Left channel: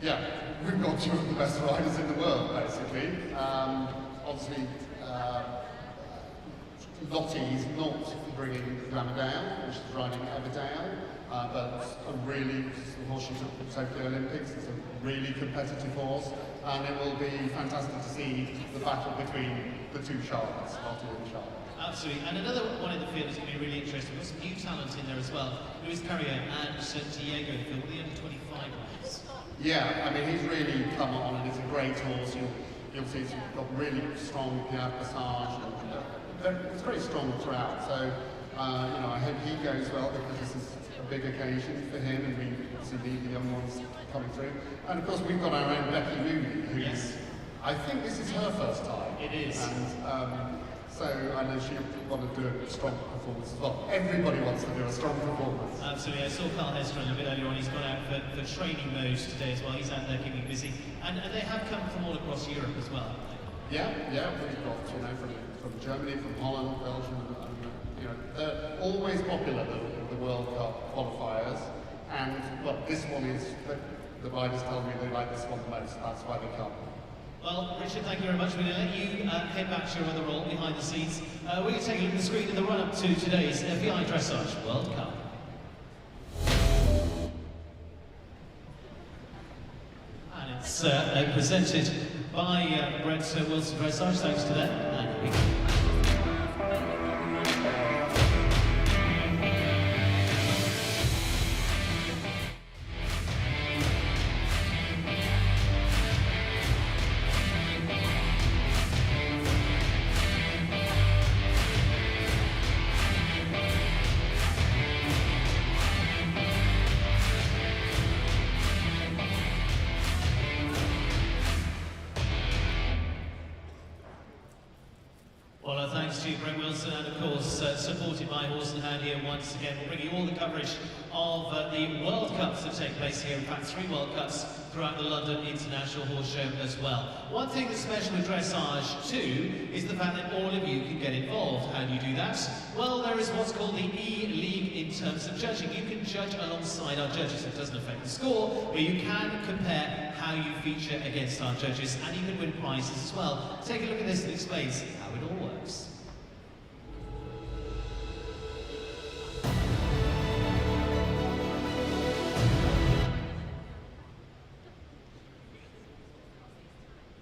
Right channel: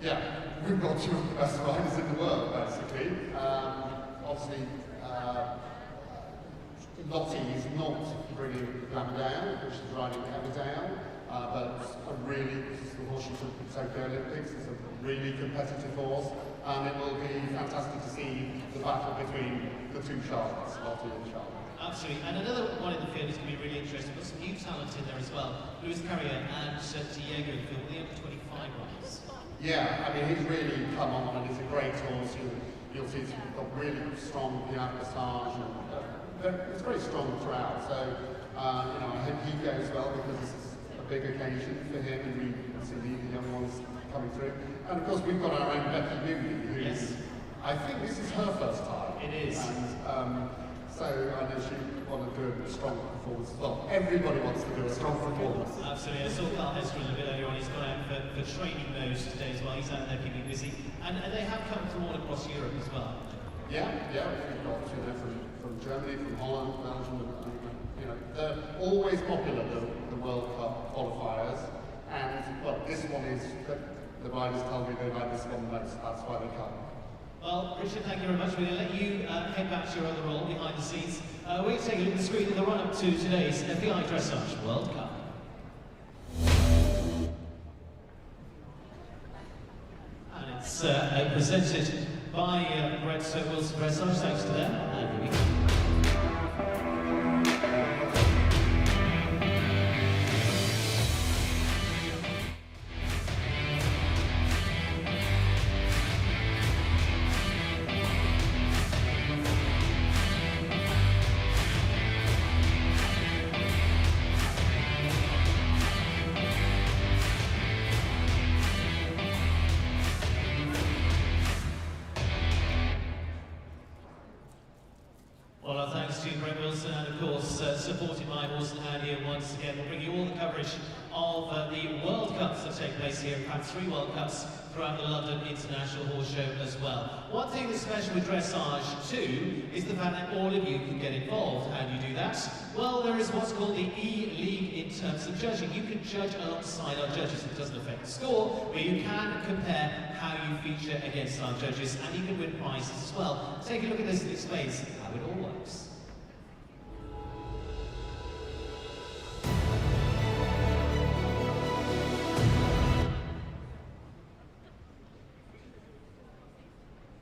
Yeah, we've got two of the best riders in the world, basically. Obviously, Lottie is not bringing Abigail, which is riding Abigail, but a really, the horse she took to Tokyo Olympics, it's a really competitive horse, and it will be fantastic to see the battle between the two Charlottes, Lottie and Charlotte. Absolutely, and another one in the field is going to be really interesting. We've got some new talent in there as well. Luis Carrier and Diego in the field, the under-25 riders. Yeah, I mean, he's really come on, and it's a great horse. You'll see it's got really strong passage, and it's very strong throughout. So, you know, I hope he goes well because this is a big occasion for him, and we see the young ones coming through. And of course, we've got our own Becky Moody, who is, I think this is her first time. It is. And, so I know she want to do a strong performance as well. Everybody wants to do a strong performance. Absolutely. I saw Carl Hester a bit earlier on. He's gone out for training mode today as well. He's out there keeping busy. And they have come from all across Europe as well. Yeah, we've got, you know, from Germany, from Holland, Belgium, you know, they're always popular, the World Cup qualifiers. And, well, this one is, the riders tell me they like this one most, that's why they come. Well, Richard, thank you very much. We're going to let you head back to your other role behind the scenes. We're going to take a look at the screen in the run-up to today's FEI Dressage World Cup. And it's presented by Grete Wilson Dressage. Thanks to them. And here we go. Greg Wilson, and of course supported by Horse and Hand here once again. We'll bring you all the coverage of the World Cups that take place here. In fact, 3 World Cups throughout the London International Horse Show as well. One thing that's special with dressage too is the fact that all of you can get involved. How do you do that? Well, there is what's called the E-League in terms of judging. You can judge alongside our judges. It doesn't affect the score, but you can compare how you feature against our judges, and you can win prizes as well. Take a look at this that explains how it all works.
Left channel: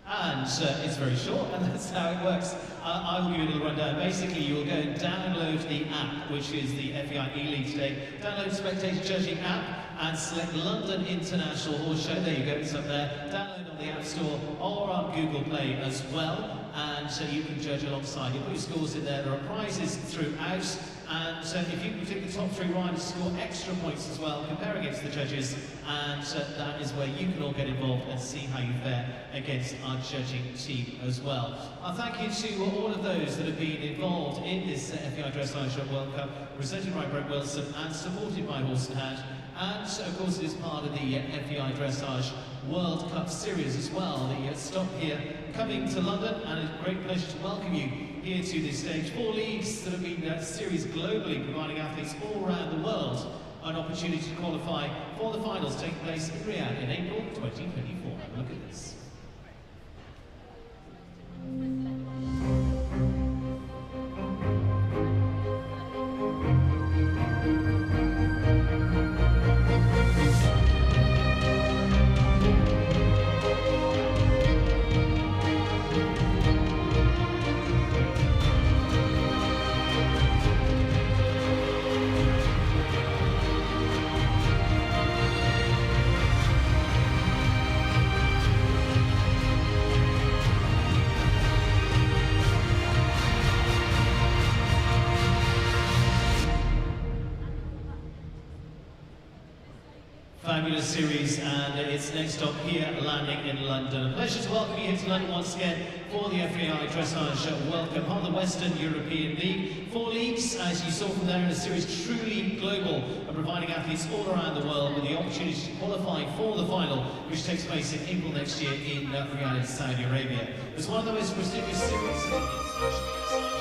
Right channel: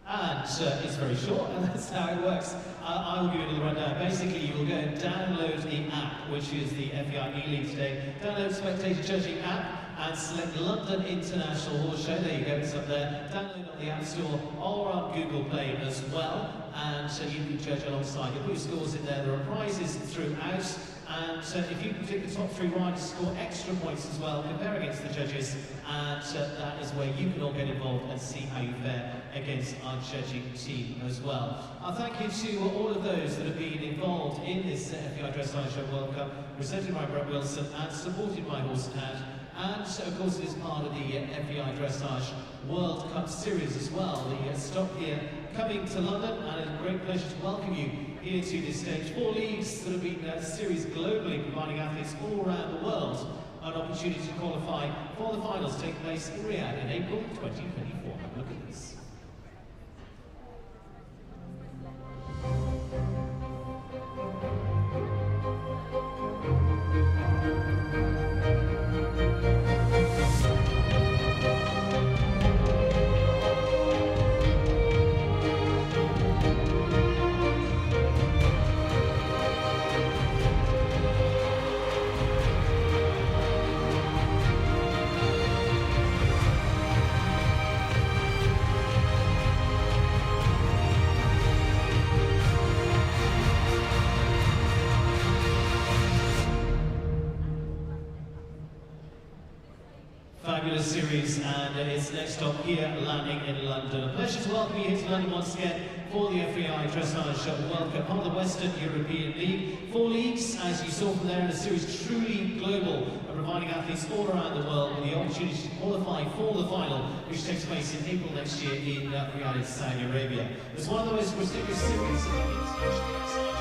And it's very short, and that's how it works. I'll give you a little rundown. Basically, you'll go and download the app, which is the FEI E-League today. Download Spectator Judging app and select London International Horse Show. There you go, it's up there. Download on the App Store or on Google Play as well. And you can judge alongside. You put your scores in there. There are prizes throughout. And if you can pick the top 3 riders, score extra points as well, compare against the judges, and that is where you can all get involved and see how you fare against our judging team as well. Thank you to all of those that have been involved in this FEI Dressage World Cup, presented by Grete Wilson and supported by Horse and Hand. And of course it is part of the FEI Dressage World Cup Series as well. The stop here coming to London, and it's a great pleasure to welcome you here to this stage. 4 leagues that have been series globally, providing athletes all around the world an opportunity to qualify for the finals taking place in Riyadh in April 2024. Have a look at this. Fabulous series, and it's next stop here, landing in London. A pleasure to welcome you here to London once again for the FEI Dressage World Cup on the Western European League. 4 leagues, as you saw from there, in a series truly global, providing athletes all around the world with the opportunity to qualify for the final, which takes place in April next year in Riyadh, Saudi Arabia. It's one of the most prestigious series in international dressage.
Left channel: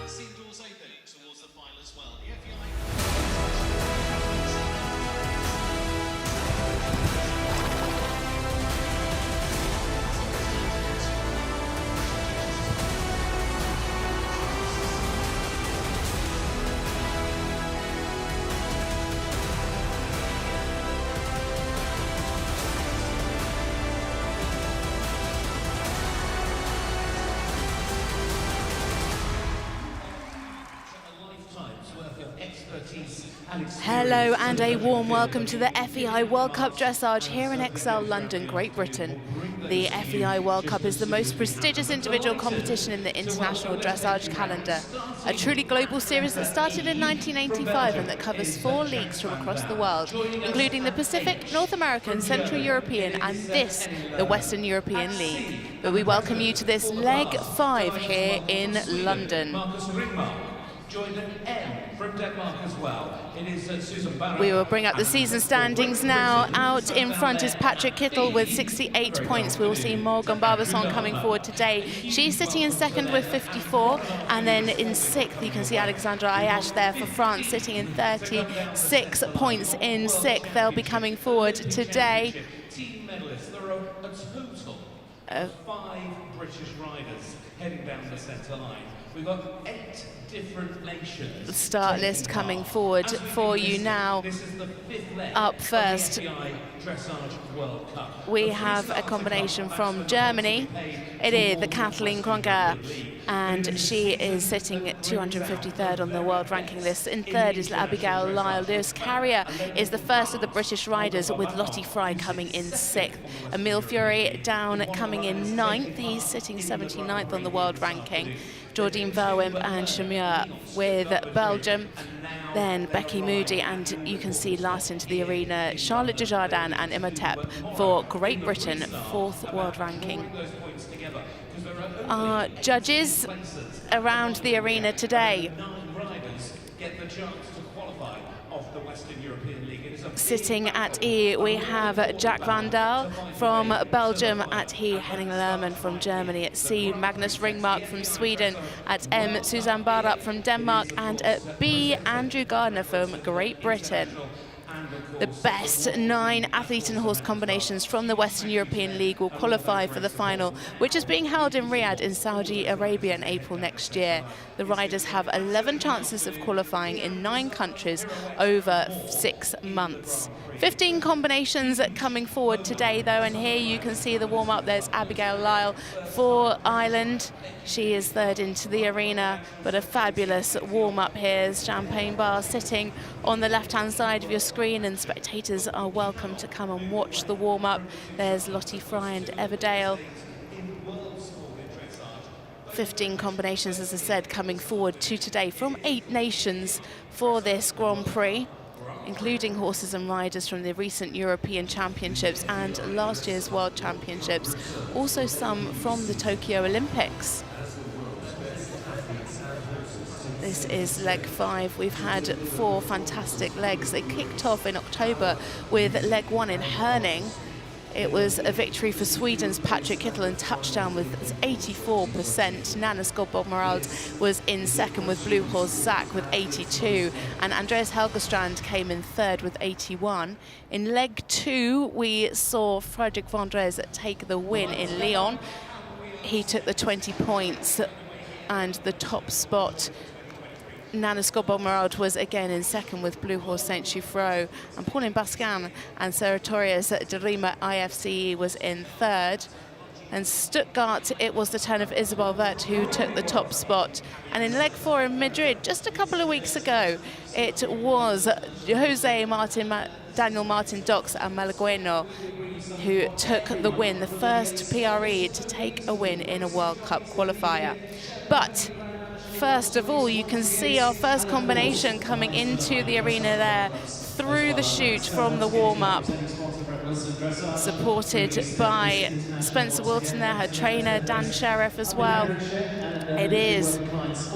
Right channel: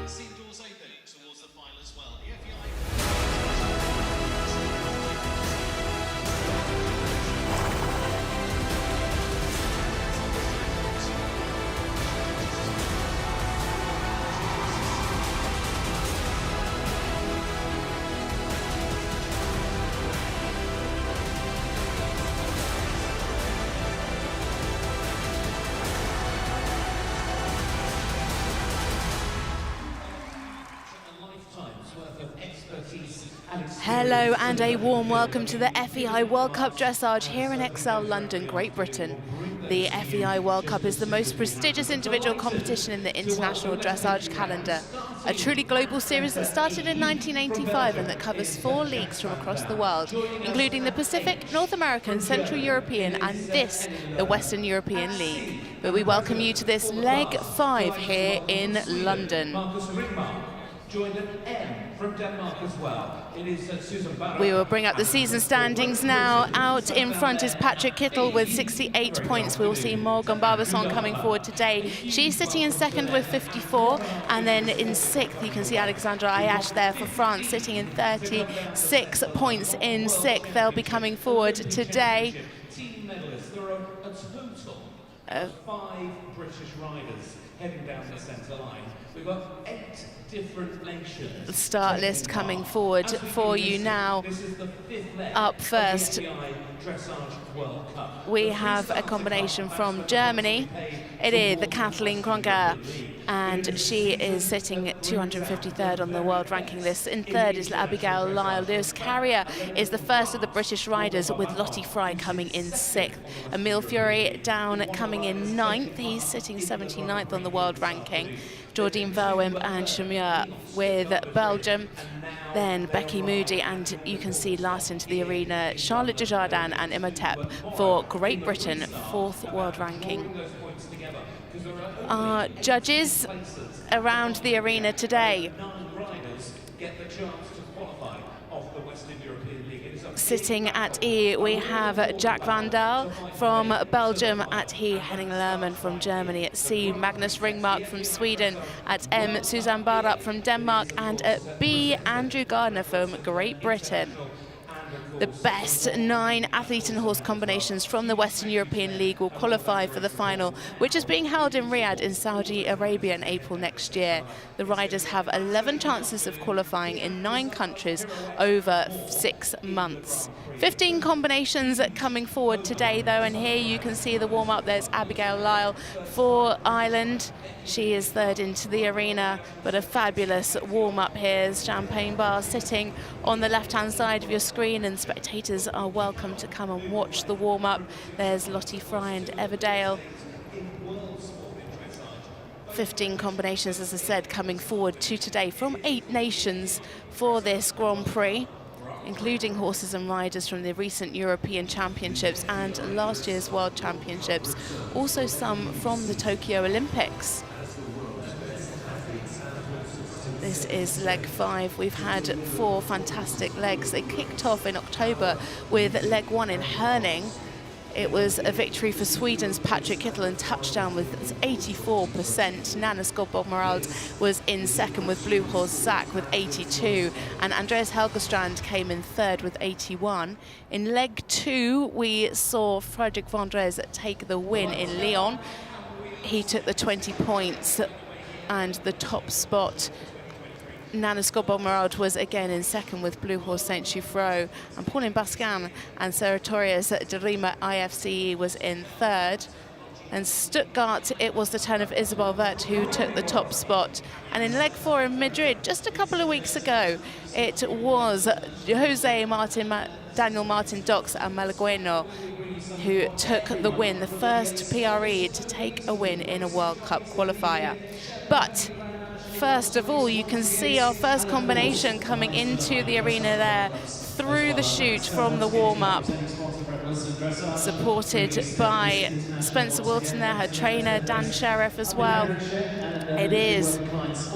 And see the doors opening towards the final as well. The FEI Hello and a warm welcome to the FEI World Cup Dressage here in Excel, London, Great Britain. The FEI World Cup is the most prestigious individual competition in the international dressage calendar. A truly global series that started in 1985 and that covers 4 leagues from across the world, including the Pacific, North American, Central European and this, the Western European League. But we welcome you to this leg 5 here in London. From Denmark as well. It is Susan Barrow. We will bring up the season standings now. Out in front is Patrick Kittel with 68 points. We will see Morgan Barbancon coming forward today. She's sitting in second with 54. And then in 6th, you can see Alexandre Ayache there for France, sitting in 36 points in 6th. They'll be coming forward today. Team medalists. There are a total of 5 British riders heading down the centre line. We've got 8 different nations. The start list coming forward for you now. This is the 5th leg Up first, of the FEI Dressage World Cup. we have a combination from Germany. It is the Kathleen Kruner, and she is sitting at 253rd on the world ranking list. In 3rd is Abigail Lyle. Lewis Carrier is the first of the British riders, with Lottie Fry coming in 6th. Emile Fury down coming in 9th. He's sitting 79th on the world ranking. Jordine Verwimp and Chameur with Belgium. Then Becky Moody, and you can see last into the arena, Charlotte Dujardin and Imhotep for Great Britain, 4th world ranking. Our judges around the arena today. Sitting at E, we have Jack Van Daal from Belgium. At E, Henning Lerman from Germany. At C, Magnus Ringmark from Sweden. At M, Suzanne Barup from Denmark. And at B, Andrew Gardner from Great Britain. The best 9 athlete and horse combinations from the Western European League will qualify for the final, which is being held in Riyadh in Saudi Arabia in April next year. The riders have 11 chances of qualifying in 9 countries over 6 months. 15 combinations coming forward today, though, and here you can see the warm-up. There's Abigail Lyle for Ireland. She is 3rd into the arena, but a fabulous warm-up here. Champagne bar sitting on the left-hand side of your screen, and spectators are welcome to come and watch the warm-up. There's Lottie Fry and Everdale. 15 combinations, as I said, coming forward to today from 8 nations for this Grand Prix, including horses and riders from the recent European Championships and last year's World Championships. Also some from the Tokyo Olympics. This is leg 5. We've had 4 fantastic legs. They kicked off in October with leg 1 in Herning. It was a victory for Sweden's Patrick Kittel and touchdown with 84%. Nana Skobbomerald was in 2nd with Blue Horse Zach with 82. And Andreas Helgestrand came in 3rd with 81. In leg 2, we saw Frederick Vendrez take the win in Lyon. He took the 20 points and the top spot. Nana Skobbomerald was again in 2nd with Blue Horse Saint Choufreau, and Pauline Bascan and Seratorius de Rima IFCE was in 3rd. And Stuttgart, it was the turn of Isabel Vert who took the top spot. And in leg 4 in Madrid, just a couple of weeks ago, it was Jose Martin, Daniel Martin Dox and Malagueno who took the win, the first PRE to take a win in a World Cup qualifier. But first of all, you can see our first combination coming into the arena there through the chute from the warm-up, supported by Spencer Wilton there, her trainer, Dan Sheriff as well. It is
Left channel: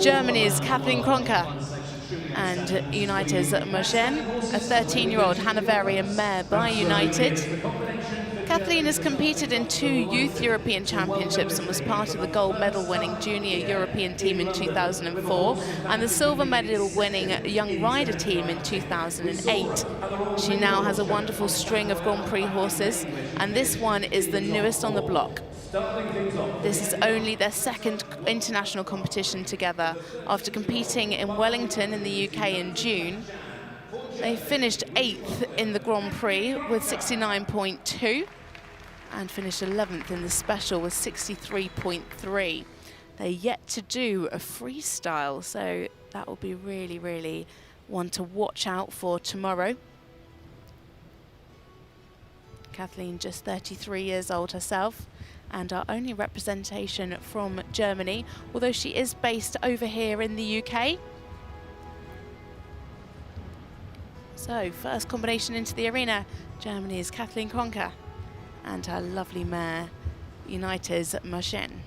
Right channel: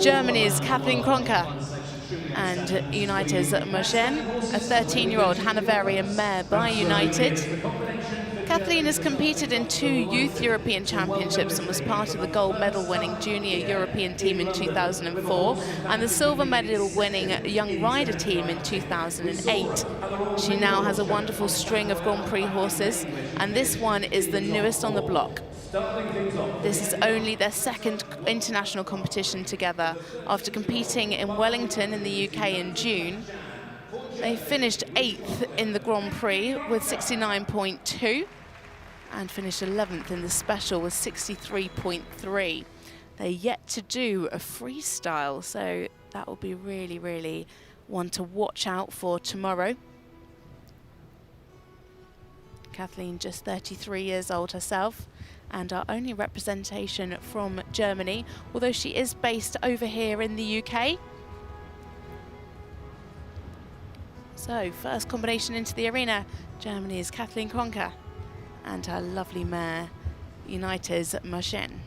Germany's Kathleen Kruner and United's Mogen, a 13-year-old Hanoverian mare by United. Kathleen has competed in 2 Youth European Championships and was part of the gold medal winning junior European team in 2004 and the silver medal winning young rider team in 2008. She now has a wonderful string of Grand Prix horses, and this one is the newest on the block. This is only their 2nd international competition together after competing in Wellington in the UK in June. They finished 8th in the Grand Prix with 69.2 and finished 11th in the special with 63.3. They're yet to do a freestyle, so that will be really, really one to watch out for tomorrow. Kathleen, just 33 years old herself, and our only representation from Germany, although she is based over here in the UK. So, first combination into the arena, Germany's Kathleen Kruner and her lovely mare, Unitas Marchen.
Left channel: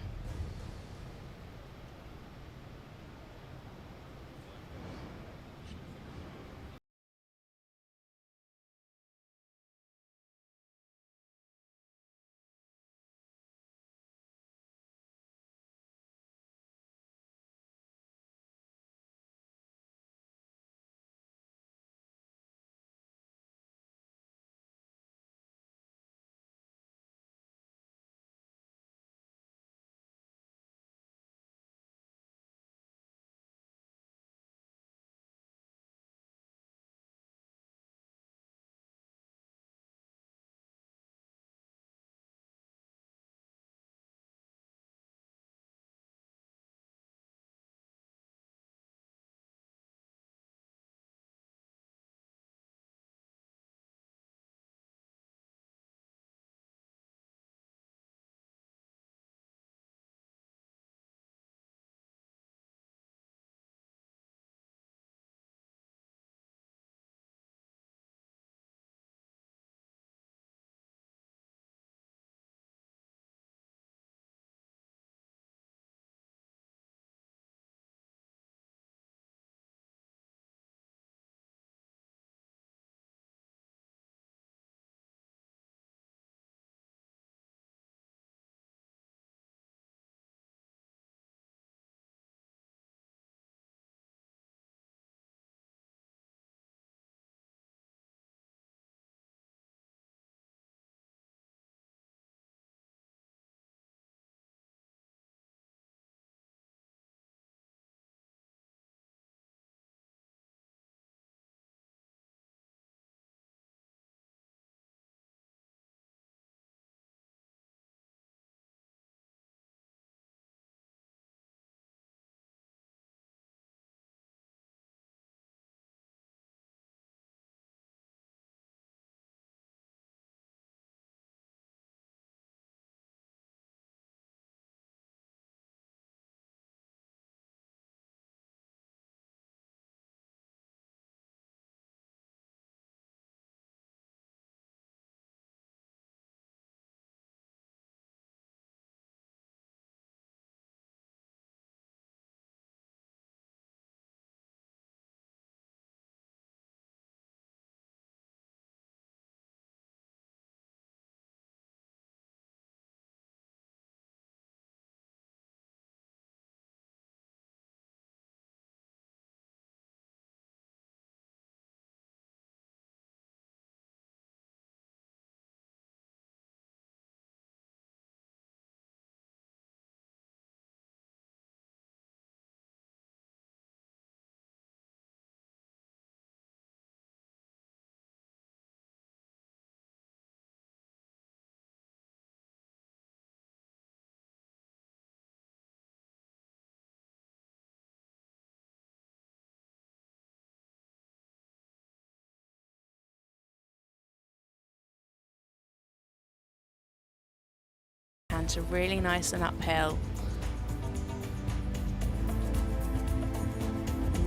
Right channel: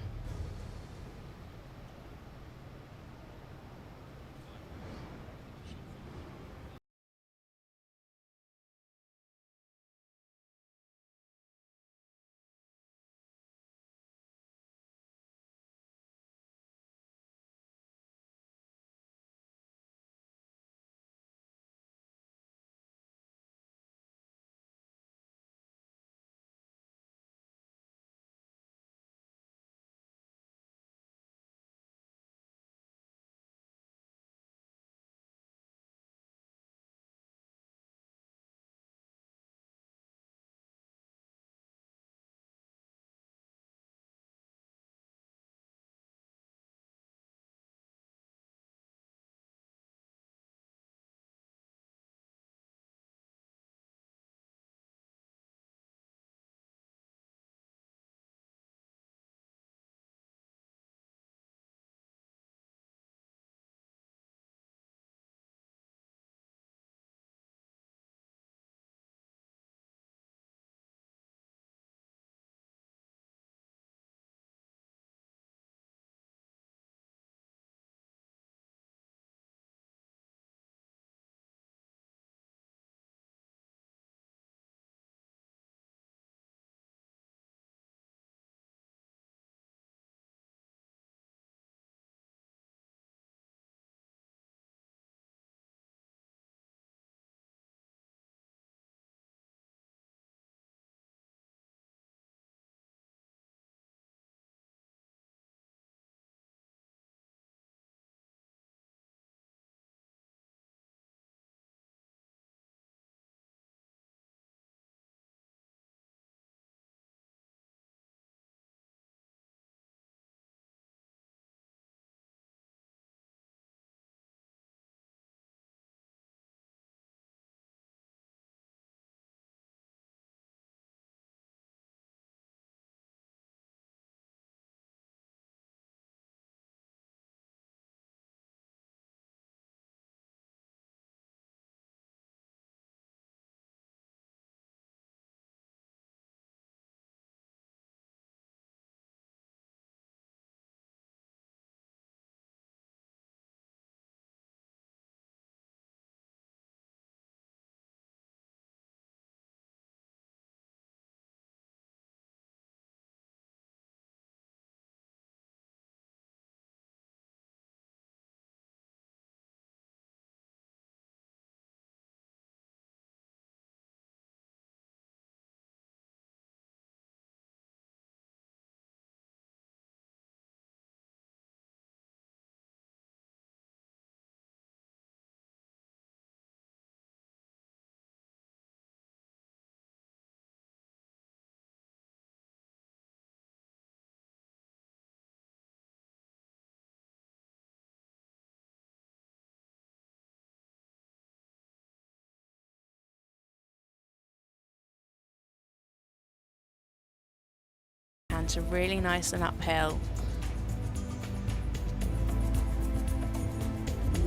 To really nice and uphill.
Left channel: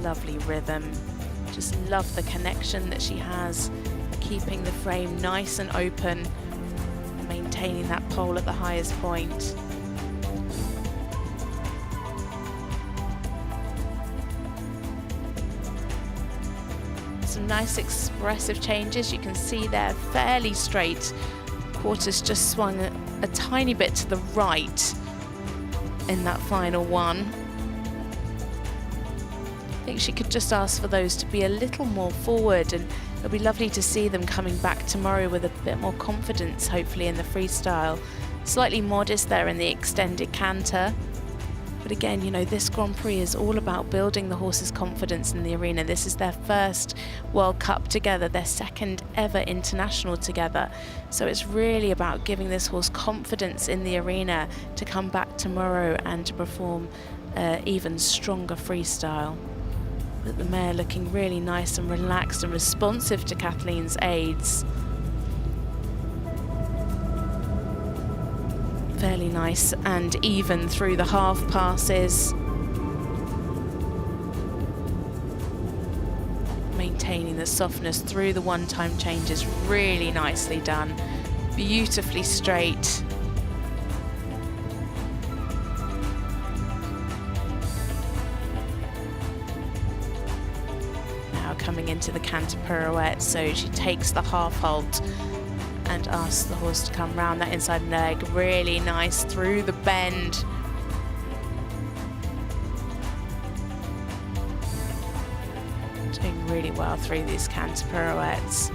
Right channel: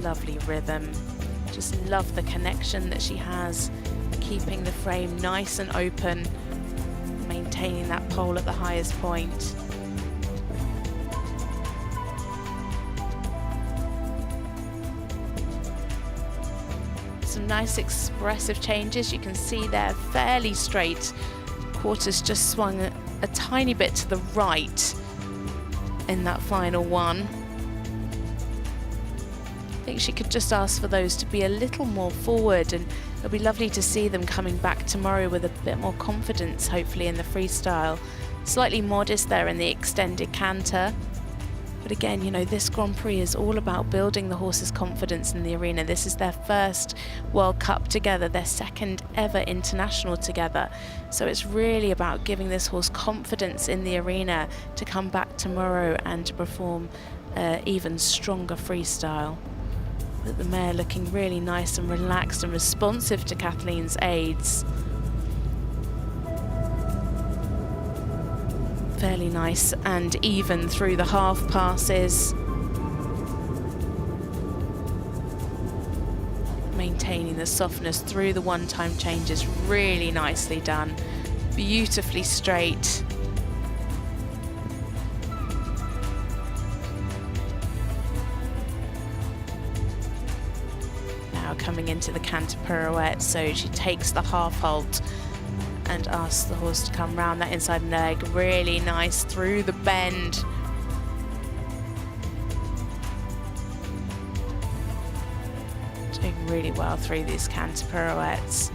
Lovely rhythm. Just love the connection that she has, keeping the frame nice and open, maintaining that pole at the highest point. Some nice expressive changes. You can see they're fairly straight. Quarters just swung a tiny bit to the right in that final one. I think she could just ask for those to be a little more forward, and it'll be lovely to see them coming back tomorrow with a bit more confidence, hopefully, in the freestyle. Slightly modest there in the extended canter. But again, you know, this Grand Prix is all about building the horse's confidence in the arena. This is their first World Cup together, their second ever international together. So it's really about giving this horse confidence in the arena to come back tomorrow and to perform even stronger freestyle. But the mare looking really nice and relaxed and responsive to Kathleen's aids. Fairly nice and even through the half passes. Maintaining the softness through the one-time changes, really nicely done. Beautifully straight. Now coming into the canter pirouette, so she takes the half halt and asks the horse to come round that inside leg. Really nice through the bend. Doing really well through these canter pirouettes.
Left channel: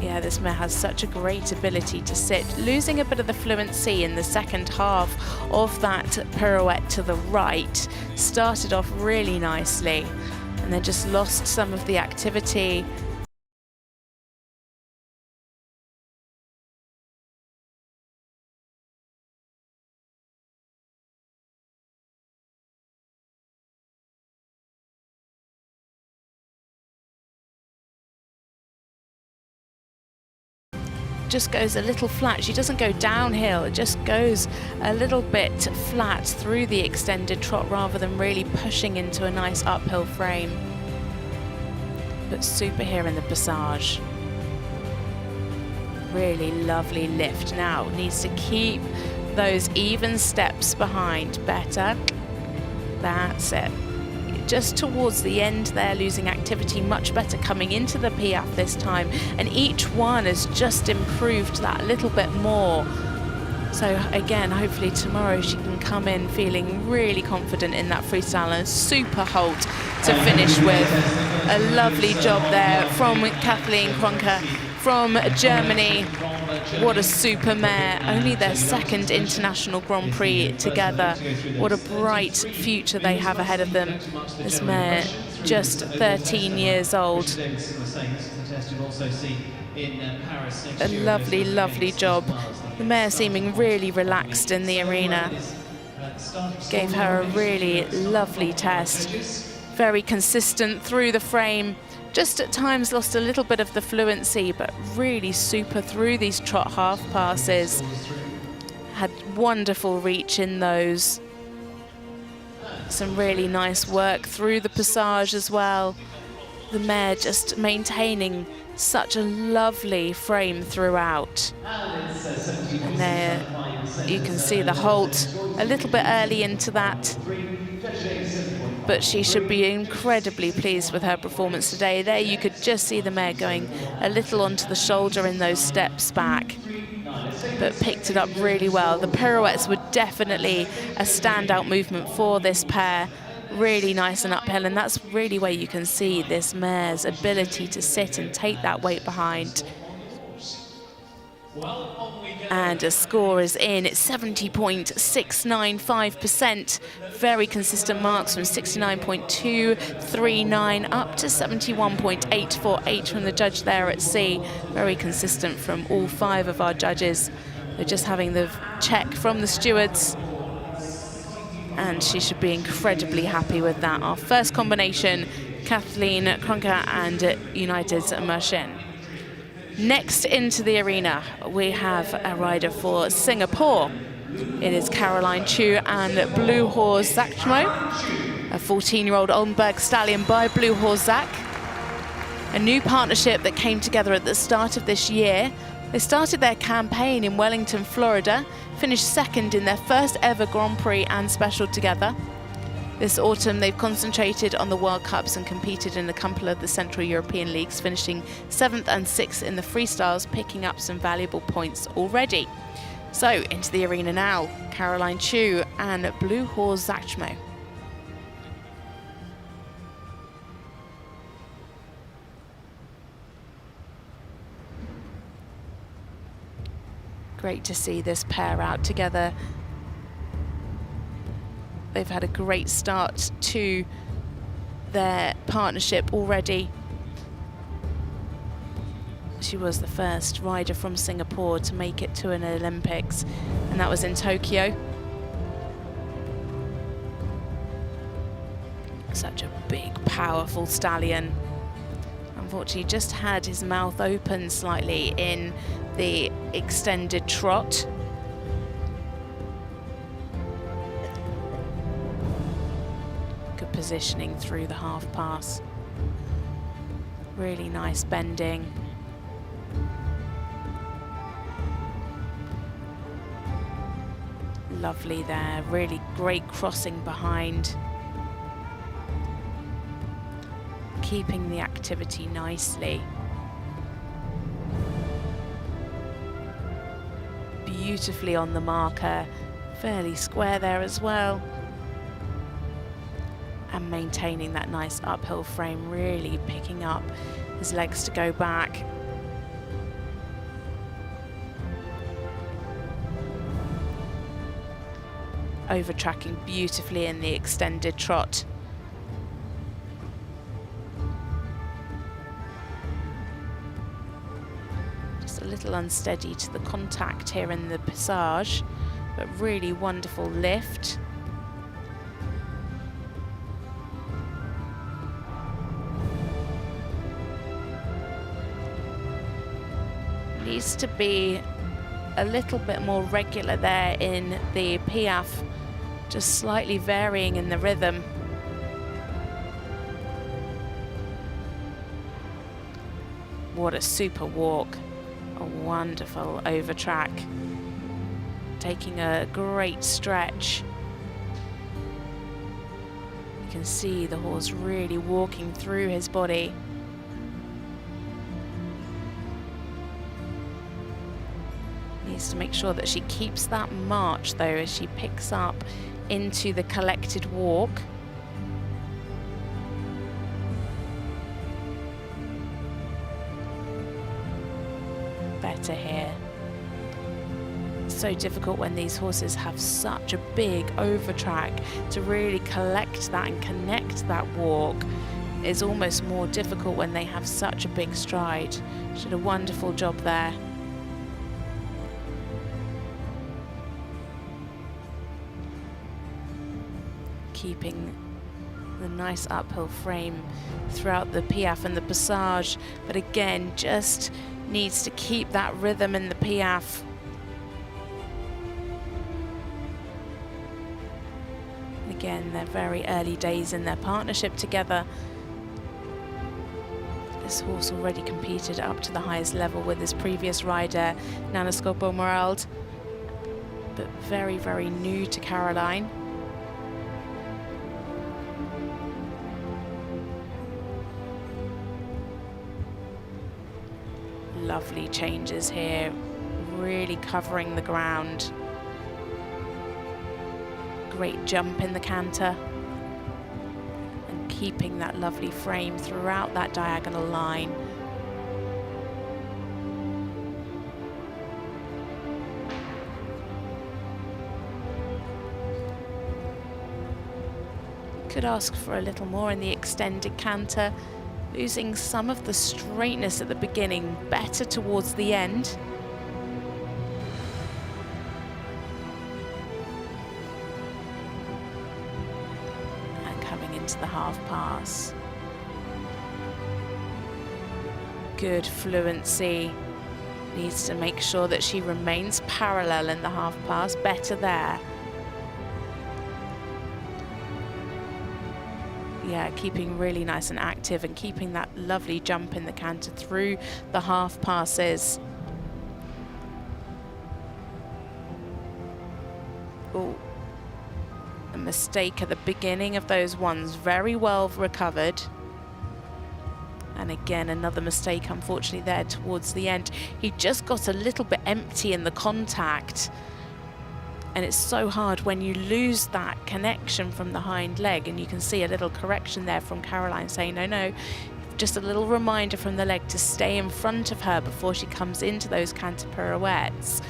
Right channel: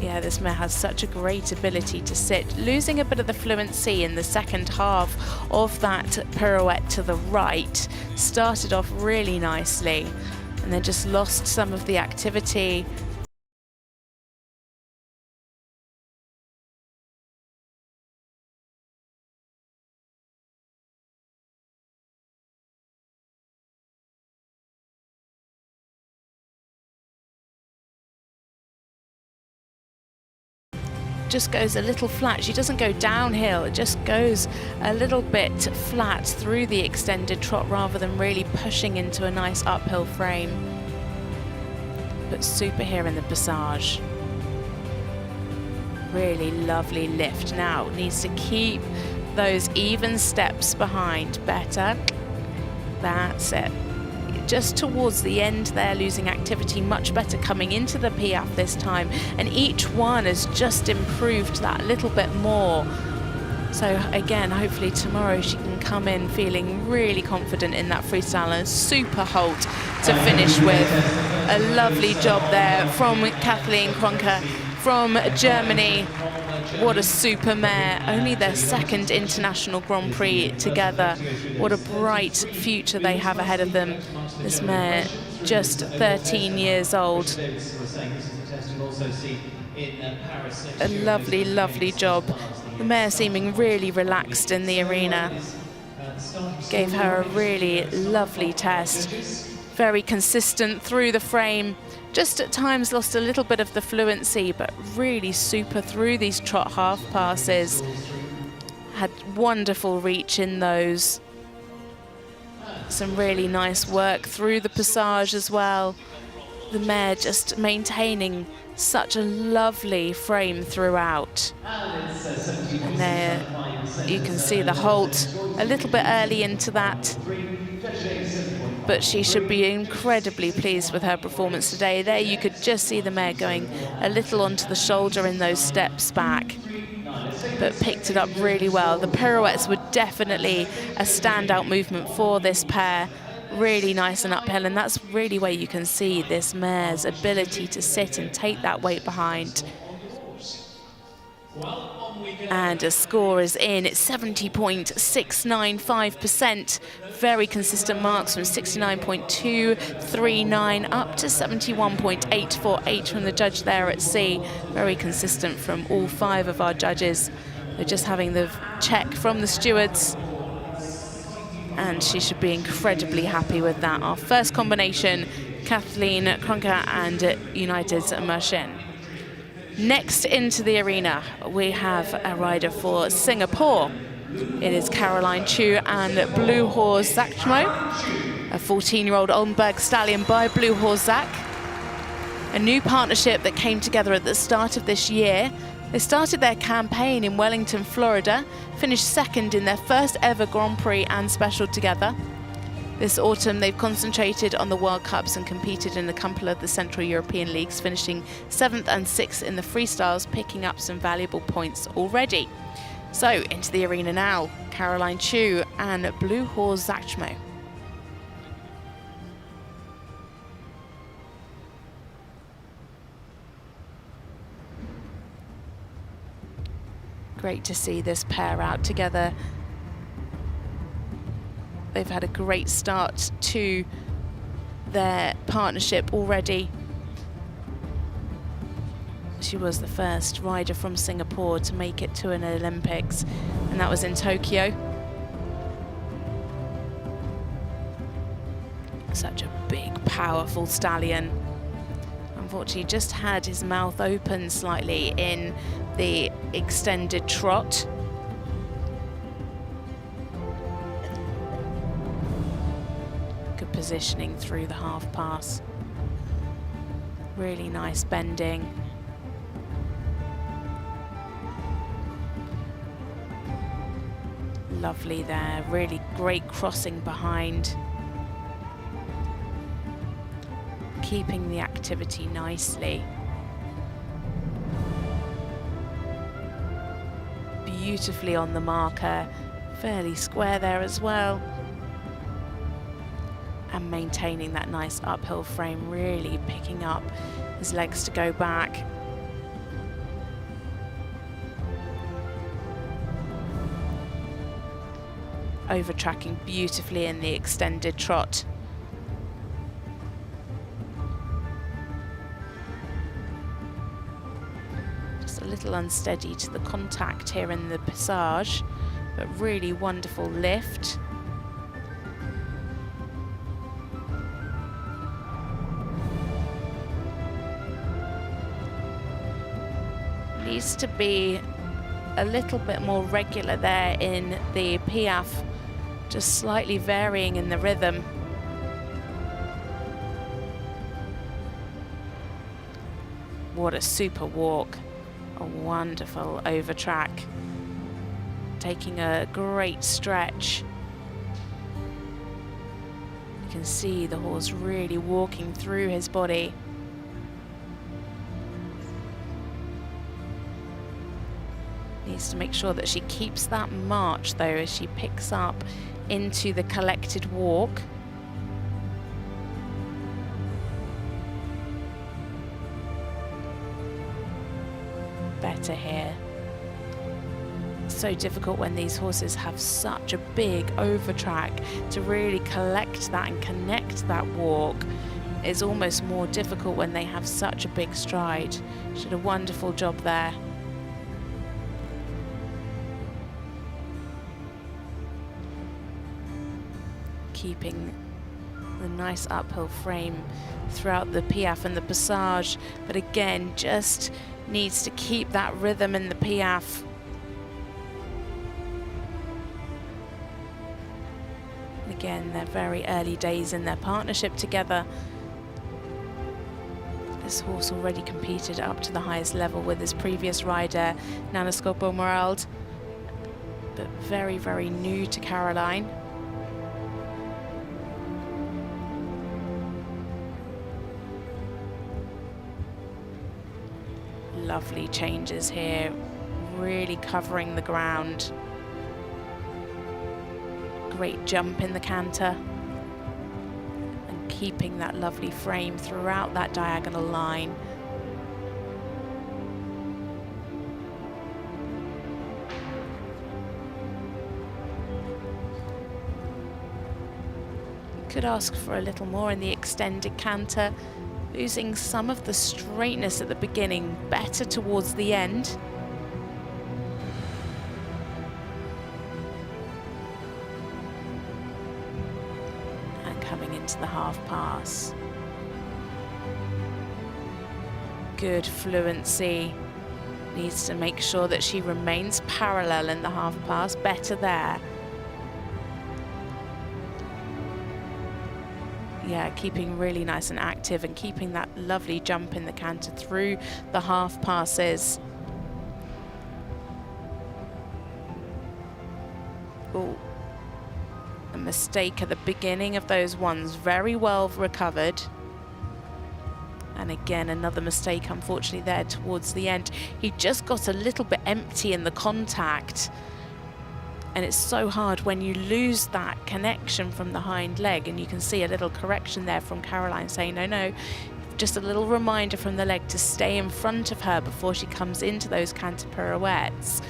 Yeah, this mare has such a great ability to sit, losing a bit of the fluency in the second half of that pirouette to the right. Started off really nicely and then just lost some of the activity. Just goes a little flat. She doesn't go downhill, it just goes a little bit flat through the extended trot rather than really pushing into a nice uphill frame. But super here in the passage. Really lovely lift. Now needs to keep those even steps behind. Better. That's it. Just towards the end there, losing activity, much better coming into the Piaffe this time, and each one has just improved that little bit more. So again, hopefully tomorrow she can come in feeling really confident in that freestyle, and a super halt to finish with. A lovely job there from Kathleen Kruner from Germany. What a super mare, only their second international Grand Prix together. What a bright future they have ahead of them. This mare, just 13 years old. A lovely, lovely job. The mare seeming really relaxed in the arena. Gave her a really lovely test. Very consistent through the frame. Just at times lost a little bit of the fluency, but really super through these trot half passes. Had wonderful reach in those. Some really nice work through the passage as well. The mare just maintaining such a lovely frame throughout. And there you can see the halt a little bit early into that. But she should be incredibly pleased with her performance today. There you could just see the mare going a little onto the shoulder in those steps back, but picked it up really well. The pirouettes were definitely a standout movement for this pair. Really nice and uphill, and that's really where you can see this mare's ability to sit and take that weight behind. And a score is in. It's 70.695%. Very consistent marks from 69.239 up to 71.848 from the judge there at C. Very consistent from all 5 of our judges. They're just having the check from the stewards, and she should be incredibly happy with that. Our first combination, Kathleen Kruner and United's Merchant. Next into the arena, we have a rider for Singapore. It is Caroline Chu and Blue Horse Zachmo, a 14-year-old Oldenburg stallion by Blue Horse Zach. A new partnership that came together at the start of this year. They started their campaign in Wellington, Florida, finished second in their first ever Grand Prix and Special together. This autumn, they've concentrated on the World Cups and competed in a couple of the Central European Leagues, finishing 7th and 6th in the freestyles, picking up some valuable points already. So, into the arena now, Caroline Chu and Blue Horse Zachmo. Great to see this pair out together. They've had a great start to their partnership already. She was the first rider from Singapore to make it to an Olympics, and that was in Tokyo. Such a big, powerful stallion. Unfortunately, just had his mouth open slightly in the extended trot. Good positioning through the half pass. Really nice bending. Lovely there, really great crossing behind. Keeping the activity nicely. Beautifully on the marker, fairly square there as well. And maintaining that nice uphill frame, really picking up his legs to go back. Over-tracking beautifully in the extended trot. Just a little unsteady to the contact here in the passage, but really wonderful lift. Needs to be a little bit more regular there in the piaffe, just slightly varying in the rhythm. What a super walk, a wonderful over track. Taking a great stretch. You can see the horse really walking through his body. Needs to make sure that she keeps that march though as she picks up into the collected walk. Better here. So difficult when these horses have such a big overtrack to really collect that and connect that walk. Is almost more difficult when they have such a big stride. She did a wonderful job there. Keeping the nice uphill frame throughout the piaffe and the passage, but again just needs to keep that rhythm in the piaffe. Again, they're very early days in their partnership together. This horse already competed up to the highest level with his previous rider, Nana Scopo-Morald, but very, very new to Caroline. Lovely changes here, really covering the ground. Great jump in the canter and keeping that lovely frame throughout that diagonal line. Could ask for a little more in the extended canter. Losing some of the straightness at the beginning, better towards the end. And coming into the half pass. Good fluency. Needs to make sure that she remains parallel in the half pass, better there. Yeah, keeping really nice and active and keeping that lovely jump in the canter through the half passes. Oh, a mistake at the beginning of those ones, very well recovered. And again, another mistake, unfortunately, there towards the end. He just got a little bit empty in the contact. And it's so hard when you lose that connection from the hind leg, and you can see a little correction there from Caroline saying, no, just a little reminder from the leg to stay in front of her before she comes into those canter pirouettes.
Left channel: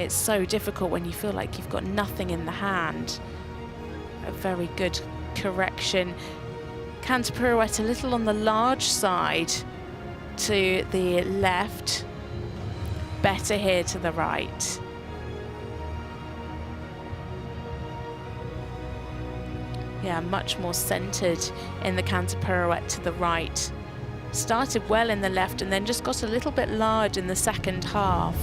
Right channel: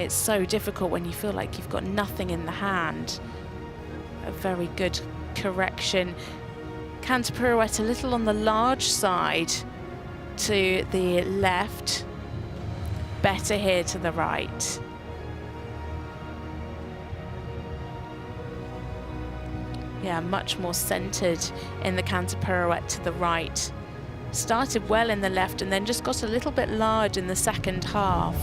It's so difficult when you feel like you've got nothing in the hand. A very good correction. Canter pirouette a little on the large side to the left, better here to the right. Yeah, much more centered in the canter pirouette to the right. Started well in the left and then just got a little bit large in the second half.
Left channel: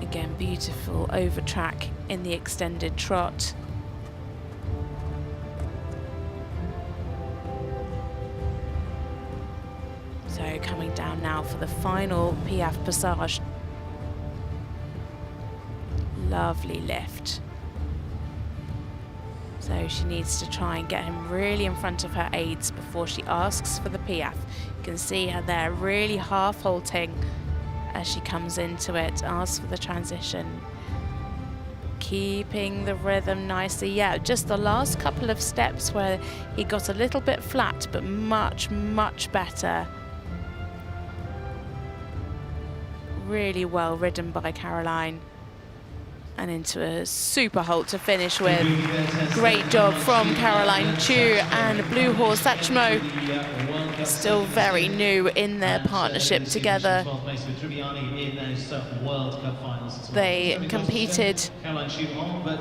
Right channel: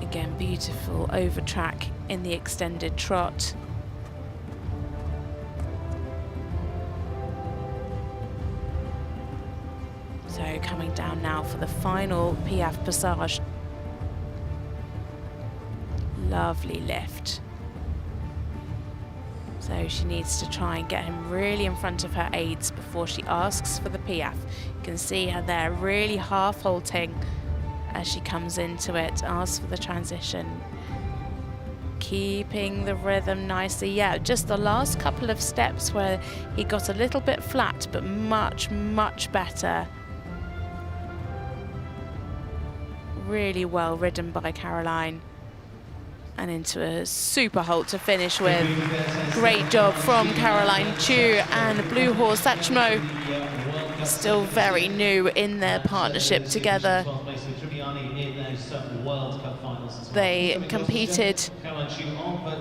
Again, beautiful over track in the extended trot. So coming down now for the final Piaffe passage. Lovely lift. So she needs to try and get him really in front of her aids before she asks for the Piaffe. You can see her there really half halting as she comes into it, asks for the transition. Keeping the rhythm nicely. Yeah, just the last couple of steps where he got a little bit flat, but much, much better. Really well ridden by Caroline. And into a super halt to finish with. Great job from Caroline Chu and Blue Horse Satchmo. Still very new in their partnership together. They competed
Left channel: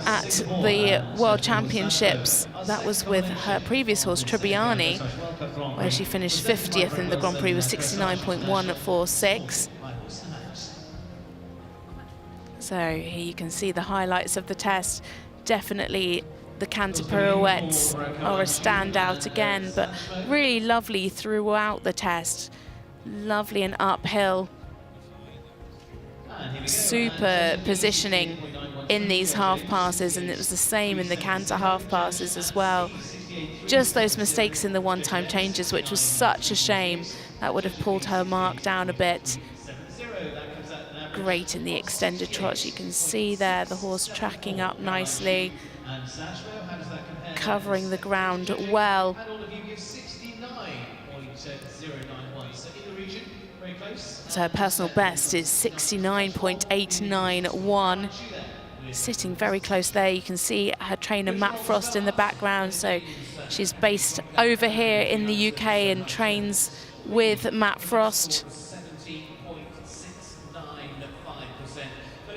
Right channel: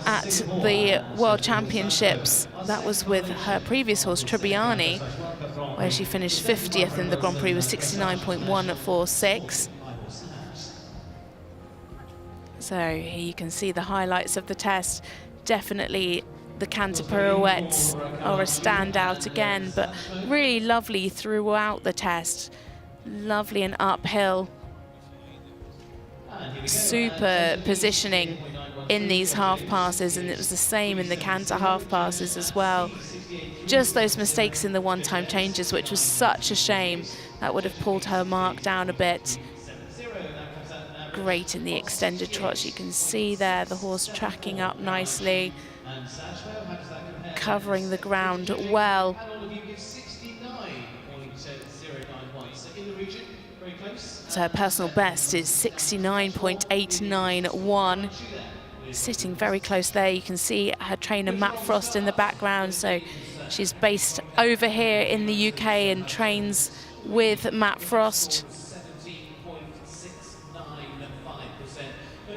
at the World Championships. That was with her previous horse, Tribbiani, where she finished 50th in the Grand Prix with 69.146. So here you can see the highlights of the test. Definitely the canter pirouettes are a standout again, but really lovely throughout the test. Lovely and uphill. Super positioning in these half passes, and it was the same in the canter half passes as well. Just those mistakes in the one-time changes, which was such a shame. That would have pulled her mark down a bit. Great in the extended trot. You can see there the horse tracking up nicely, covering the ground well. So her personal best is 69.891. Sitting very close there. You can see her trainer Matt Frost in the background. So she's based over here in the UK and trains with Matt Frost.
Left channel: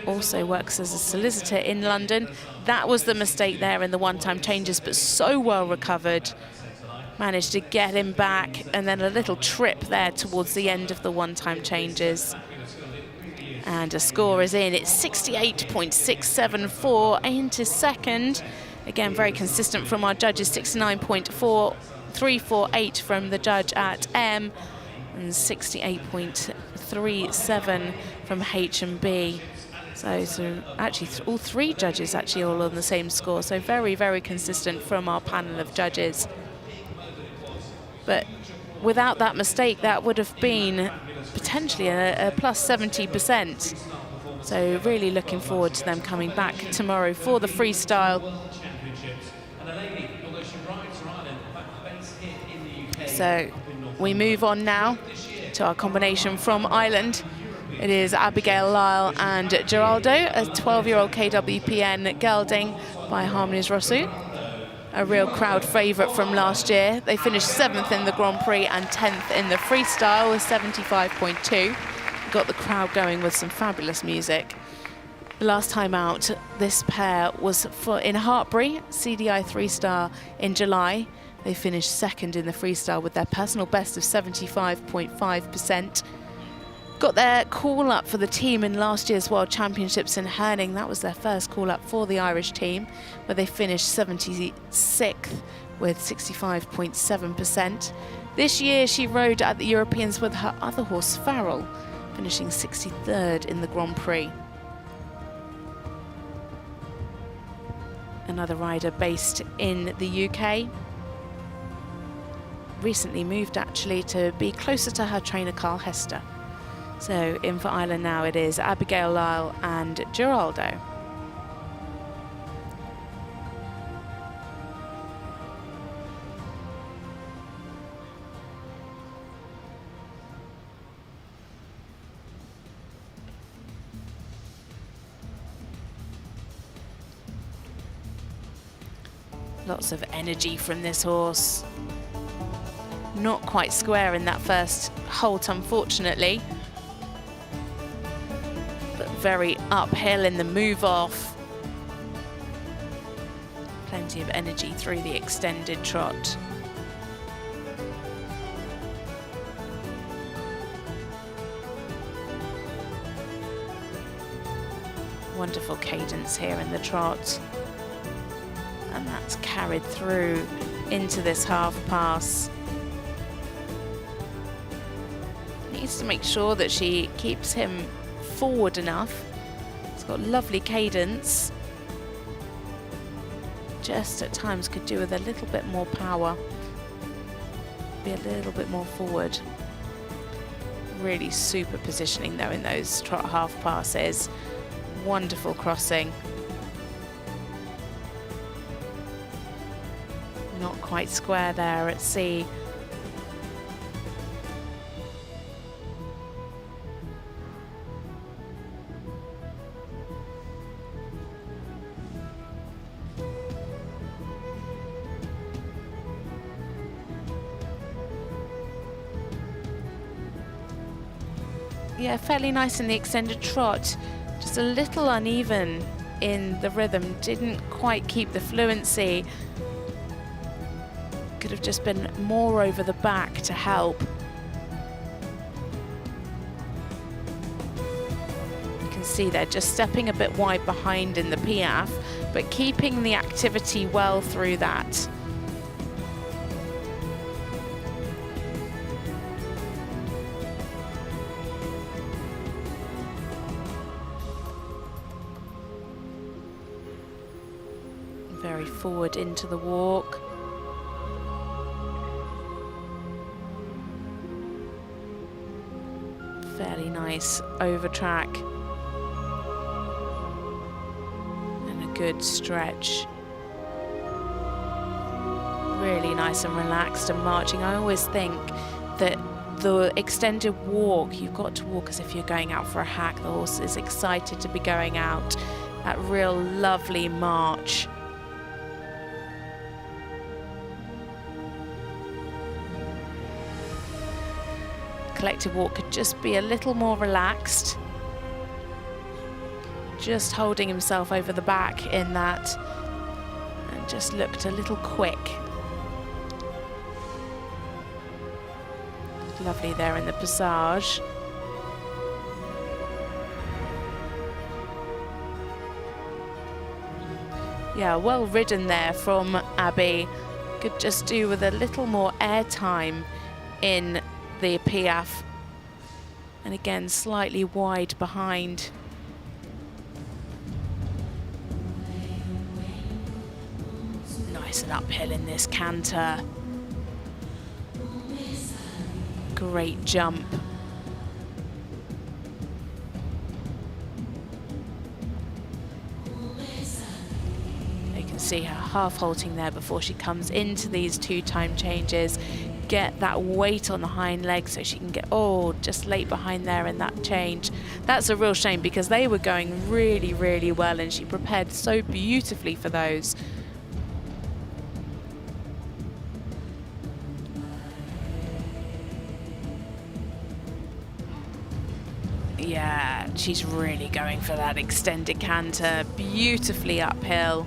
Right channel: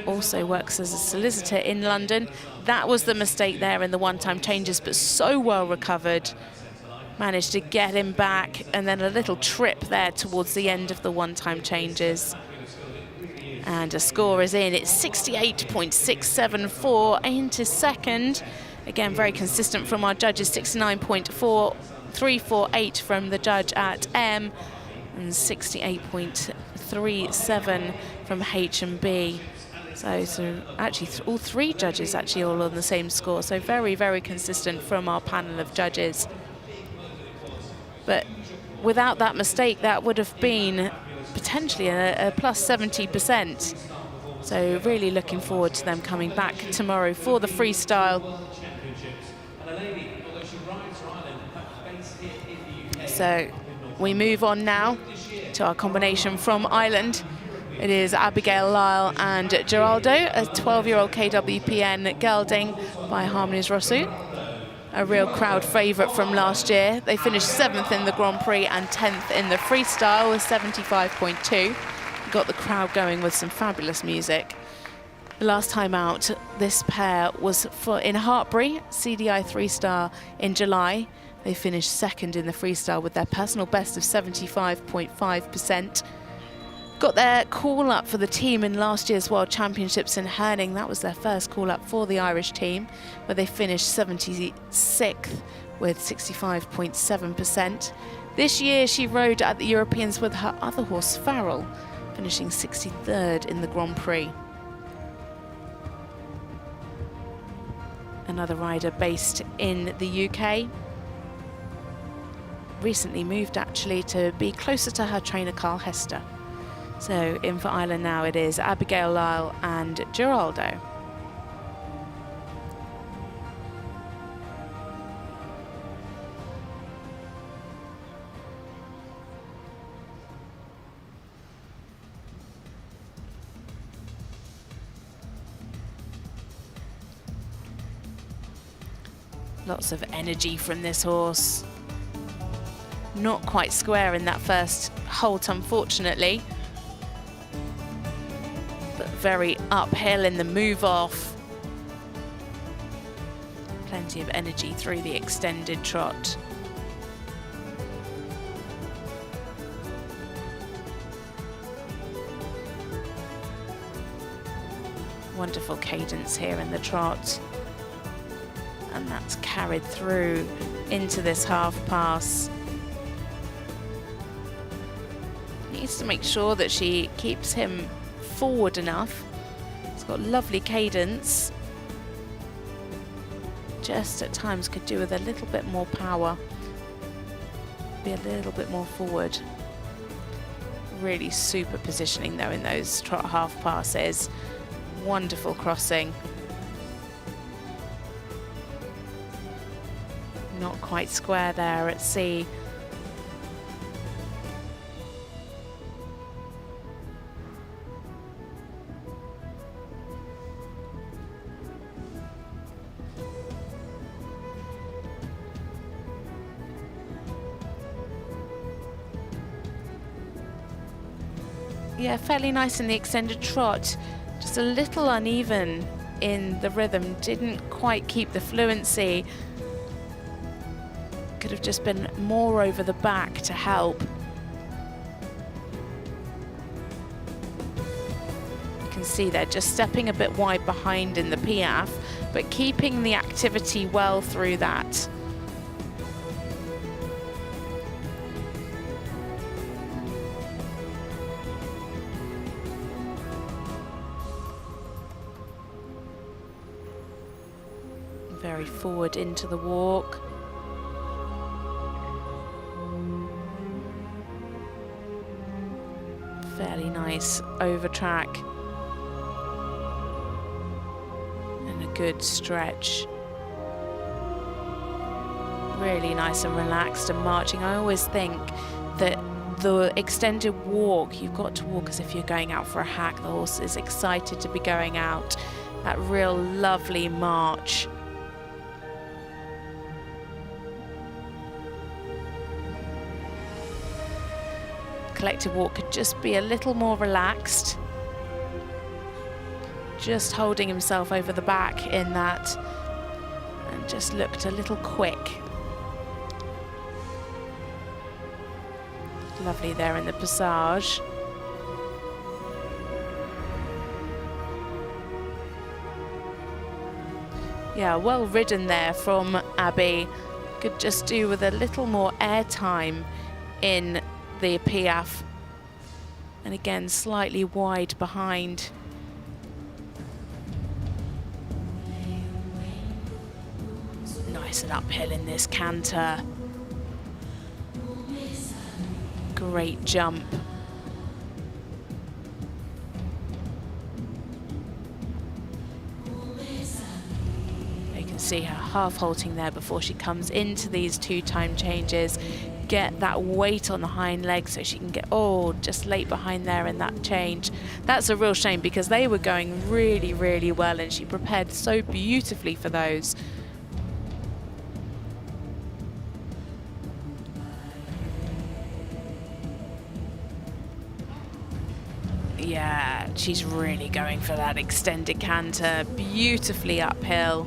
Also works as a solicitor in London. That was the mistake there in the one-time changes, but so well recovered. Managed to get him back, and then a little trip there towards the end of the one-time changes. And a score is in. It's 68.674 into second. Again, very consistent from our judges, 69.4348 from the judge at M, and 68.37 from H&B. So actually all three judges actually all on the same score. So very, very consistent from our panel of judges. But without that mistake, that would have been potentially a plus 70%. So really looking forward to them coming back tomorrow for the freestyle. So we move on now to our combination from Ireland. It is Abigail Lyle and Geraldo, a 12-year-old KWPN gelding by Harmonies Rossou. A real crowd favourite from last year. They finished 7th in the Grand Prix and 10th in the freestyle with 75.2. Got the crowd going with some fabulous music. The last time out, this pair was in Hartbury, CDI 3-star in July. They finished 2nd in the freestyle with their personal best of 75.5%. Got their call-up for the team in last year's World Championships in Herning. That was their first call-up for the Irish team, where they finished 76th with 65.7%. This year she rode at the Europeans with her other horse, Farrell, finishing 63rd in the Grand Prix. Another rider based in the UK. Recently moved actually to be closer to her trainer Carl Hester. So in for Ireland now it is Abigail Lyle and Geraldo. Lots of energy from this horse. Not quite square in that first halt, unfortunately. But very uphill in the move off. Plenty of energy through the extended trot. Wonderful cadence here in the trot. And that's carried through into this half pass. Needs to make sure that she keeps him forward enough. It's got lovely cadence. Just at times could do with a little bit more power. Be a little bit more forward. Really super positioning though in those trot half passes. Wonderful crossing. Not quite square there at C. Yeah, fairly nice in the extended trot. Just a little uneven in the rhythm. Didn't quite keep the fluency. Could have just been more over the back to help. You can see they're just stepping a bit wide behind in the piaffe, but keeping the activity well through that. Very forward into the walk. Fairly nice over track. And a good stretch. Really nice and relaxed and marching. I always think that the extended walk, you've got to walk as if you're going out for a hack. The horse is excited to be going out. That real lovely march. Collective walk could just be a little more relaxed. Just holding himself over the back in that, and just looked a little quick. Lovely there in the passage. Yeah, well ridden there from Abby. Could just do with a little more air time in the piaffe, and again slightly wide behind. Nice and uphill in this canter. Great jump. You can see her half halting there before she comes into these two time changes. Get that weight on the hind leg so she can get, just late behind there in that change. That's a real shame because they were going really, really well and she prepared so beautifully for those. Yeah, she's really going for that extended canter, beautifully uphill.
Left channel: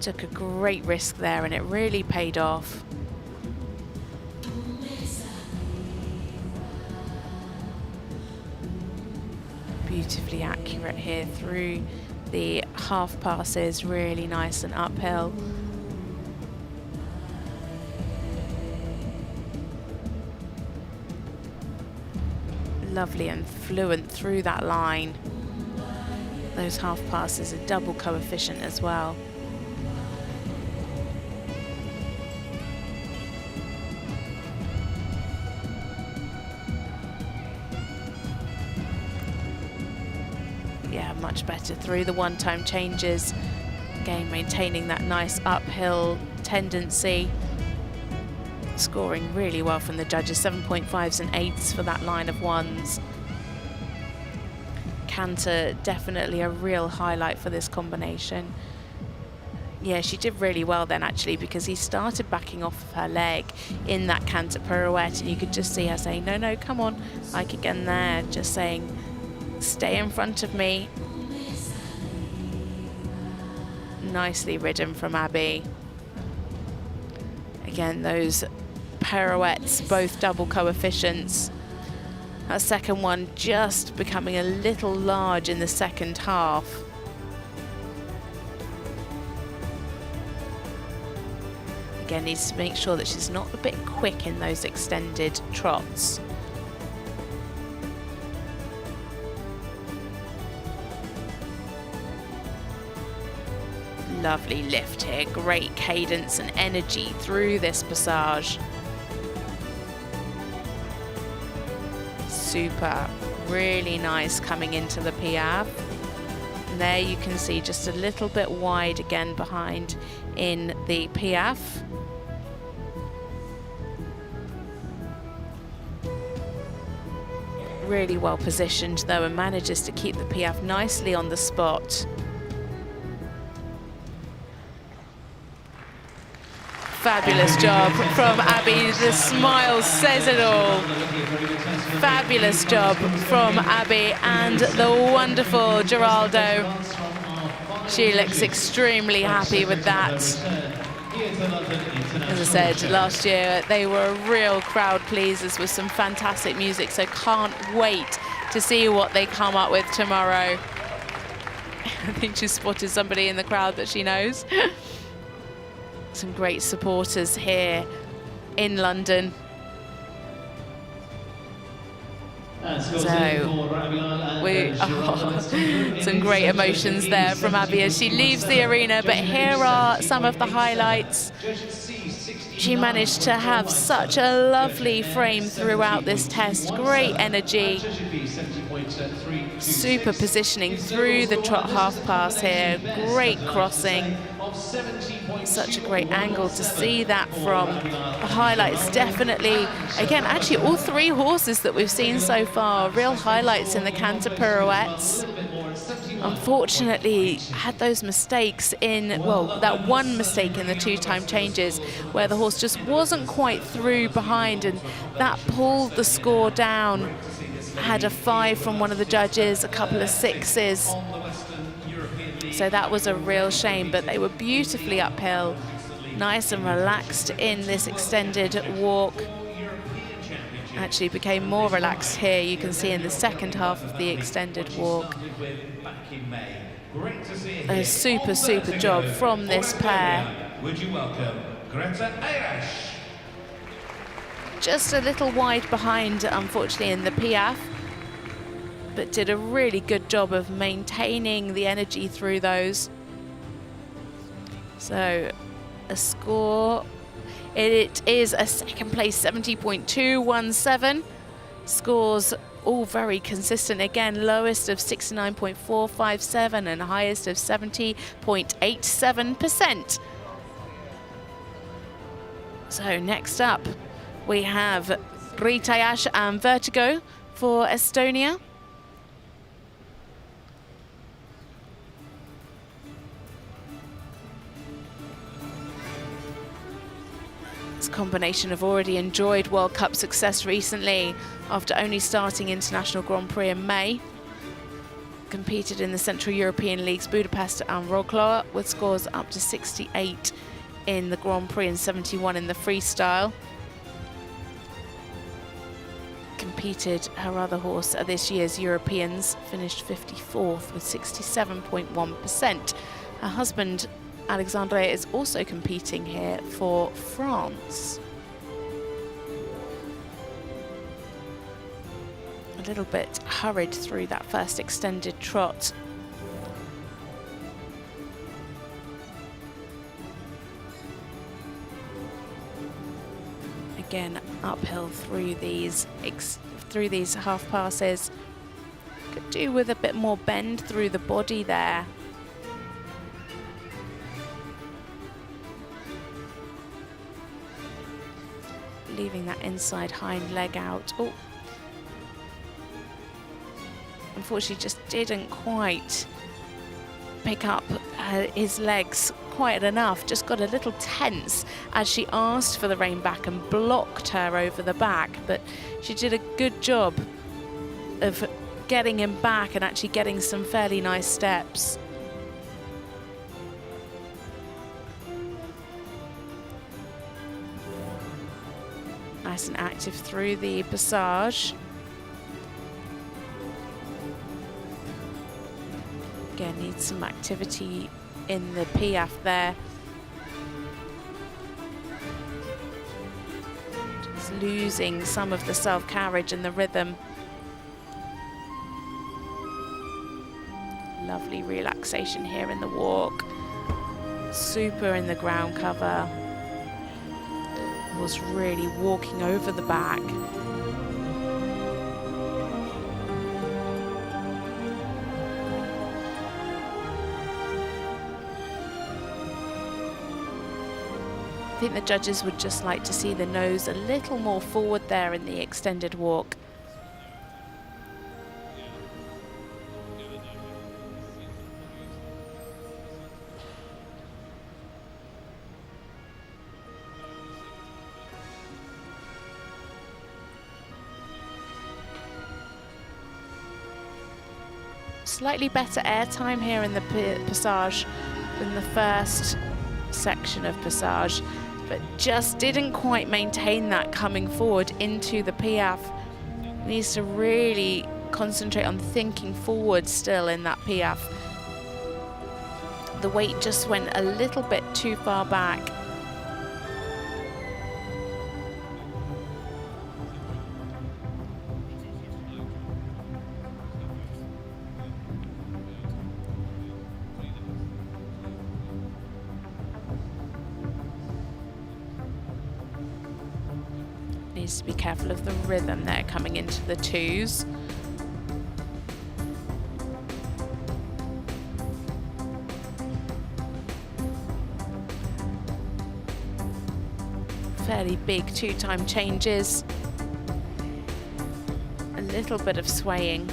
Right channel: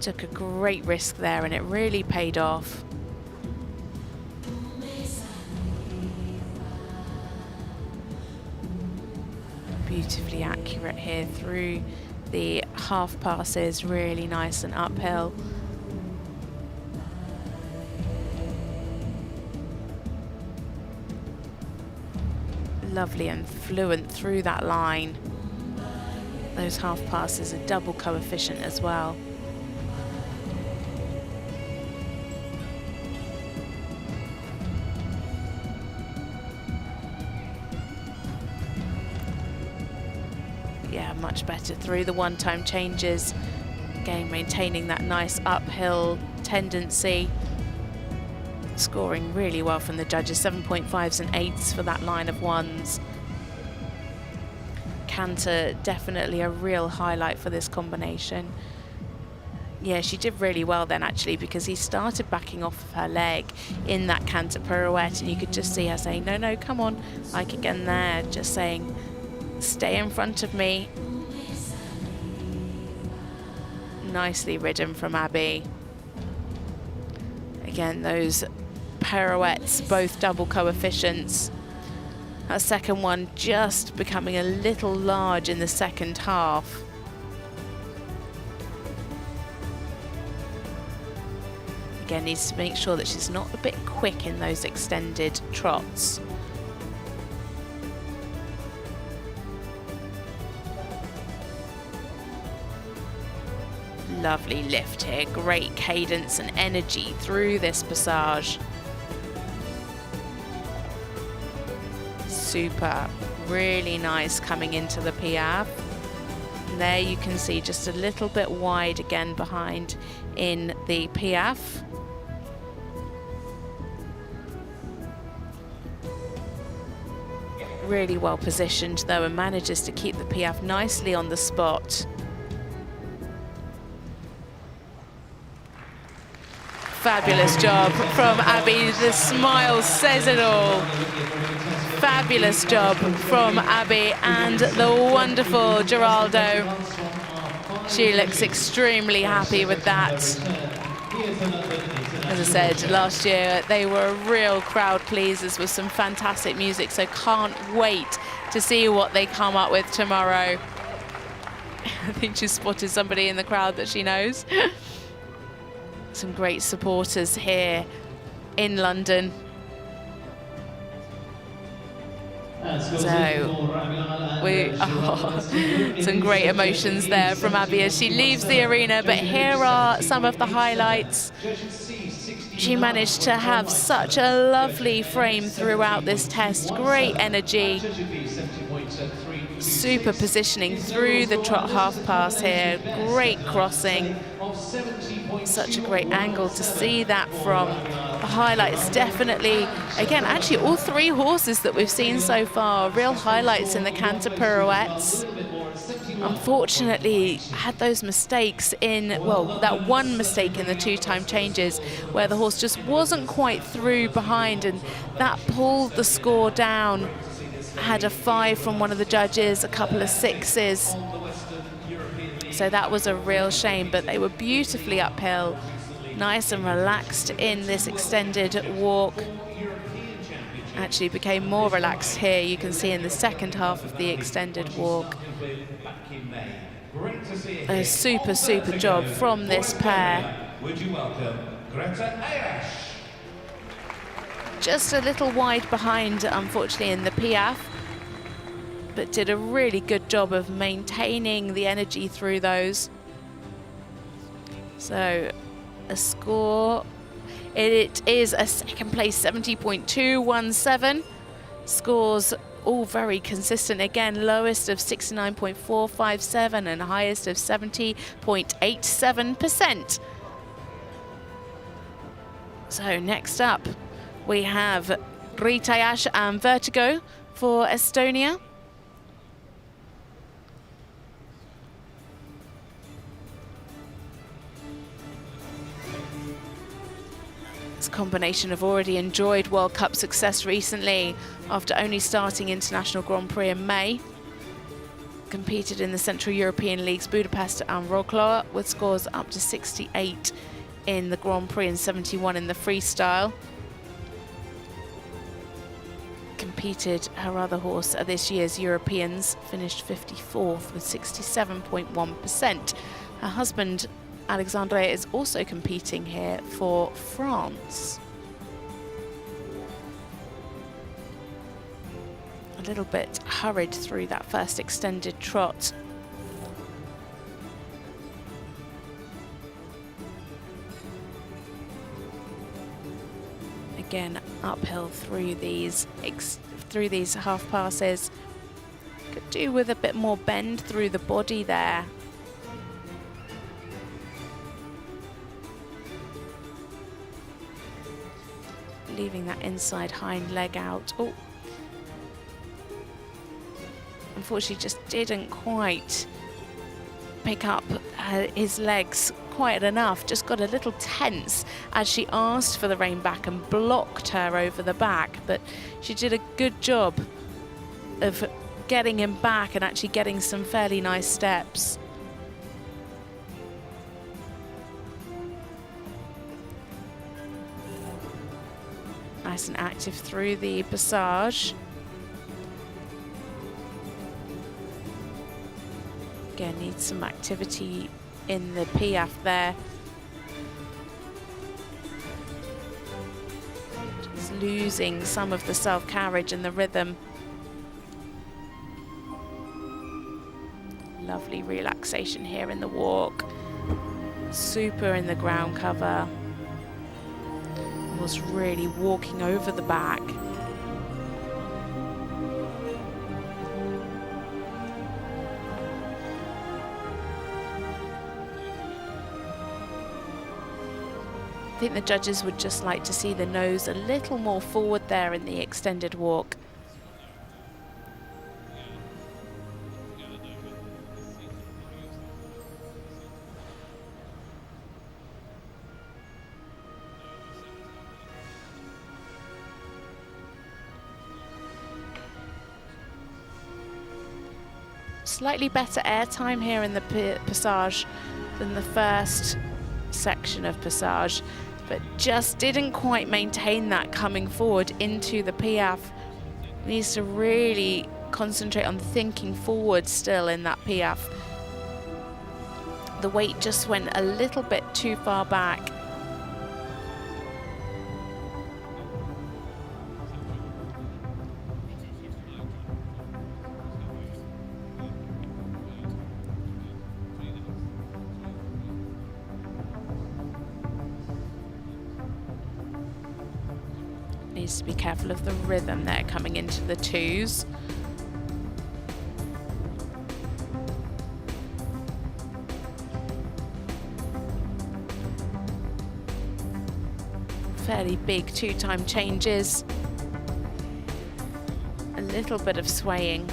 Took a great risk there and it really paid off. Beautifully accurate here through the half passes, really nice and uphill. Lovely and fluent through that line. Those half passes are double coefficient as well. Yeah, much better through the one-time changes. Again, maintaining that nice uphill tendency. Scoring really well from the judges, 7.5s and 8s for that line of ones. Canter, definitely a real highlight for this combination. Yeah, she did really well then, actually, because he started backing off of her leg in that canter pirouette, and you could just see her saying, no, no, come on. Like again there, just saying, stay in front of me. Nicely ridden from Abby. Again, those pirouettes, both double coefficients. That second one just becoming a little large in the second half. Again, needs to make sure that she's not a bit quick in those extended trots. Lovely lift here, great cadence and energy through this passage. Super, really nice coming into the Piaffe. And there you can see just a little bit wide again behind in the Piaffe. Really well positioned though, and manages to keep the Piaffe nicely on the spot. Fabulous job from Abby. The smile says it all. Fabulous job from Abby and the wonderful Geraldo. She looks extremely happy with that. As I said, last year they were a real crowd pleasers with some fantastic music, so can't wait to see what they come up with tomorrow. I think she spotted somebody in the crowd that she knows. Some great supporters here in London. So, some great emotions there from Abby as she leaves the arena, but here are some of the highlights. She managed to have such a lovely frame throughout this test, great energy, super positioning through the trot half pass here, great crossing. Such a great angle to see that from. The highlights definitely, again, actually all three horses that we've seen so far, real highlights in the canter pirouettes. Unfortunately, had those mistakes in, well, that one mistake in the two-time changes where the horse just wasn't quite through behind, and that pulled the score down. Had a 5 from one of the judges, a couple of 6s. So that was a real shame, but they were beautifully uphill, nice and relaxed in this extended walk. Actually became more relaxed here, you can see in the second half of the extended walk. A super, super job from this pair. Would you welcome Grete Ayash? Just a little wide behind, unfortunately, in the Piaffe, but did a really good job of maintaining the energy through those. So a score, it is a second place 70.217. Scores all very consistent. Again, lowest of 69.457 and highest of 70.87%. So next up we have Grete Ayash and Vertigo for Estonia. This combination have already enjoyed World Cup success recently after only starting International Grand Prix in May. Competed in the Central European Leagues Budapest and Wrocław with scores up to 68 in the Grand Prix and 71 in the freestyle. Competed her other horse at this year's Europeans, finished 54th with 67.1%. Her husband Alexandre is also competing here for France. A little bit hurried through that first extended trot. Again, uphill through these half passes. Could do with a bit more bend through the body there. Leaving that inside hind leg out. Oh, unfortunately just didn't quite pick up his legs quite enough, just got a little tense as she asked for the rein back and blocked her over the back, but she did a good job of getting him back and actually getting some fairly nice steps. Nice and active through the passage. Again, needs some activity in the piaffe there. Just losing some of the self-carriage and the rhythm. Lovely relaxation here in the walk. Super in the ground cover. Was really walking over the back. I think the judges would just like to see the nose a little more forward there in the extended walk. Slightly better airtime here in the passage than the first section of passage, but just didn't quite maintain that coming forward into the piaffe. Needs to really concentrate on thinking forward still in that piaffe. The weight just went a little bit too far back. Needs to be careful of the rhythm there coming into the twos. Fairly big two-time changes. A little bit of swaying.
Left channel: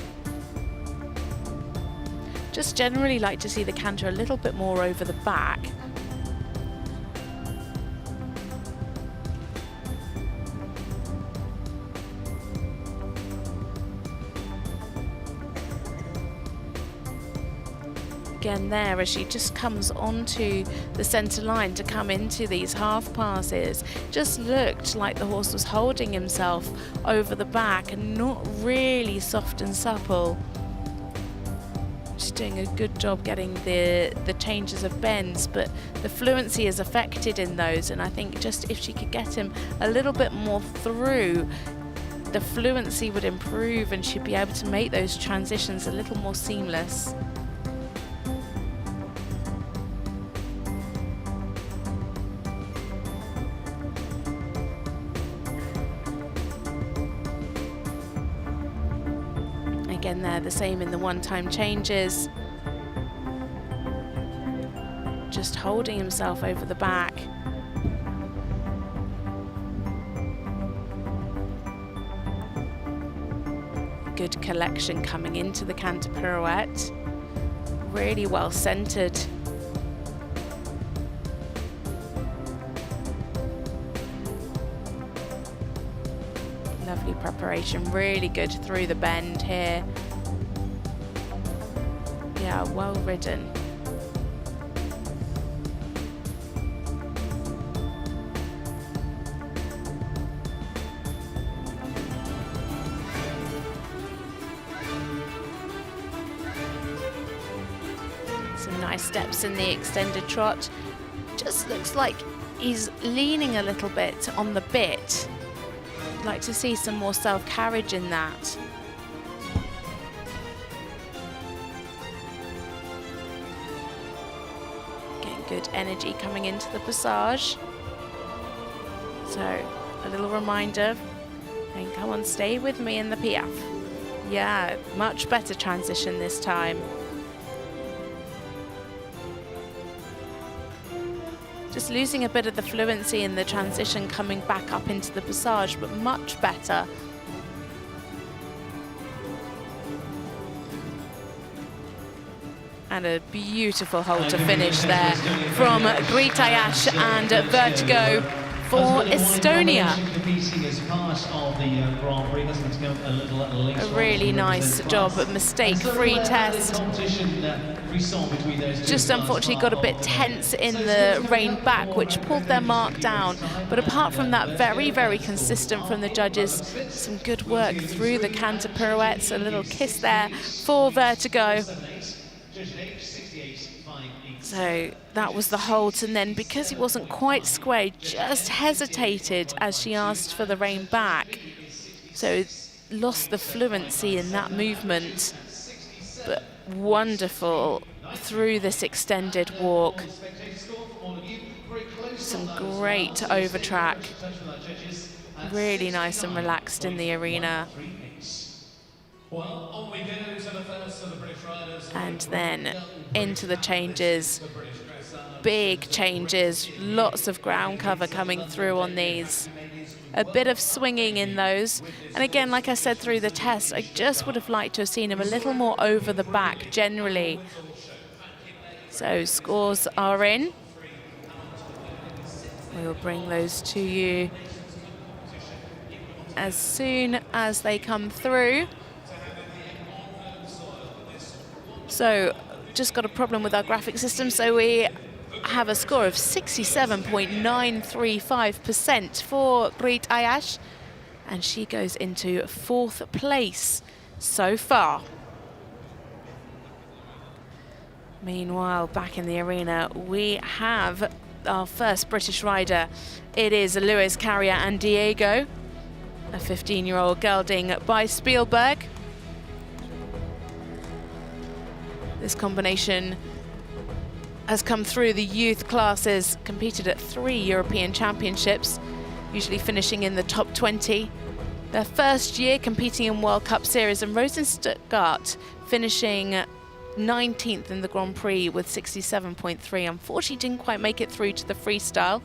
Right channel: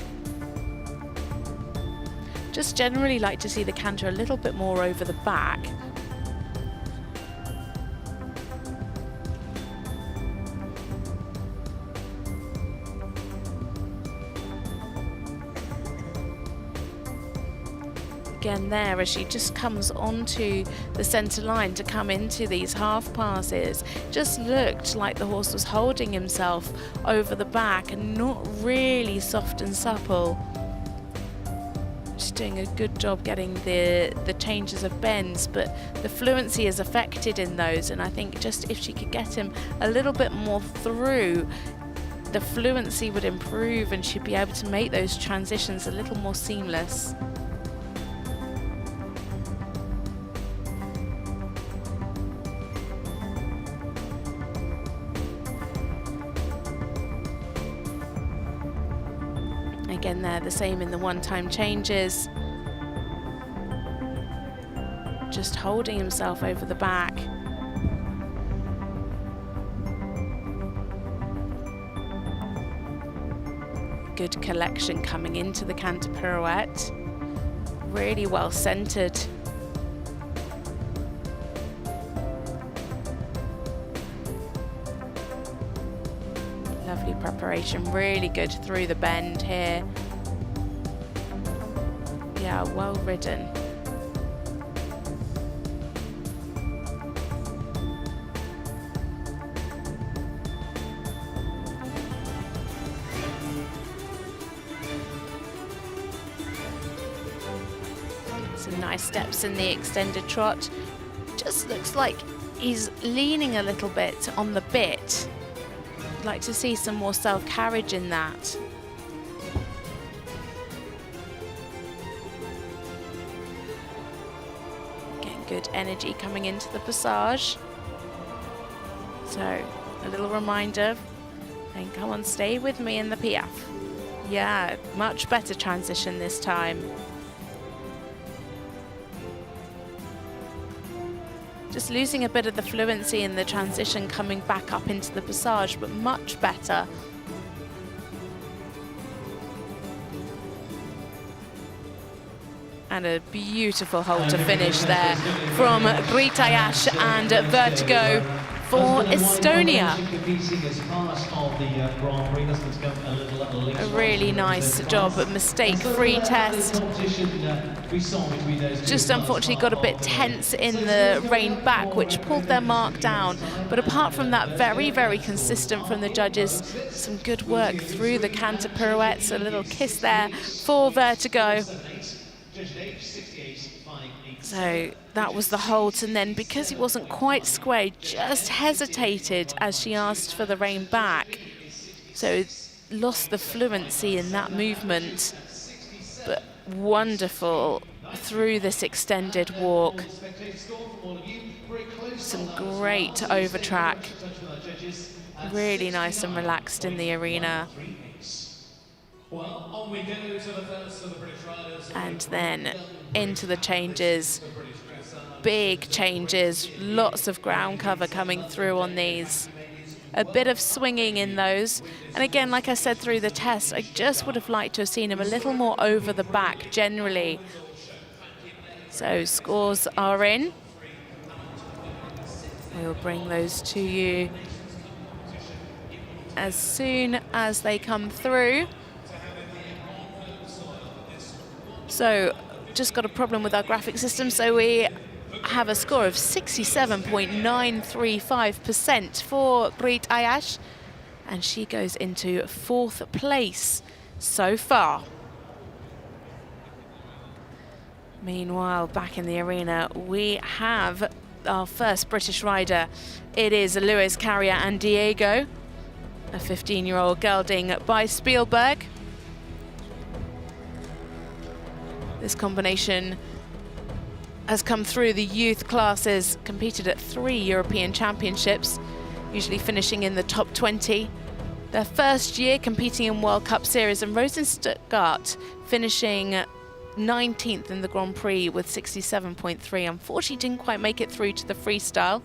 Just generally like to see the canter a little bit more over the back. Again there as she just comes onto the centre line to come into these half passes. Just looked like the horse was holding himself over the back and not really soft and supple. She's doing a good job getting the changes of bends, but the fluency is affected in those, and I think just if she could get him a little bit more through, the fluency would improve and she'd be able to make those transitions a little more seamless. Again there, the same in the one-time changes. Just holding himself over the back. Good collection coming into the canter pirouette. Really well centered. Lovely preparation, really good through the bend here. Yeah, well ridden. Some nice steps in the extended trot. Just looks like he's leaning a little bit on the bit. I'd like to see some more self-carriage in that. Getting good energy coming into the passage. So, a little reminder, and come on, stay with me in the piaffe. Yeah, much better transition this time. Just losing a bit of the fluency in the transition coming back up into the passage, but much better. And a beautiful hold to finish there from Grete Ayash and Vertigo for Estonia. A really nice job, a mistake-free test. Just unfortunately got a bit tense in the rein back, which pulled their mark down. But apart from that, very, very consistent from the judges. Some good work through the canter pirouettes. A little kiss there for Vertigo. So that was the halt, and then because he wasn't quite square, he just hesitated as she asked for the rein back. So lost the fluency in that movement, but wonderful through this extended walk. Some great over track. Really nice and relaxed in the arena. And then into the changes. Big changes, lots of ground cover coming through on these. A bit of swinging in those. And again, like I said through the test, I just would have liked to have seen him a little more over the back generally. So scores are in. We'll bring those to you as soon as they come through. So just got a problem with our graphic system, so we have a score of 67.935% for Grete Ayash, and she goes into 4th place so far. Meanwhile, back in the arena, we have our first British rider. It is Lewis Carrier and Diego, a 15-year-old gelding by Spielberg. This combination has come through the youth classes, competed at 3 European Championships, usually finishing in the top 20. Their first year competing in World Cup Series, and rose in Stuttgart, finishing 19th in the Grand Prix with 67.3. Unfortunately, didn't quite make it through to the freestyle.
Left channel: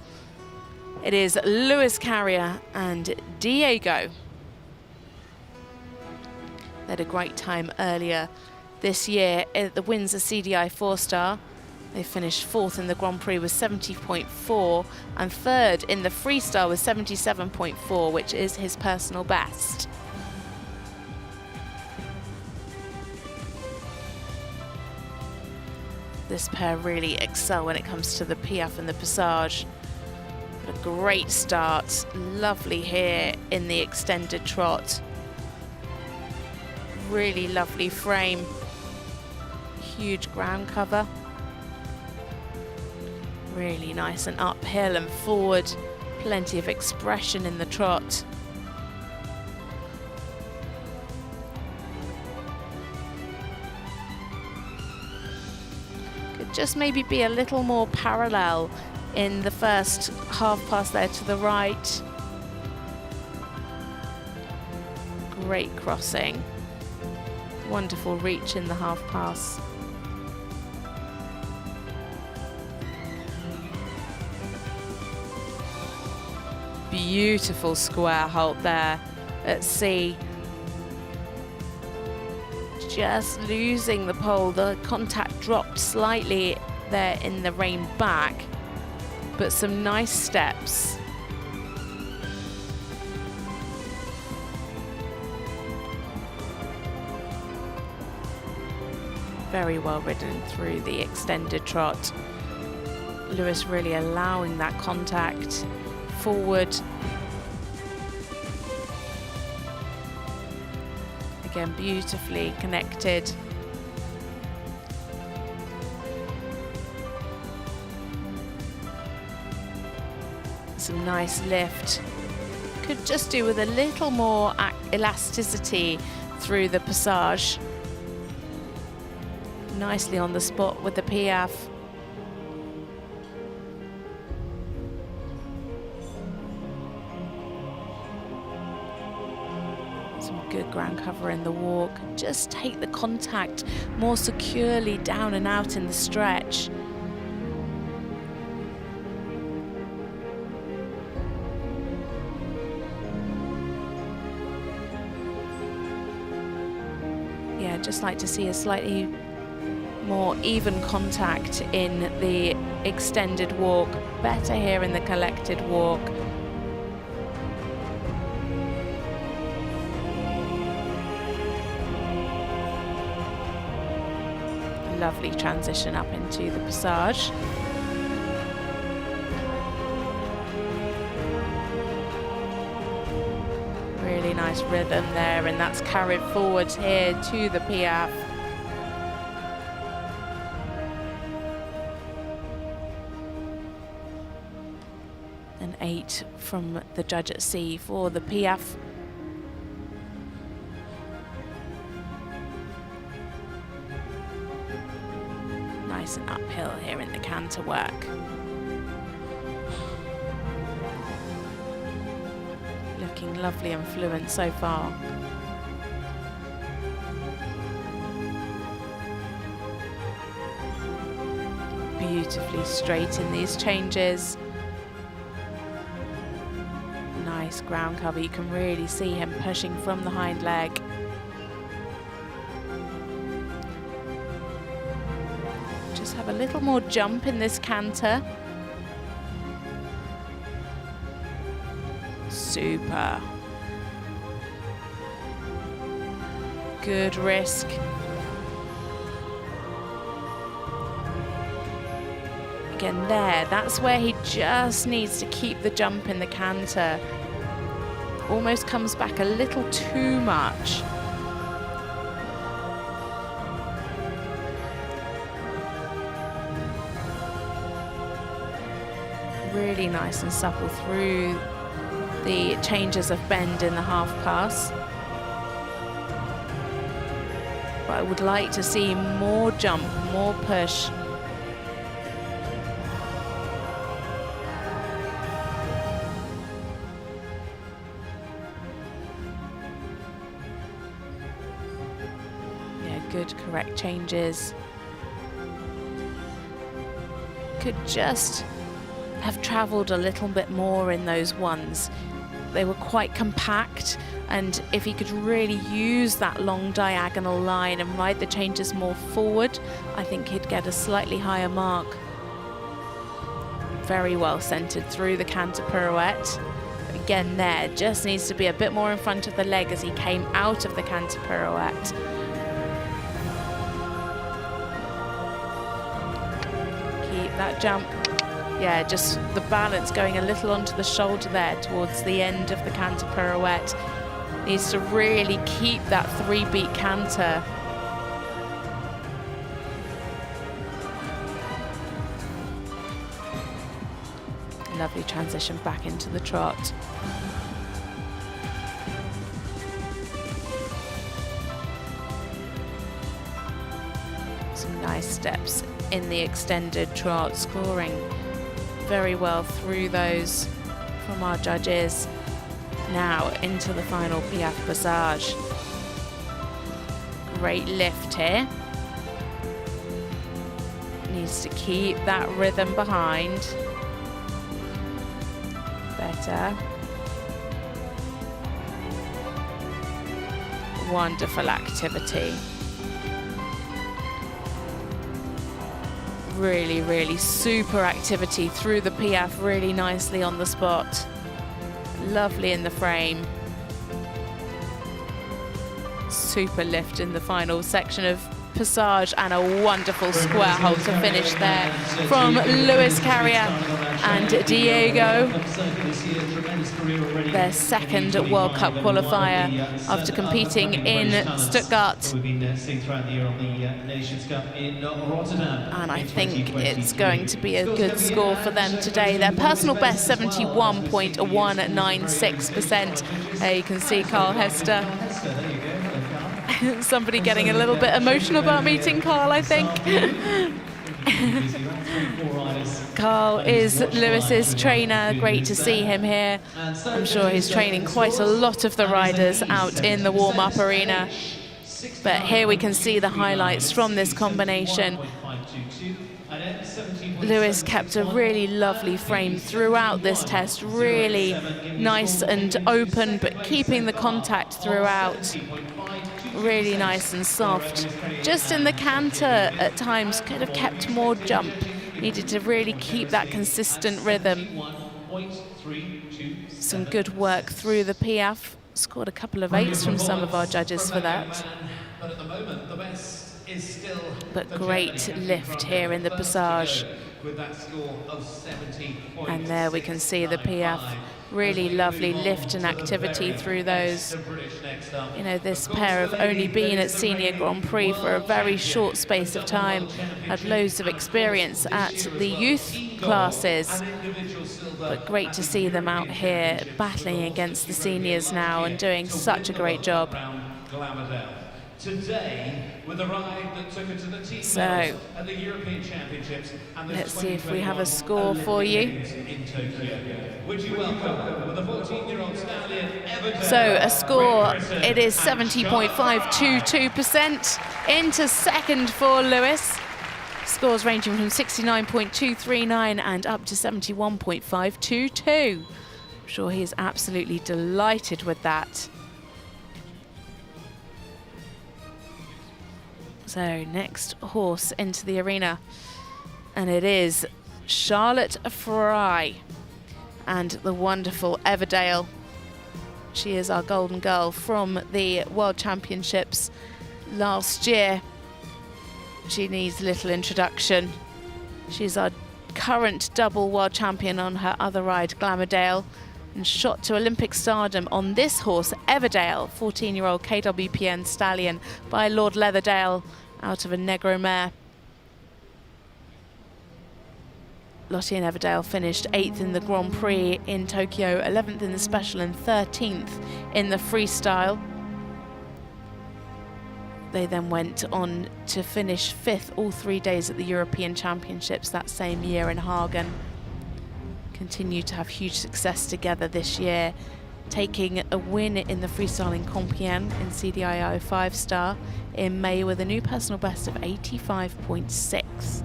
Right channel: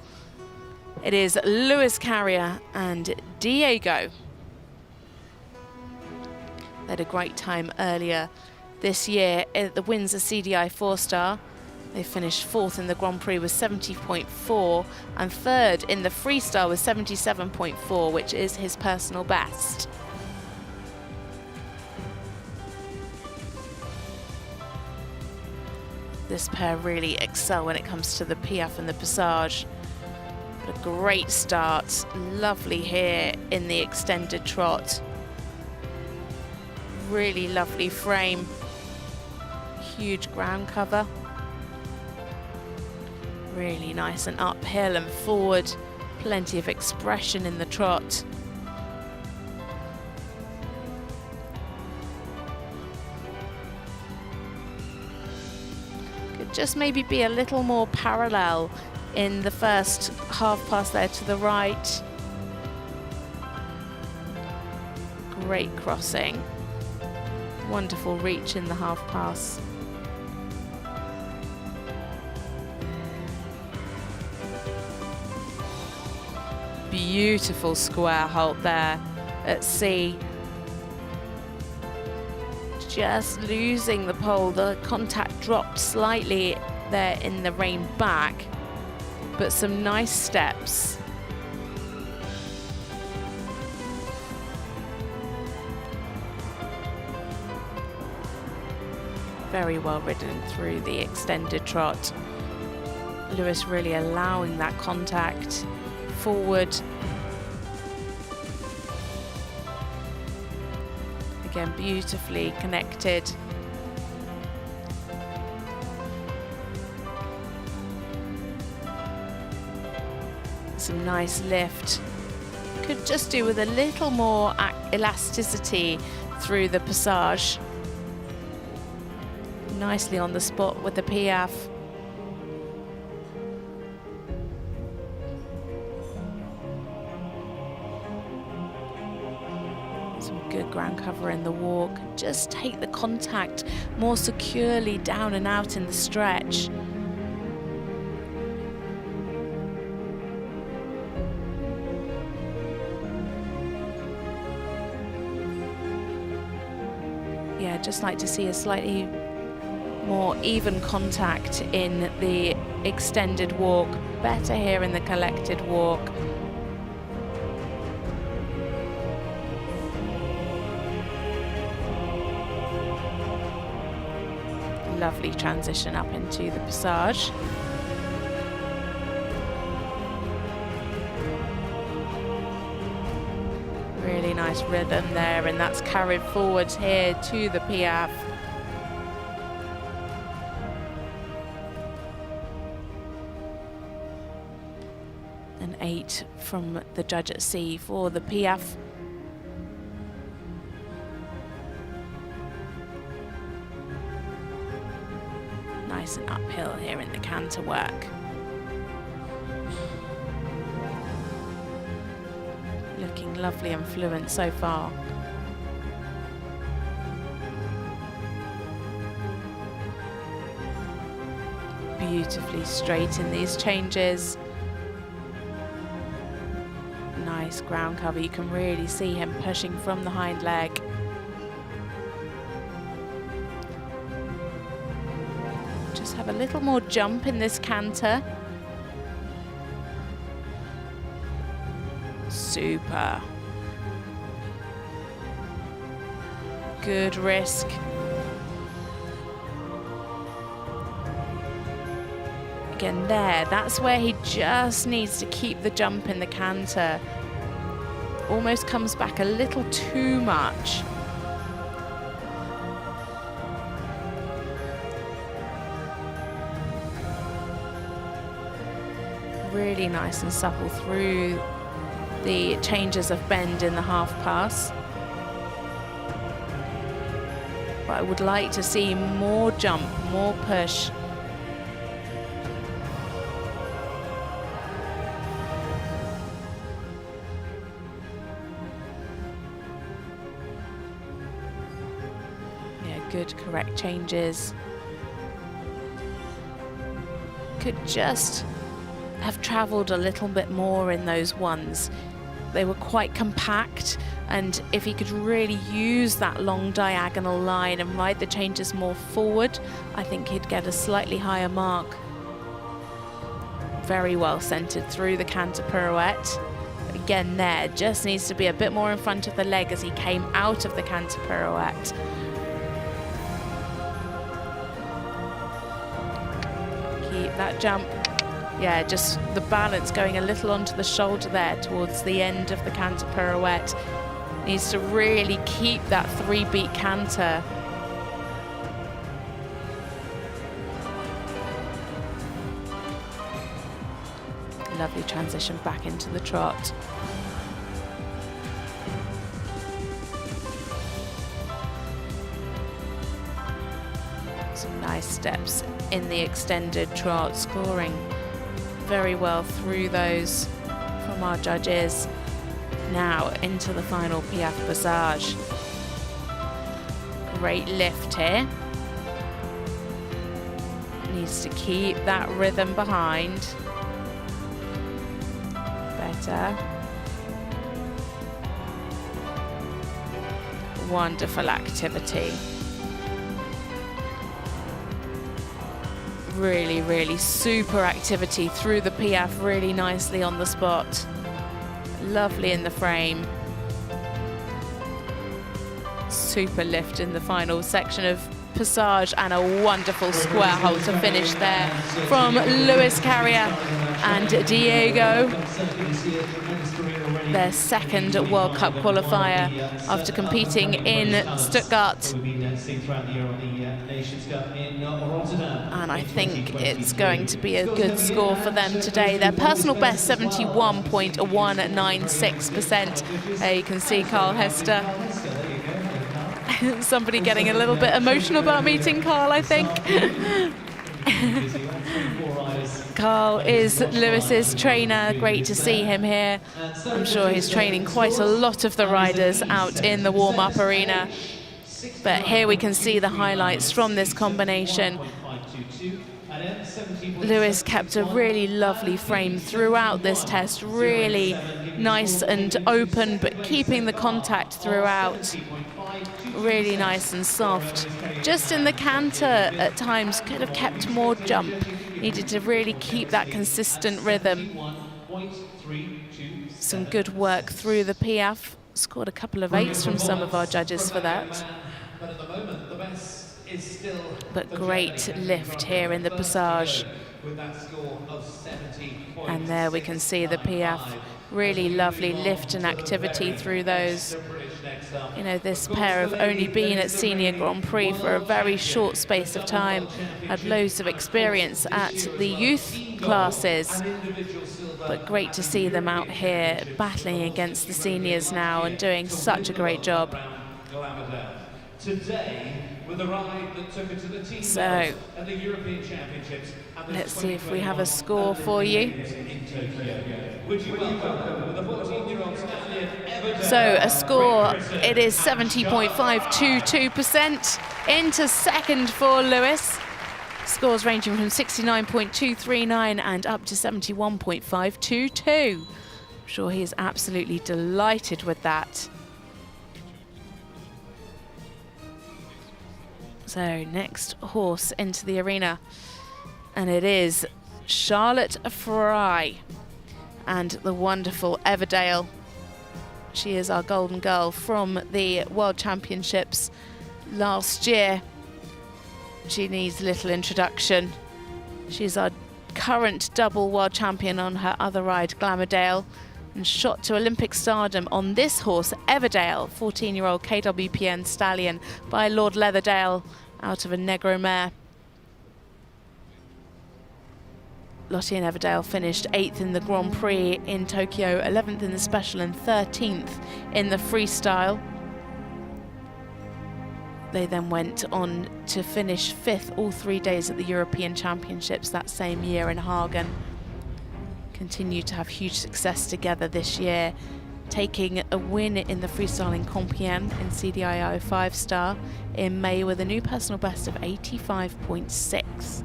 It is Lewis Carrier and Diego. They had a great time earlier this year at the Windsor CDI 4-star. They finished 4th in the Grand Prix with 70.4 and 3rd in the freestyle with 77.4, which is his personal best. This pair really excel when it comes to the piaffe and the passage. But a great start, lovely here in the extended trot. Really lovely frame. Huge ground cover. Really nice and uphill and forward. Plenty of expression in the trot. Could just maybe be a little more parallel in the first half pass there to the right. Great crossing. Wonderful reach in the half pass. Beautiful square halt there at C. Just losing the pole. The contact dropped slightly there in the rein back, but some nice steps. Very well ridden through the extended trot. Lewis really allowing that contact forward. Again, beautifully connected. Some nice lift. Could just do with a little more elasticity through the passage. Nicely on the spot with the piaffe. Some good ground cover in the walk. Just take the contact more securely down and out in the stretch. Yeah, just like to see a slightly More even contact in the extended walk, better here in the collected walk. Lovely transition up into the passage. Really nice rhythm there, and that's carried forward here to the Piaffe. An 8 from the judge at C for the Piaffe. Nice and uphill here in the canter work. Looking lovely and fluent so far. Beautifully straight in these changes. Nice ground cover. You can really see him pushing from the hind leg. Just have a little more jump in this canter. Super. Good risk. Again there, that's where he just needs to keep the jump in the canter. Almost comes back a little too much. Really nice and supple through the changes of bend in the half pass. But I would like to see more jump, more push. Yeah, good, correct changes. Could just have traveled a little bit more in those ones. They were quite compact, and if he could really use that long diagonal line and ride the changes more forward, I think he'd get a slightly higher mark. Very well centered through the canter pirouette. Again there, just needs to be a bit more in front of the leg as he came out of the canter pirouette. Keep that jump. Yeah, just the balance going a little onto the shoulder there towards the end of the canter pirouette. Needs to really keep that 3-beat canter. Lovely transition back into the trot. Some nice steps in the extended trot, scoring very well through those from our judges. Now into the final Piaffe passage. Great lift here. Needs to keep that rhythm behind. Better. Wonderful activity. Really, really super activity through the Piaffe, really nicely on the spot. Lovely in the frame. Super lift in the final section of passage, and a wonderful square hold to finish there from Luis Carrier and Diego. Their second World Cup qualifier after competing in Stuttgart. And I think it's going to be a good score for them today. Their personal best, 71.196%. You can see Carl Hester. Somebody getting a little bit emotional about meeting Carl, I think. Carl is Lewis's trainer. Great to see him here. I'm sure he's training quite a lot of the riders out in the warm-up arena. But here we can see the highlights from this combination. Lewis kept a really lovely frame throughout this test, really nice and open, but keeping the contact throughout. Really nice and soft. just in the canter at times, could have kept more jump. Needed to really keep that consistent rhythm. Some good work through the Piaffe. Scored a couple of 8s from some of our judges for that. But great lift here in the Passage. And there we can see the Piaffe. Really lovely lift and activity through those. You know, this pair have only been at Senior Grand Prix for a very short space of time, had loads of experience at the youth classes, but great to see them out here battling against the seniors now and doing such a great job. So, let's see if we have a score for you. So a score, it is 70.522%. Into second for Lewis. Scores ranging from 69.239 and up to 71.522. I'm sure he is absolutely delighted with that. So next horse into the arena, and it is Charlotte Fry and the wonderful Everdale. She is our golden girl from the World Championships last year. She needs little introduction. She's our current double world champion on her other ride, Glamourdale, and shot to Olympic stardom on this horse, Everdale, 14-year-old KWPN stallion by Lord Leatherdale out of a Negro mare. Lottie and Everdale finished 8th in the Grand Prix in Tokyo, 11th in the special and 13th in the freestyle. They then went on to finish 5th all 3 days at the European Championships that same year in Hagen. Continue to have huge success together this year, taking a win in the freestyle in Compiègne in CDIO 5-star in May with a new personal best of 85.6.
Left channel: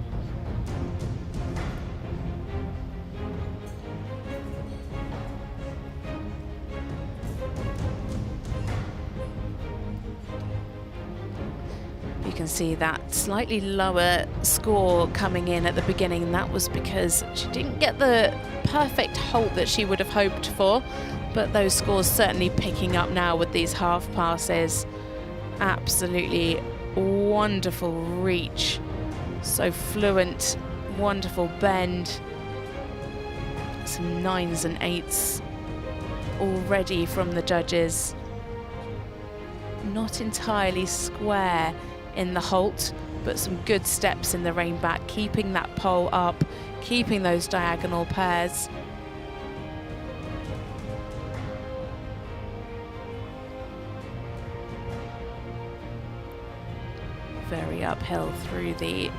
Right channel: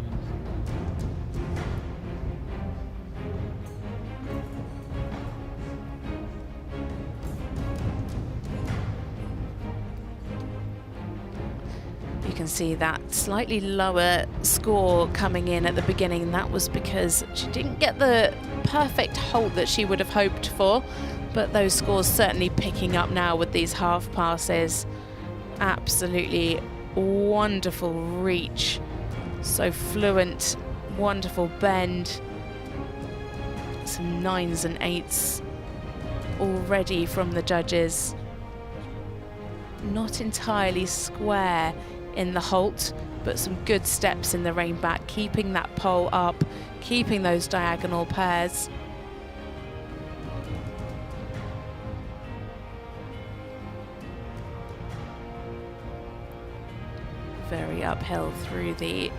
You can see that slightly lower score coming in at the beginning, and that was because she didn't get the perfect halt that she would have hoped for, but those scores certainly picking up now with these half passes. Absolutely wonderful reach, so fluent, wonderful bend, some 9s and 8s already from the judges. Not entirely square in the halt, but some good steps in the rein back, keeping that pole up, keeping those diagonal pairs. Very uphill through the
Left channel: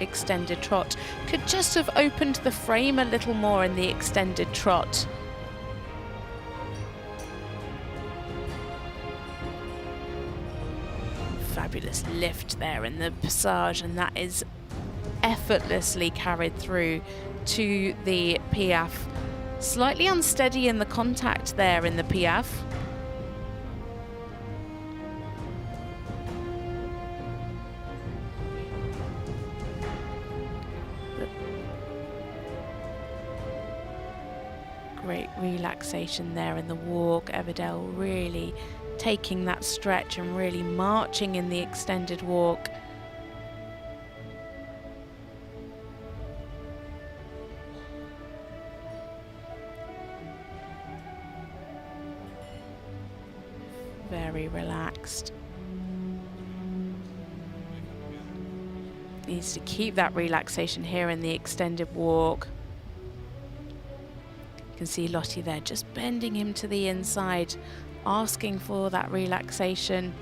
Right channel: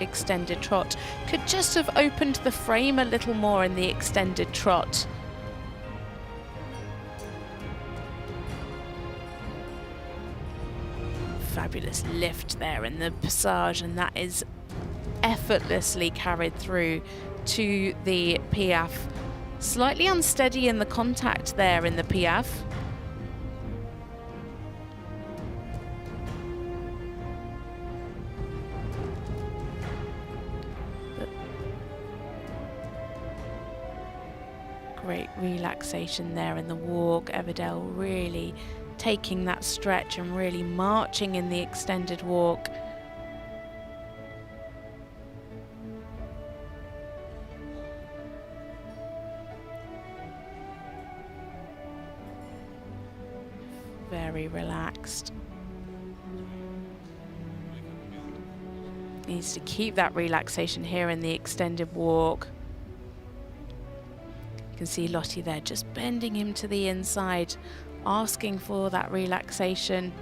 extended trot. Could just have opened the frame a little more in the extended trot. Fabulous lift there in the Passage, and that is effortlessly carried through to the Piaffe. Slightly unsteady in the contact there in the Piaffe. But great relaxation there in the walk. Everdale really taking that stretch and really marching in the extended walk. Very relaxed. Needs to keep that relaxation here in the extended walk. You can see Lottie there just bending him to the inside, asking for that relaxation.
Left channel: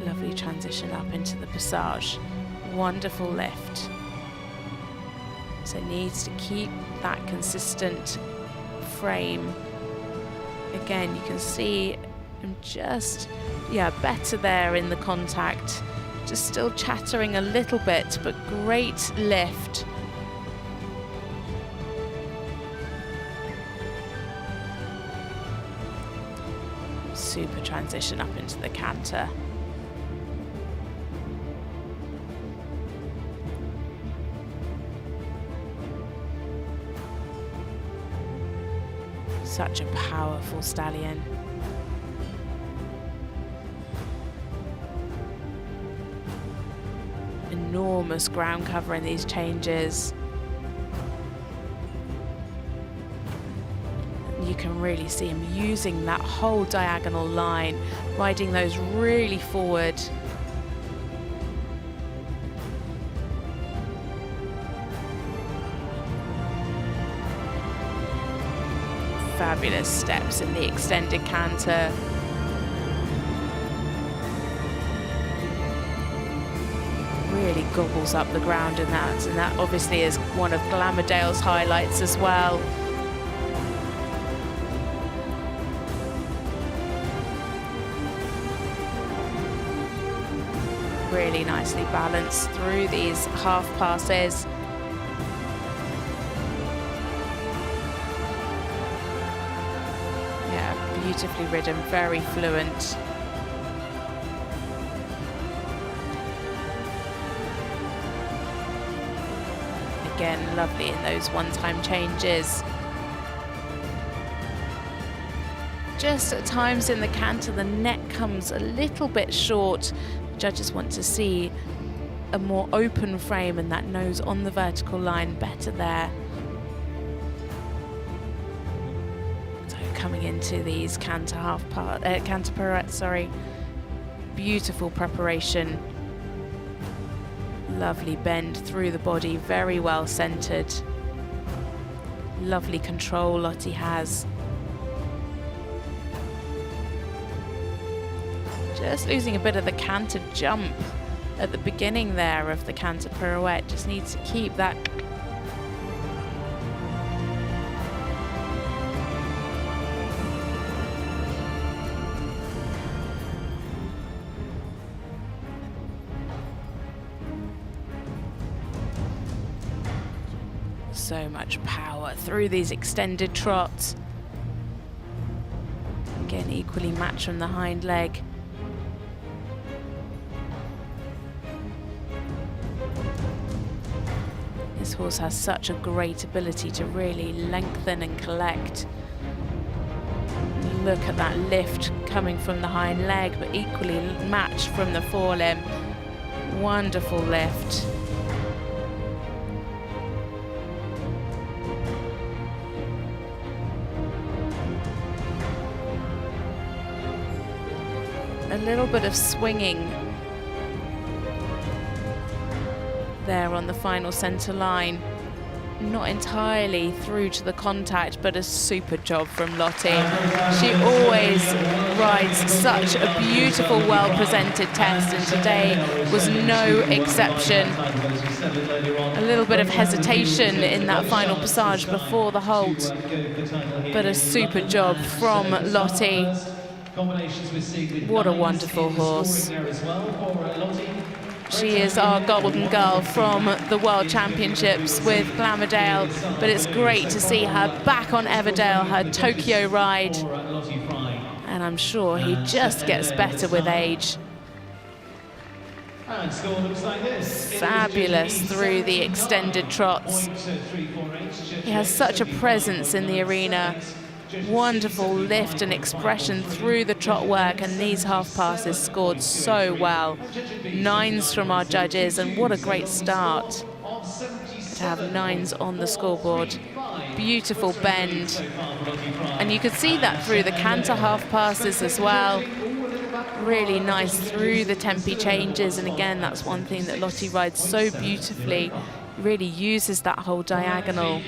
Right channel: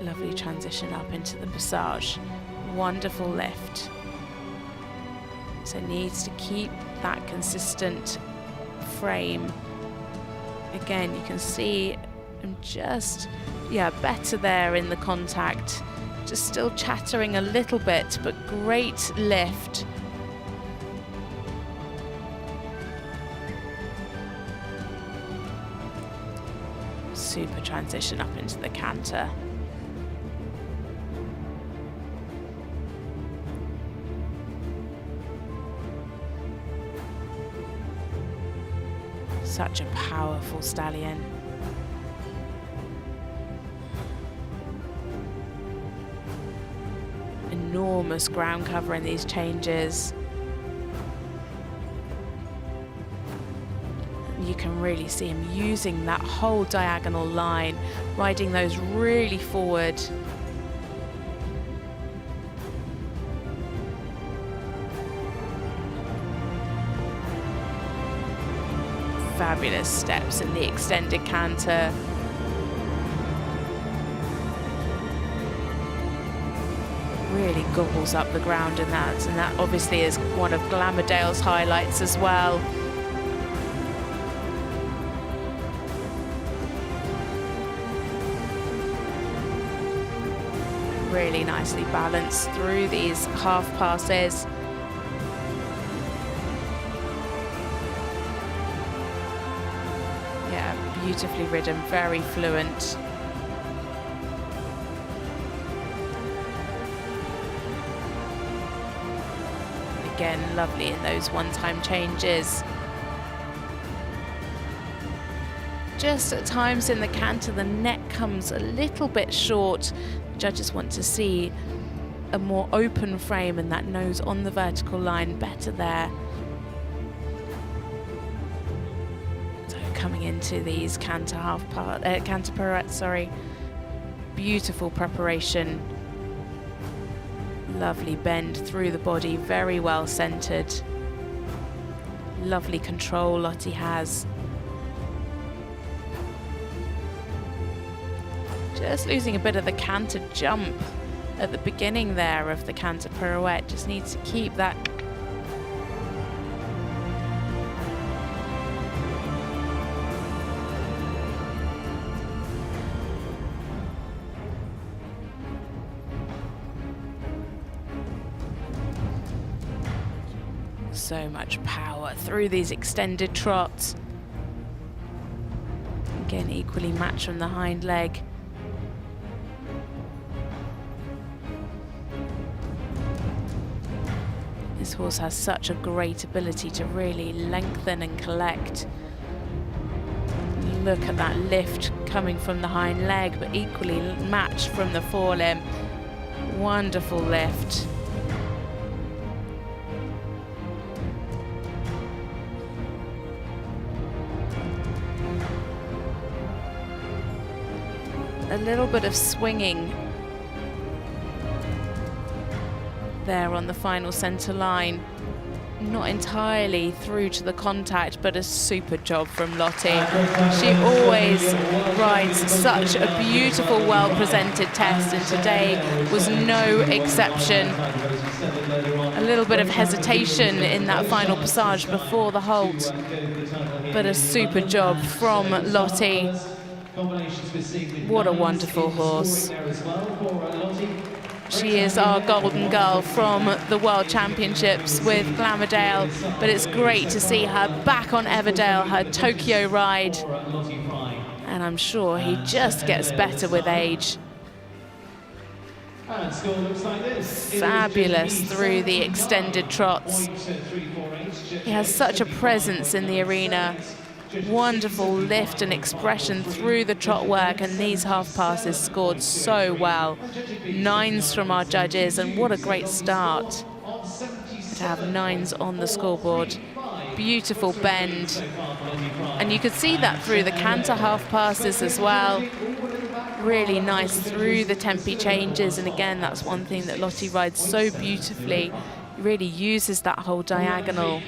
Lovely transition up into the Passage. Wonderful lift. So needs to keep that consistent frame. Again, you can see him just, better there in the contact. Just still chattering a little bit, but great lift. super transition up into the canter. Such a powerful stallion. Enormous ground cover in these changes. You can really see him using that whole diagonal line, riding those really forward. Fabulous steps in the extended canter. Really gobbles up the ground in that, and that obviously is one of Glamourdale's highlights as well. Really nicely balanced through these half passes. Yeah, beautifully ridden, very fluent. Again, lovely in those one-time changes. Just at times in the canter, the neck comes a little bit short. The judges want to see a more open frame and that nose on the vertical line better there. So coming into these canter canter pirouettes, sorry. Beautiful preparation. Lovely bend through the body, very well centered. Lovely control Lottie has. Just losing a bit of the canter jump at the beginning there of the canter pirouette. Just needs to keep that. So much power through these extended trots. Again, equally matched from the hind leg. This horse has such a great ability to really lengthen and collect. Look at that lift coming from the hind leg, but equally matched from the forelimb. Wonderful lift. A little bit of swinging there on the final centre line. Not entirely through to the contact, but a super job from Lottie. She always rides such a beautiful, well-presented test, and today was no exception. A little bit of hesitation in that final passage before the halt, but a super job from Lottie. What a wonderful horse. She is our golden girl from the World Championships with Glamourdale, but it's great to see her back on Everdale, her Tokyo ride. And I'm sure he just gets better with age. Fabulous through the extended trots. He has such a presence in the arena. Wonderful lift and expression through the trot work, and these half passes scored so well. 9s from our judges, and what a great start to have 9s on the scoreboard. Beautiful bend, and you could see that through the canter half passes as well. Really nice through the tempi changes, and again, that's one thing that Lottie rides so beautifully. Really uses that whole diagonal.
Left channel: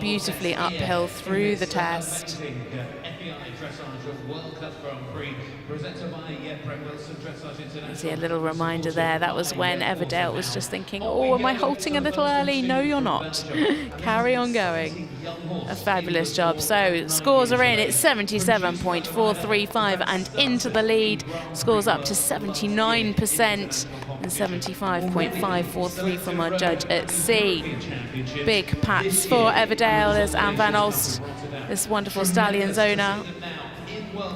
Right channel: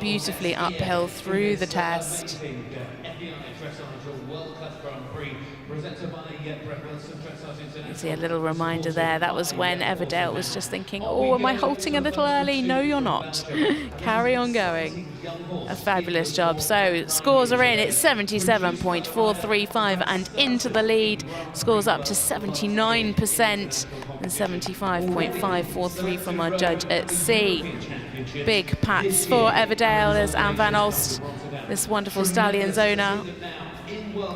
Beautifully uphill through the test. You see a little reminder there. That was when Everdale was just thinking, oh, am I halting a little early? No, you're not. Carry on going. A fabulous job. So scores are in. It's 77.435 and into the lead. Scores up to 79% and 75.543 from our judge at C. Big pats for Everdale as Anne van Olst this wonderful stallion's owner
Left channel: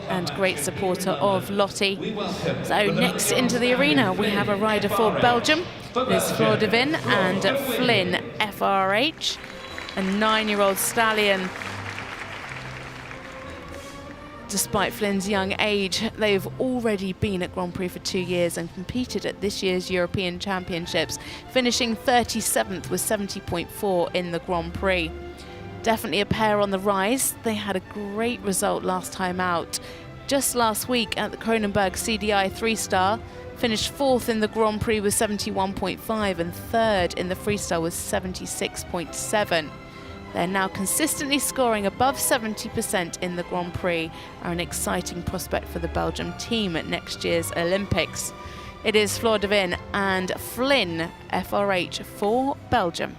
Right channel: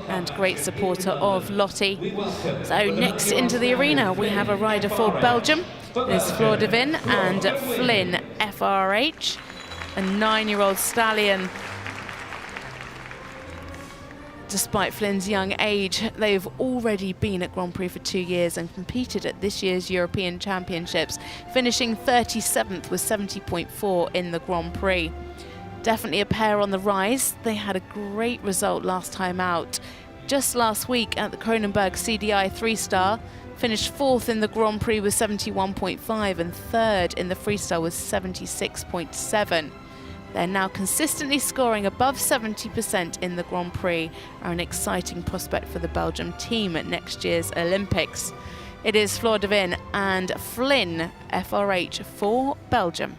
and great supporter of Lottie. So next into the arena, we have a rider for Belgium. It is Flor De Win and Flynn FRH, a 9-year-old stallion. Despite Flynn's young age, they've already been at Grand Prix for 2 years and competed at this year's European Championships, finishing 37th with 70.4 in the Grand Prix. Definitely a pair on the rise. They had a great result last time out. Just last week at the Kronenberg CDI 3-star, finished 4th in the Grand Prix with 71.5 and 3rd in the freestyle with 76.7. They're now consistently scoring above 70% in the Grand Prix, are an exciting prospect for the Belgium team at next year's Olympics. It is Flor De Win and Flynn FRH for Belgium.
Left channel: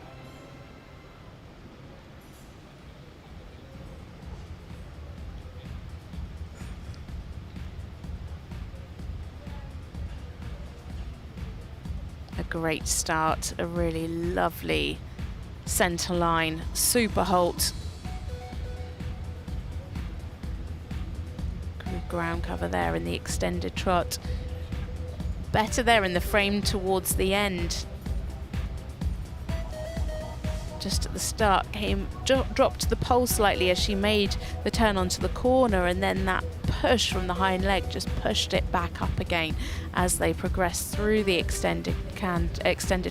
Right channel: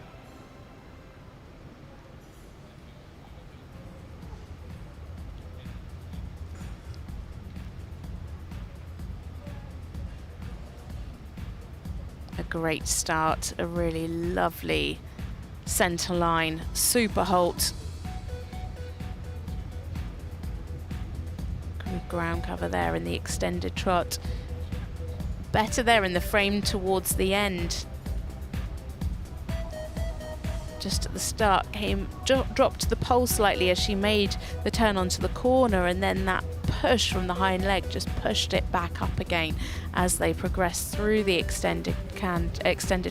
A great start, a really lovely centre line, super halt. Good ground cover there in the extended trot. Better there in the frame towards the end. Just at the start, dropped the pole slightly as she made the turn onto the corner, and then that push from the hind leg just pushed it back up again as they progressed through the extended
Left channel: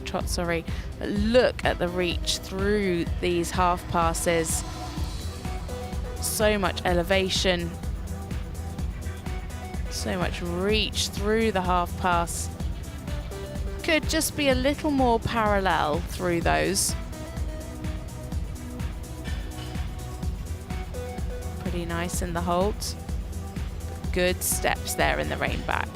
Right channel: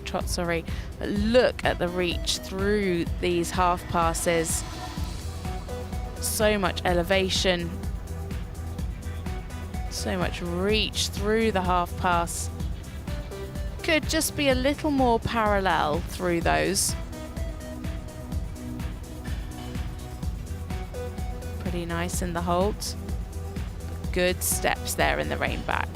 trot. But look at the reach through these half passes. So much elevation, so much reach through the half pass. Could just be a little more parallel through those. Pretty nice in the halt. Good steps there in the rein back.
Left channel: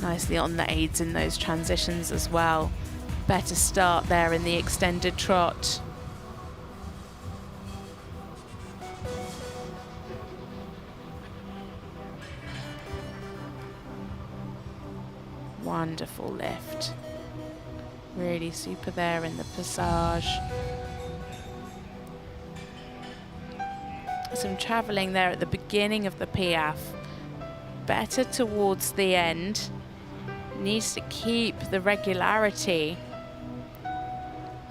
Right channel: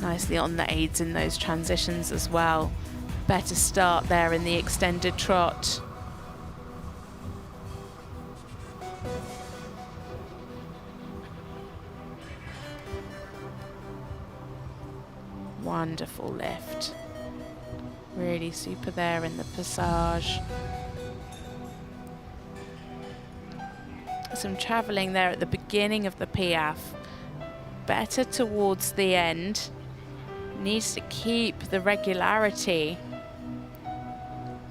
Nicely on the aids in those transitions as well. Better start there in the extended trot. Wonderful lift. Really super there in the passage. Some travelling there at the beginning of the Piaffe. Better towards the end. Needs to keep the regularity.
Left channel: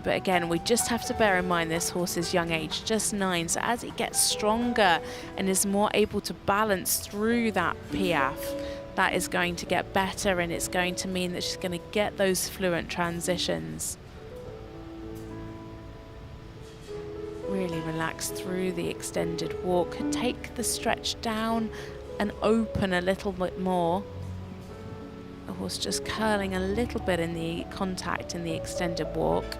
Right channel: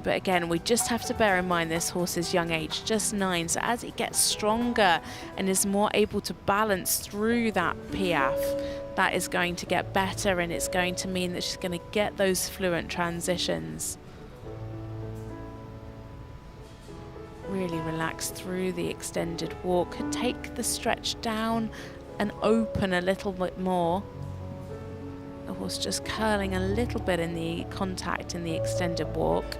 But again, we just have to bear in mind this horse's young age, just 9. So as it gets stronger and is more able to balance through that Piaffe, that is going to get better, and it's going to mean that she's going to get those fluent transitions. Really relax through the extended walk. Take the stretch down and open a little bit more. The horse just curling a little bit in the contact in the extended walk.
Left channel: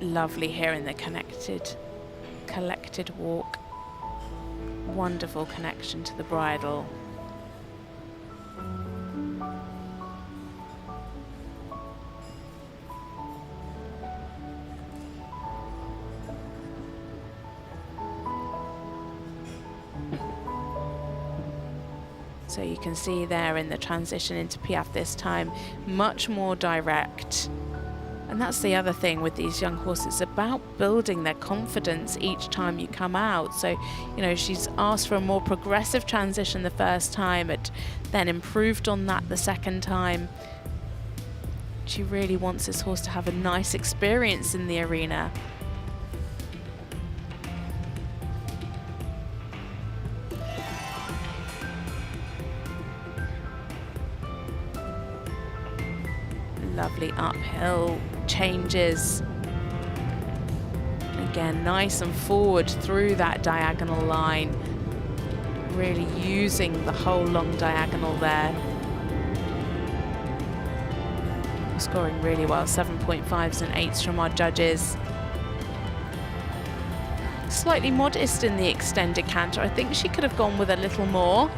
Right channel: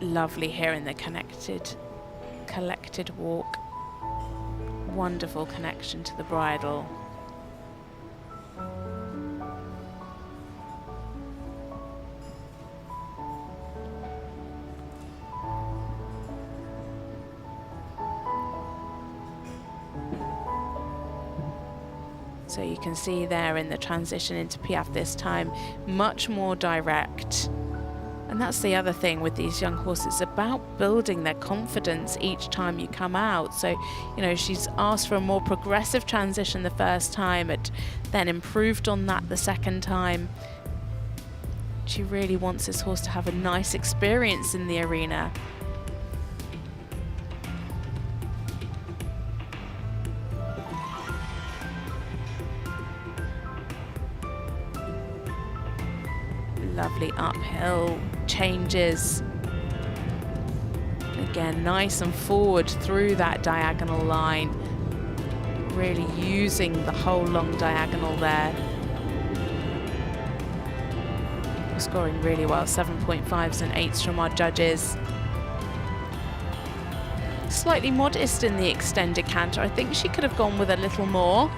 Lovely here in the collected walk. Wonderful connection to the bridle. So you can see there in the transition into Piaffe this time, much more direct. And that's the other thing with these young horses, about building their confidence each time you come out. So, you know, she's asked for a more progressive transition the first time, and then improved on that the second time. She really wants this horse to have a nice experience in the arena. Lovely uphill changes. Again, nice and forward through that diagonal line. Really using the whole long diagonal there. Scoring really well, 7.5s and 8s from our judges. Slightly modest in the extended canter. I think she could have gone with a little more.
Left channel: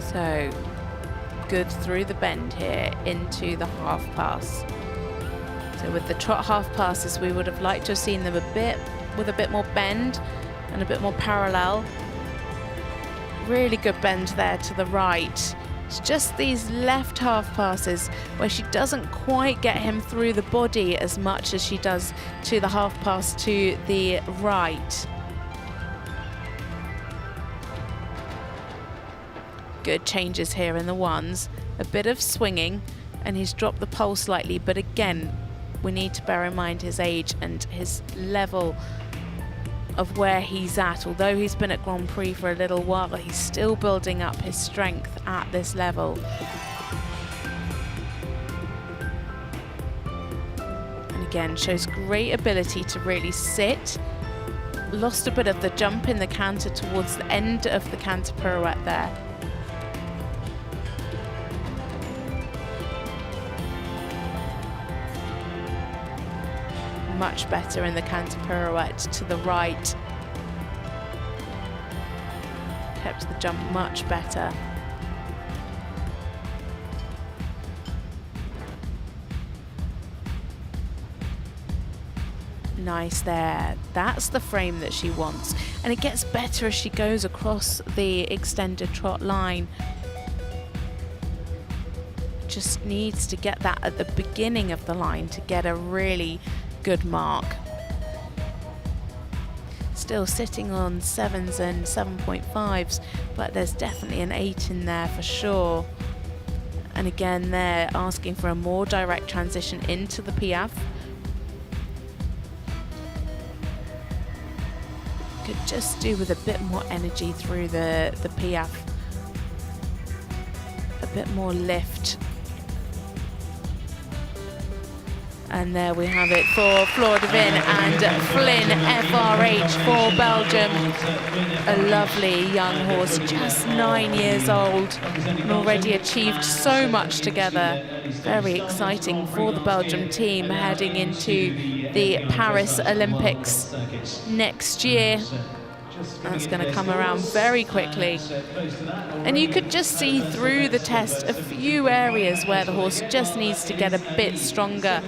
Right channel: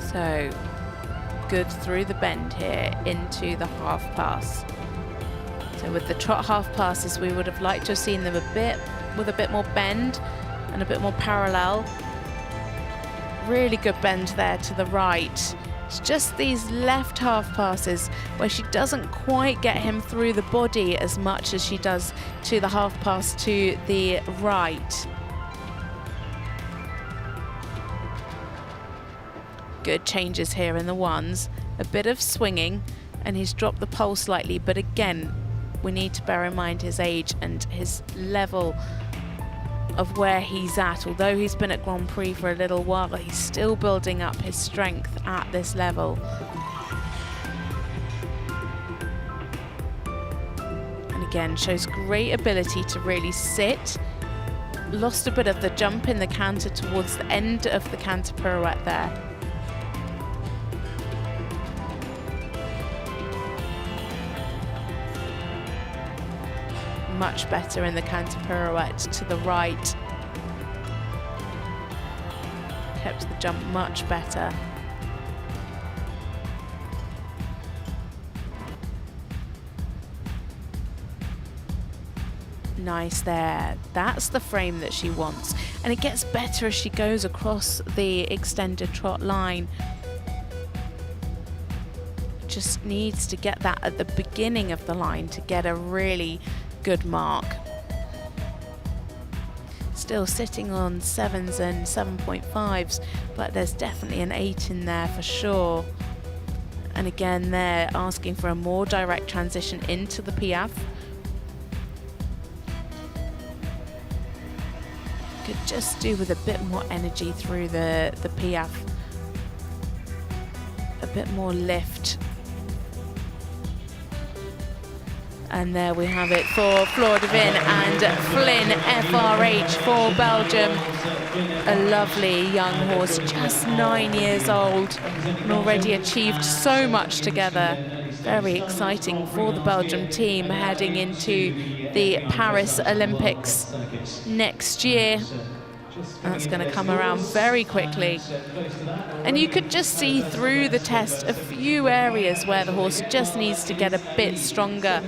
So good through the bend here into the half pass. So with the trot half passes, we would have liked to have seen them a bit with a bit more bend and a bit more parallel. Really good bend there to the right. It's just these left half passes where she doesn't quite get him through the body as much as she does to the half pass to the right. Good changes here in the ones. A bit of swinging, and he's dropped the pole slightly, but again, we need to bear in mind his age and his level of where he's at. Although he's been at Grand Prix for a little while, he's still building up his strength at this level. And again, shows great ability to really sit. Lost a bit of the jump in the canter towards the end of the canter pirouette there. Much better in the canter pirouette to the right. Kept the jump much better. Nice there. That's the frame that she wants. And it gets better as she goes across the extended trot line. Just needs to get that at the beginning of the line to get a really good mark. Still sitting on 7s and 7.5s, but there's definitely an 8 in there for sure. And again, they're asking for a more direct transition into the piaffe. Could just do with a bit more energy through the piaffe. A bit more lift. And there we have it for Flor De Win and Flynn FRH for Belgium. A lovely young horse, just 9 years old, and already achieved so much together. Very exciting for the Belgium team heading into the Paris Olympics next year. That's going to come around very quickly. And you could just see through the test a few areas where the horse just needs to get a bit stronger.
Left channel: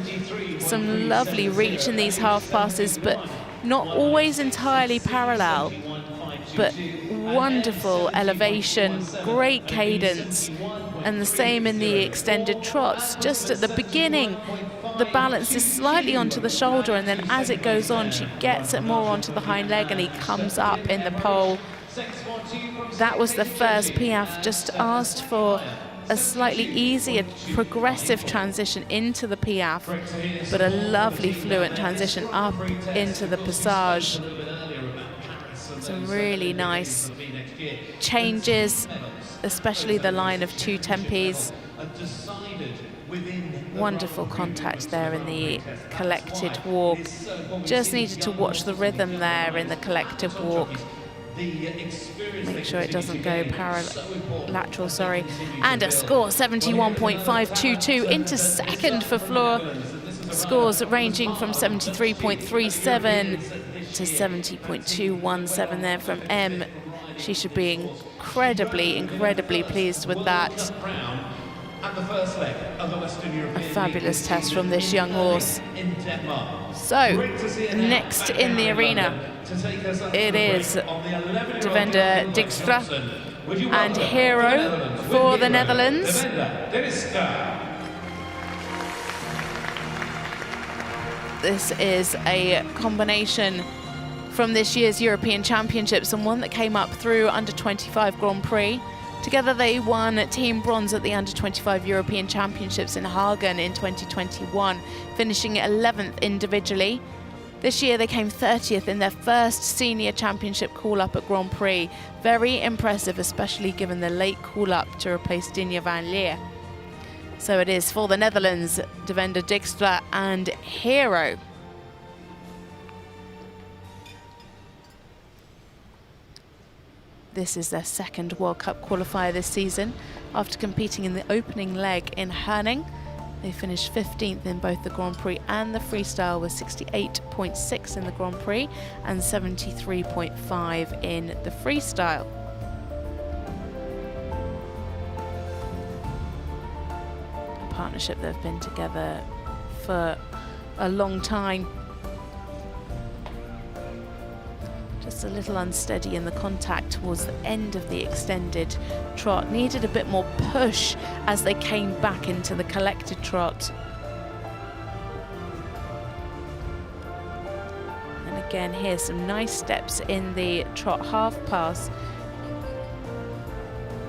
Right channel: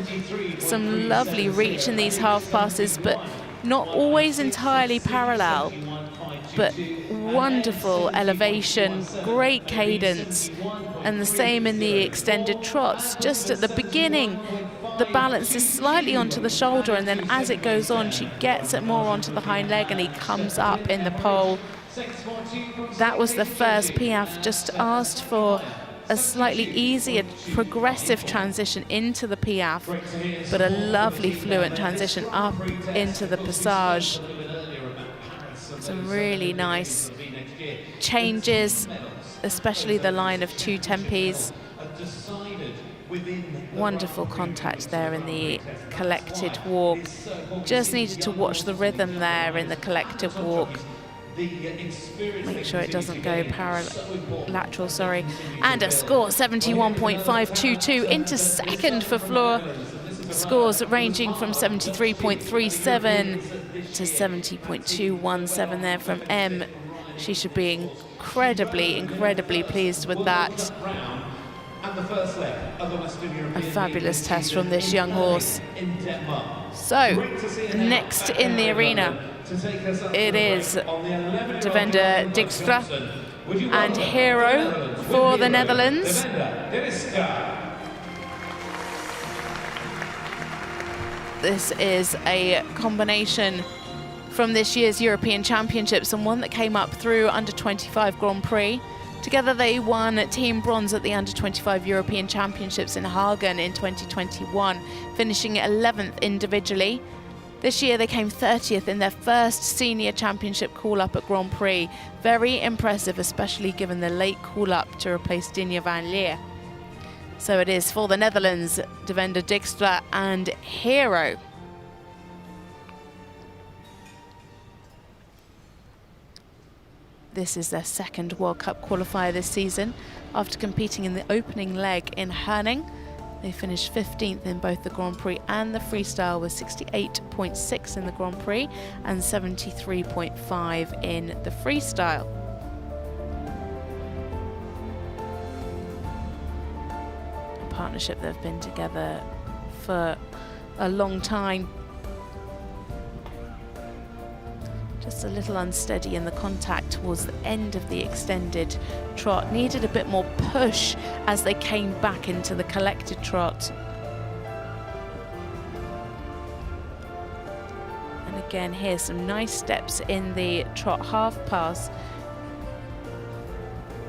Some lovely reach in these half passes, but not always entirely parallel. But wonderful elevation, great cadence, and the same in the extended trots. Just at the beginning, the balance is slightly onto the shoulder, and then as it goes on, she gets it more onto the hind leg, and he comes up in the pole. That was the first piaffe, just asked for a slightly easier progressive transition into the piaffe, but a lovely fluent transition up into the passage. Some really nice changes, especially the line of 2 tempies. Wonderful contact there in the collected walk. Just needed to watch the rhythm there in the collective walk. Make sure it doesn't go lateral, sorry. And a score, 71.522 into second for Flor. Scores ranging from 73.37 to 70.217 there from M. She should be incredibly pleased with that. A fabulous test from this young horse. So, next in the arena, it is Devender Dijkstra and Hero for the Netherlands. This is a combination from this year's European Championships and one that came up through under-25 Grand Prix. Together they won team bronze at the under-25 European Championships in Hagen in 2021, finishing 11th individually. This year they came 30th in their first senior championship call-up at Grand Prix. Very impressive, especially given the late call-up to replace Dinja van Leer. So it is for the Netherlands, Devender Dijkstra and Hero. This is their second World Cup qualifier this season. After competing in the opening leg in Herning, they finished 15th in both the Grand Prix and the freestyle with 68.6 in the Grand Prix and 73.5 in the freestyle. A partnership that have been together for a long time. Just a little unsteady in the contact towards the end of the extended trot. Needed a bit more push as they came back into the collected trot. And again here, some nice steps in the trot half pass.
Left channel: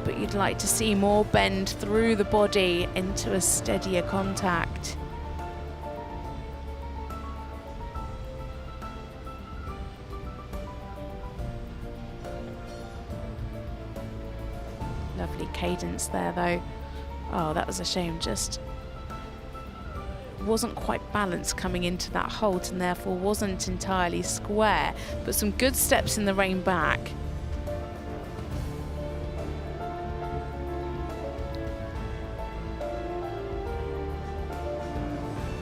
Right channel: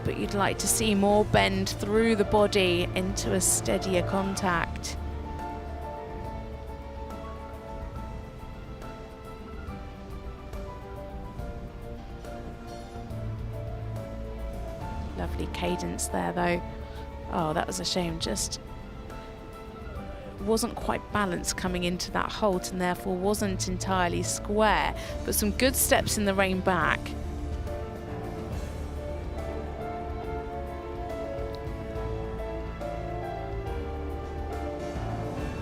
But you'd like to see more bend through the body into a steadier contact. Lovely cadence there though. Oh, that was a shame, just wasn't quite balanced coming into that halt and therefore wasn't entirely square, but some good steps in the rein back.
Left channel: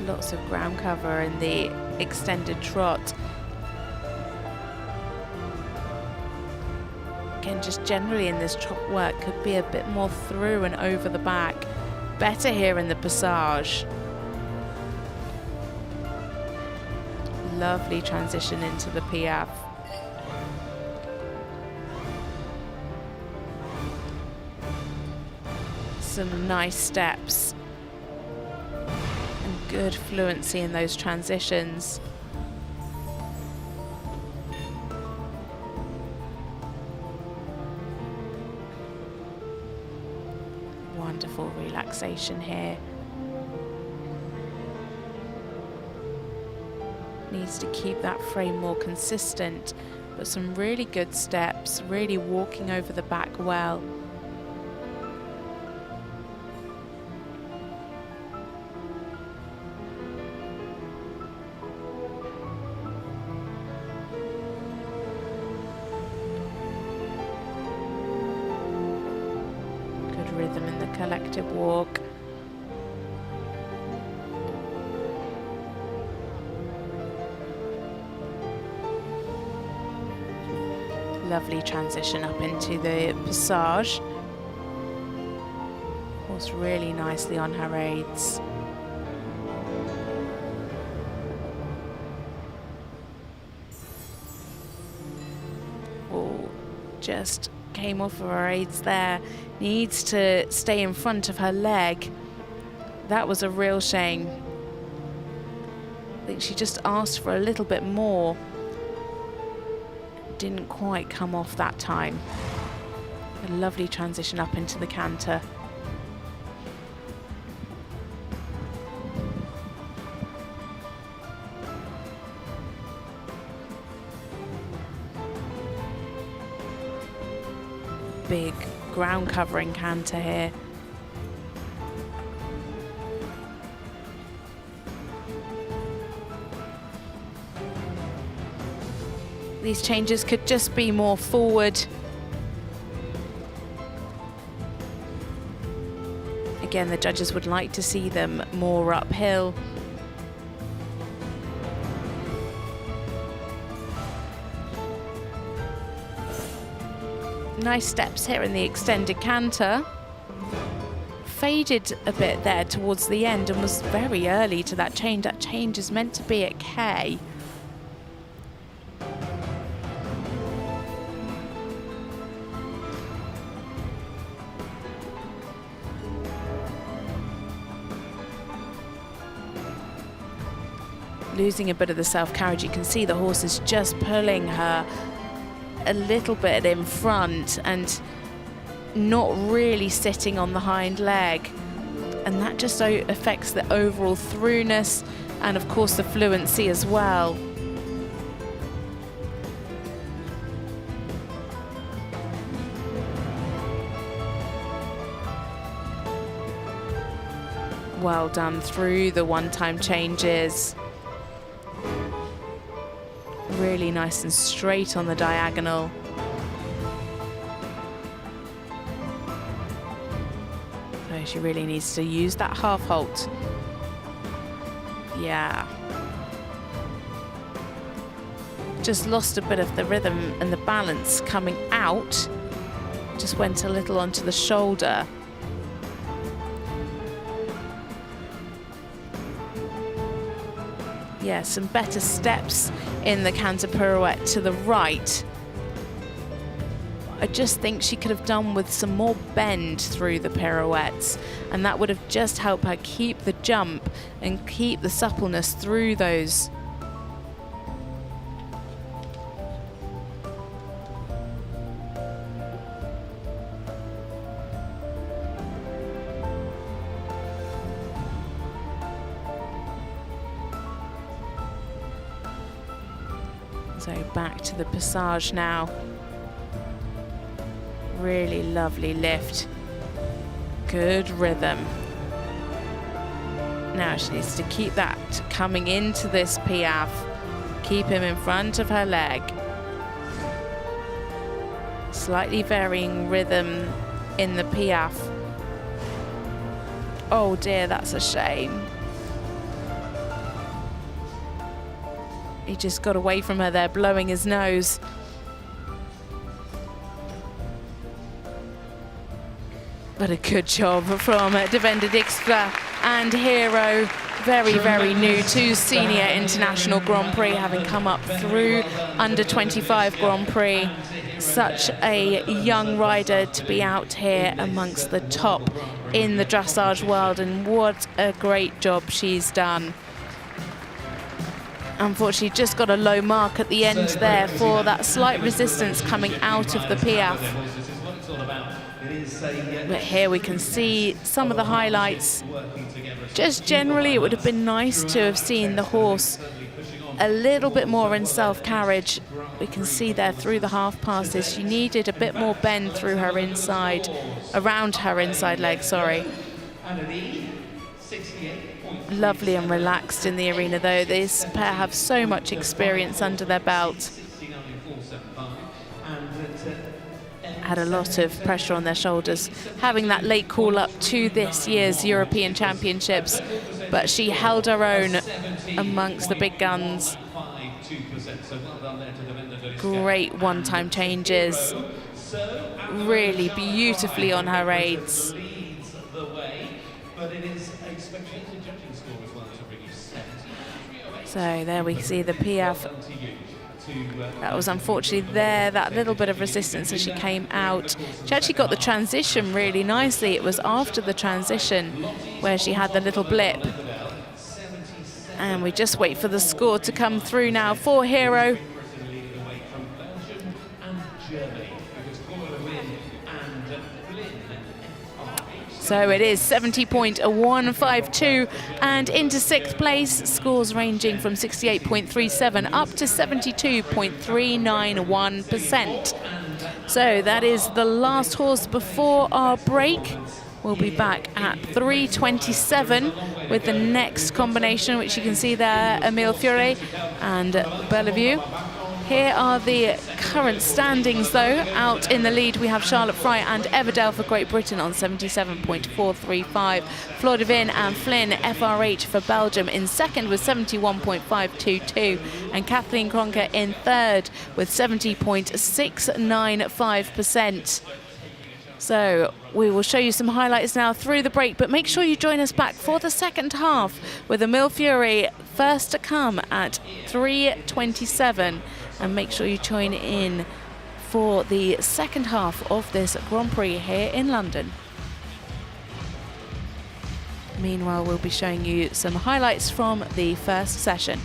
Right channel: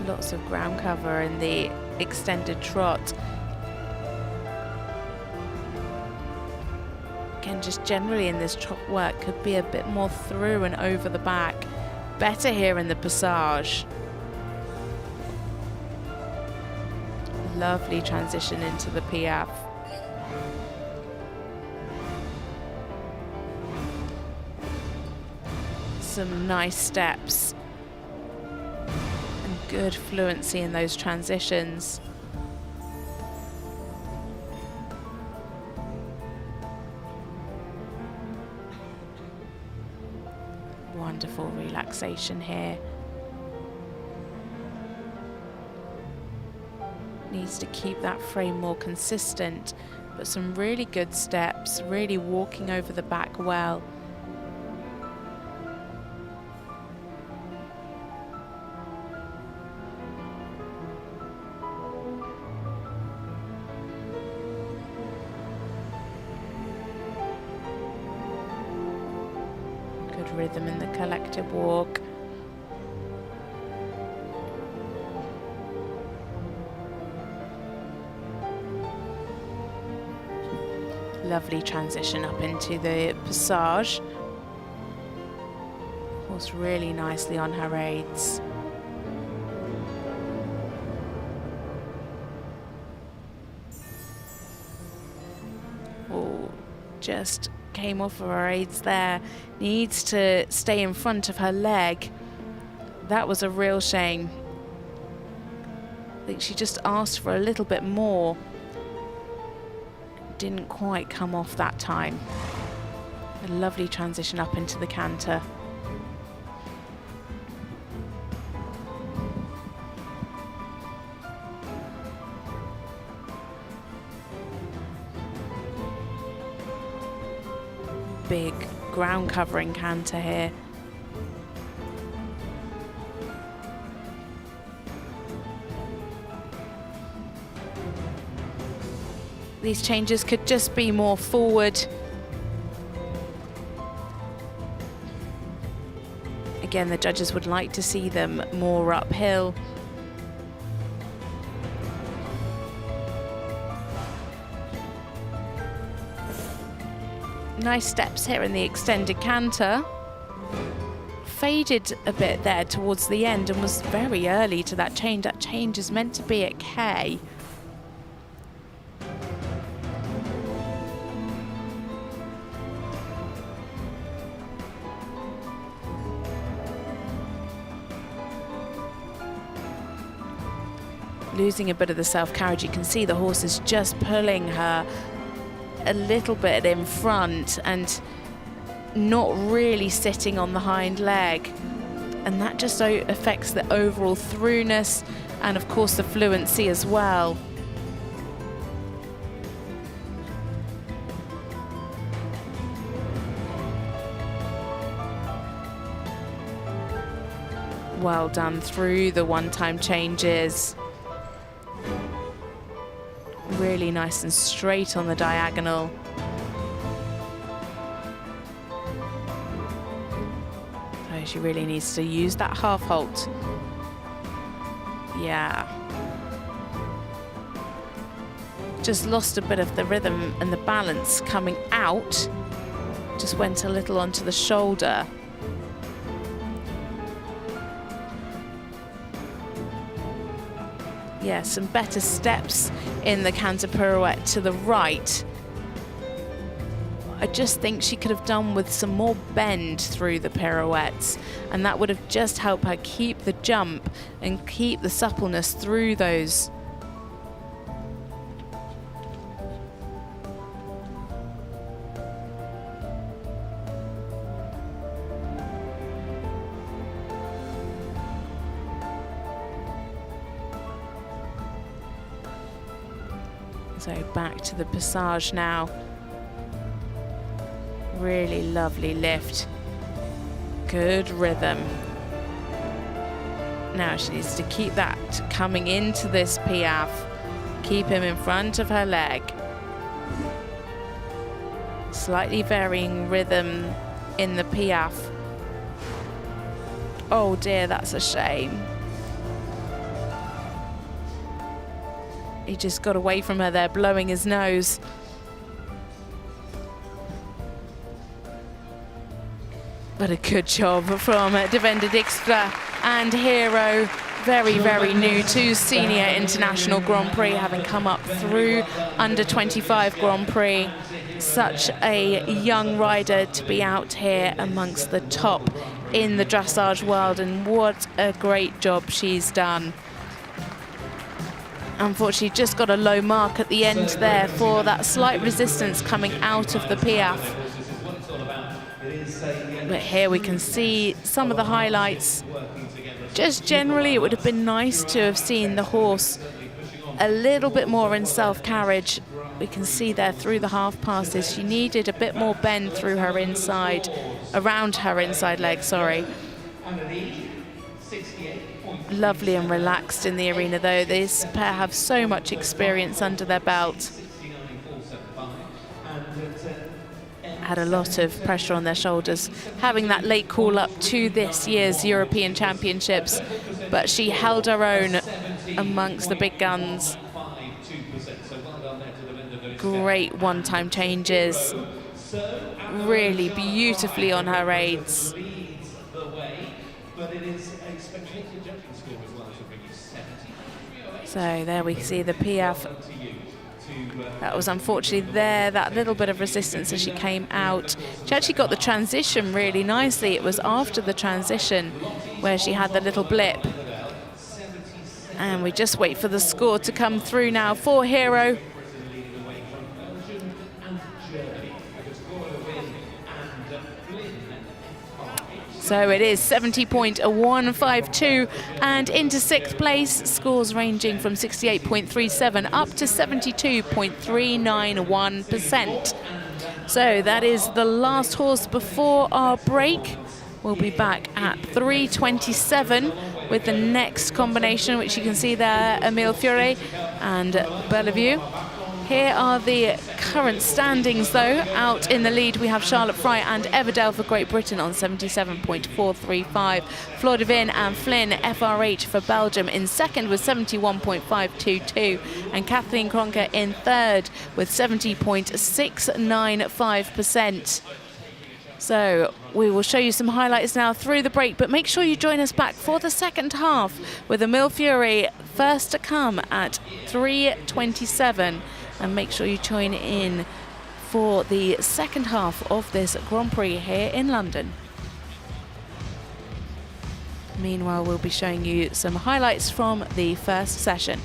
Lots of ground cover in the extended trot. Again, just generally in this trot work, could be a bit more through and over the back. Better here in the passage. Lovely transition into the piaffe. Some nice steps. And good fluency in those transitions. Wonderful relaxation here. Needs to keep that frame more consistent, but some really good steps, really walking over the back well. Good rhythm in the collective walk. Lovely transition up into the passage. Horse really nicely on her aids. Oh, just came off of her aids there. Needs to stay in front of her leg. That was a real shame. I think she just asked for a little bit more. Didn't quite come off that time. A lovely transition up into the canter. Big ground covering canter here. These changes could just be more forward. Again, the judges would like to see them more uphill. Nice steps here in the extended canter. Faded a bit there towards the end and was very early to that change. That change is meant to be at K. Losing a bit of the self-carriage. You can see the horse is just pulling her a little bit in front and not really sitting on the hind leg, and that just affects the overall throughness and of course the fluency as well. Well done through the one-time changes. Really nice and straight on the diagonal. So she really needs to use that half halt. Yeah. Just lost a bit of the rhythm and the balance coming out. Just went a little onto the shoulder. Yeah, some better steps in the canter pirouette to the right. I just think she could have done with some more bend through the pirouettes, and that would have just helped her keep the jump and keep the suppleness through those. So back to the passage now. Really lovely lift. Good rhythm. Now she needs to keep that coming into this piaffe. Keep him in front of her leg. Slightly varying rhythm in the piaffe. Oh dear, that's a shame. He just got away from her there, blowing his nose. But a good job from Devender Dijkstra and Hero. Very, very new to Senior International Grand Prix, having come up through under 25 Grand Prix. Such a young rider to be out here amongst the top in the dressage world, and what a great job she's done. Unfortunately, just got a low mark at the end there for that slight resistance coming out of the piaffe. But here we can see some of the highlights. Just generally, it would have been nice to have seen the horse a little bit more in self-carriage. We can see there through the half passes, she needed a bit more bend through her inside, around her inside leg, sorry. Lovely and relaxed in the arena though. This pair have so much experience under their belt. Had a lot of pressure on their shoulders, having that late call up to this year's European Championships, but she held her own amongst the big guns. Great one-time changes, really beautifully on her aids. So there we see the piaffe. That was unfortunately there, that little bit of resistance as she came out. She actually got the transition really nicely. It was after the transition where she had the little blip. And we just wait for the score to come through now for Hero. So it is 70.152 and into sixth place, scores ranging from 68.37 up to 72.391%. So that is the last horse before our break. We'll be back at 3:27 with the next combination, which you can see there, Emile Fiore and Bellevue. Here are the current standings, though. Out in the lead, we have Charlotte Fry and Everdale for Great Britain on 77.435. Flor De Win and Flynn, FRH for Belgium, in second with 71.522. And Kathleen Kruner in third with 70.695%. So we will show you some highlights now through the break, but make sure you join us back for the second half with Emile Fiore first to come at 3:27. And make sure you join in for the second half of this Grand Prix here in London. Meanwhile, we'll be showing you some highlights from the first session.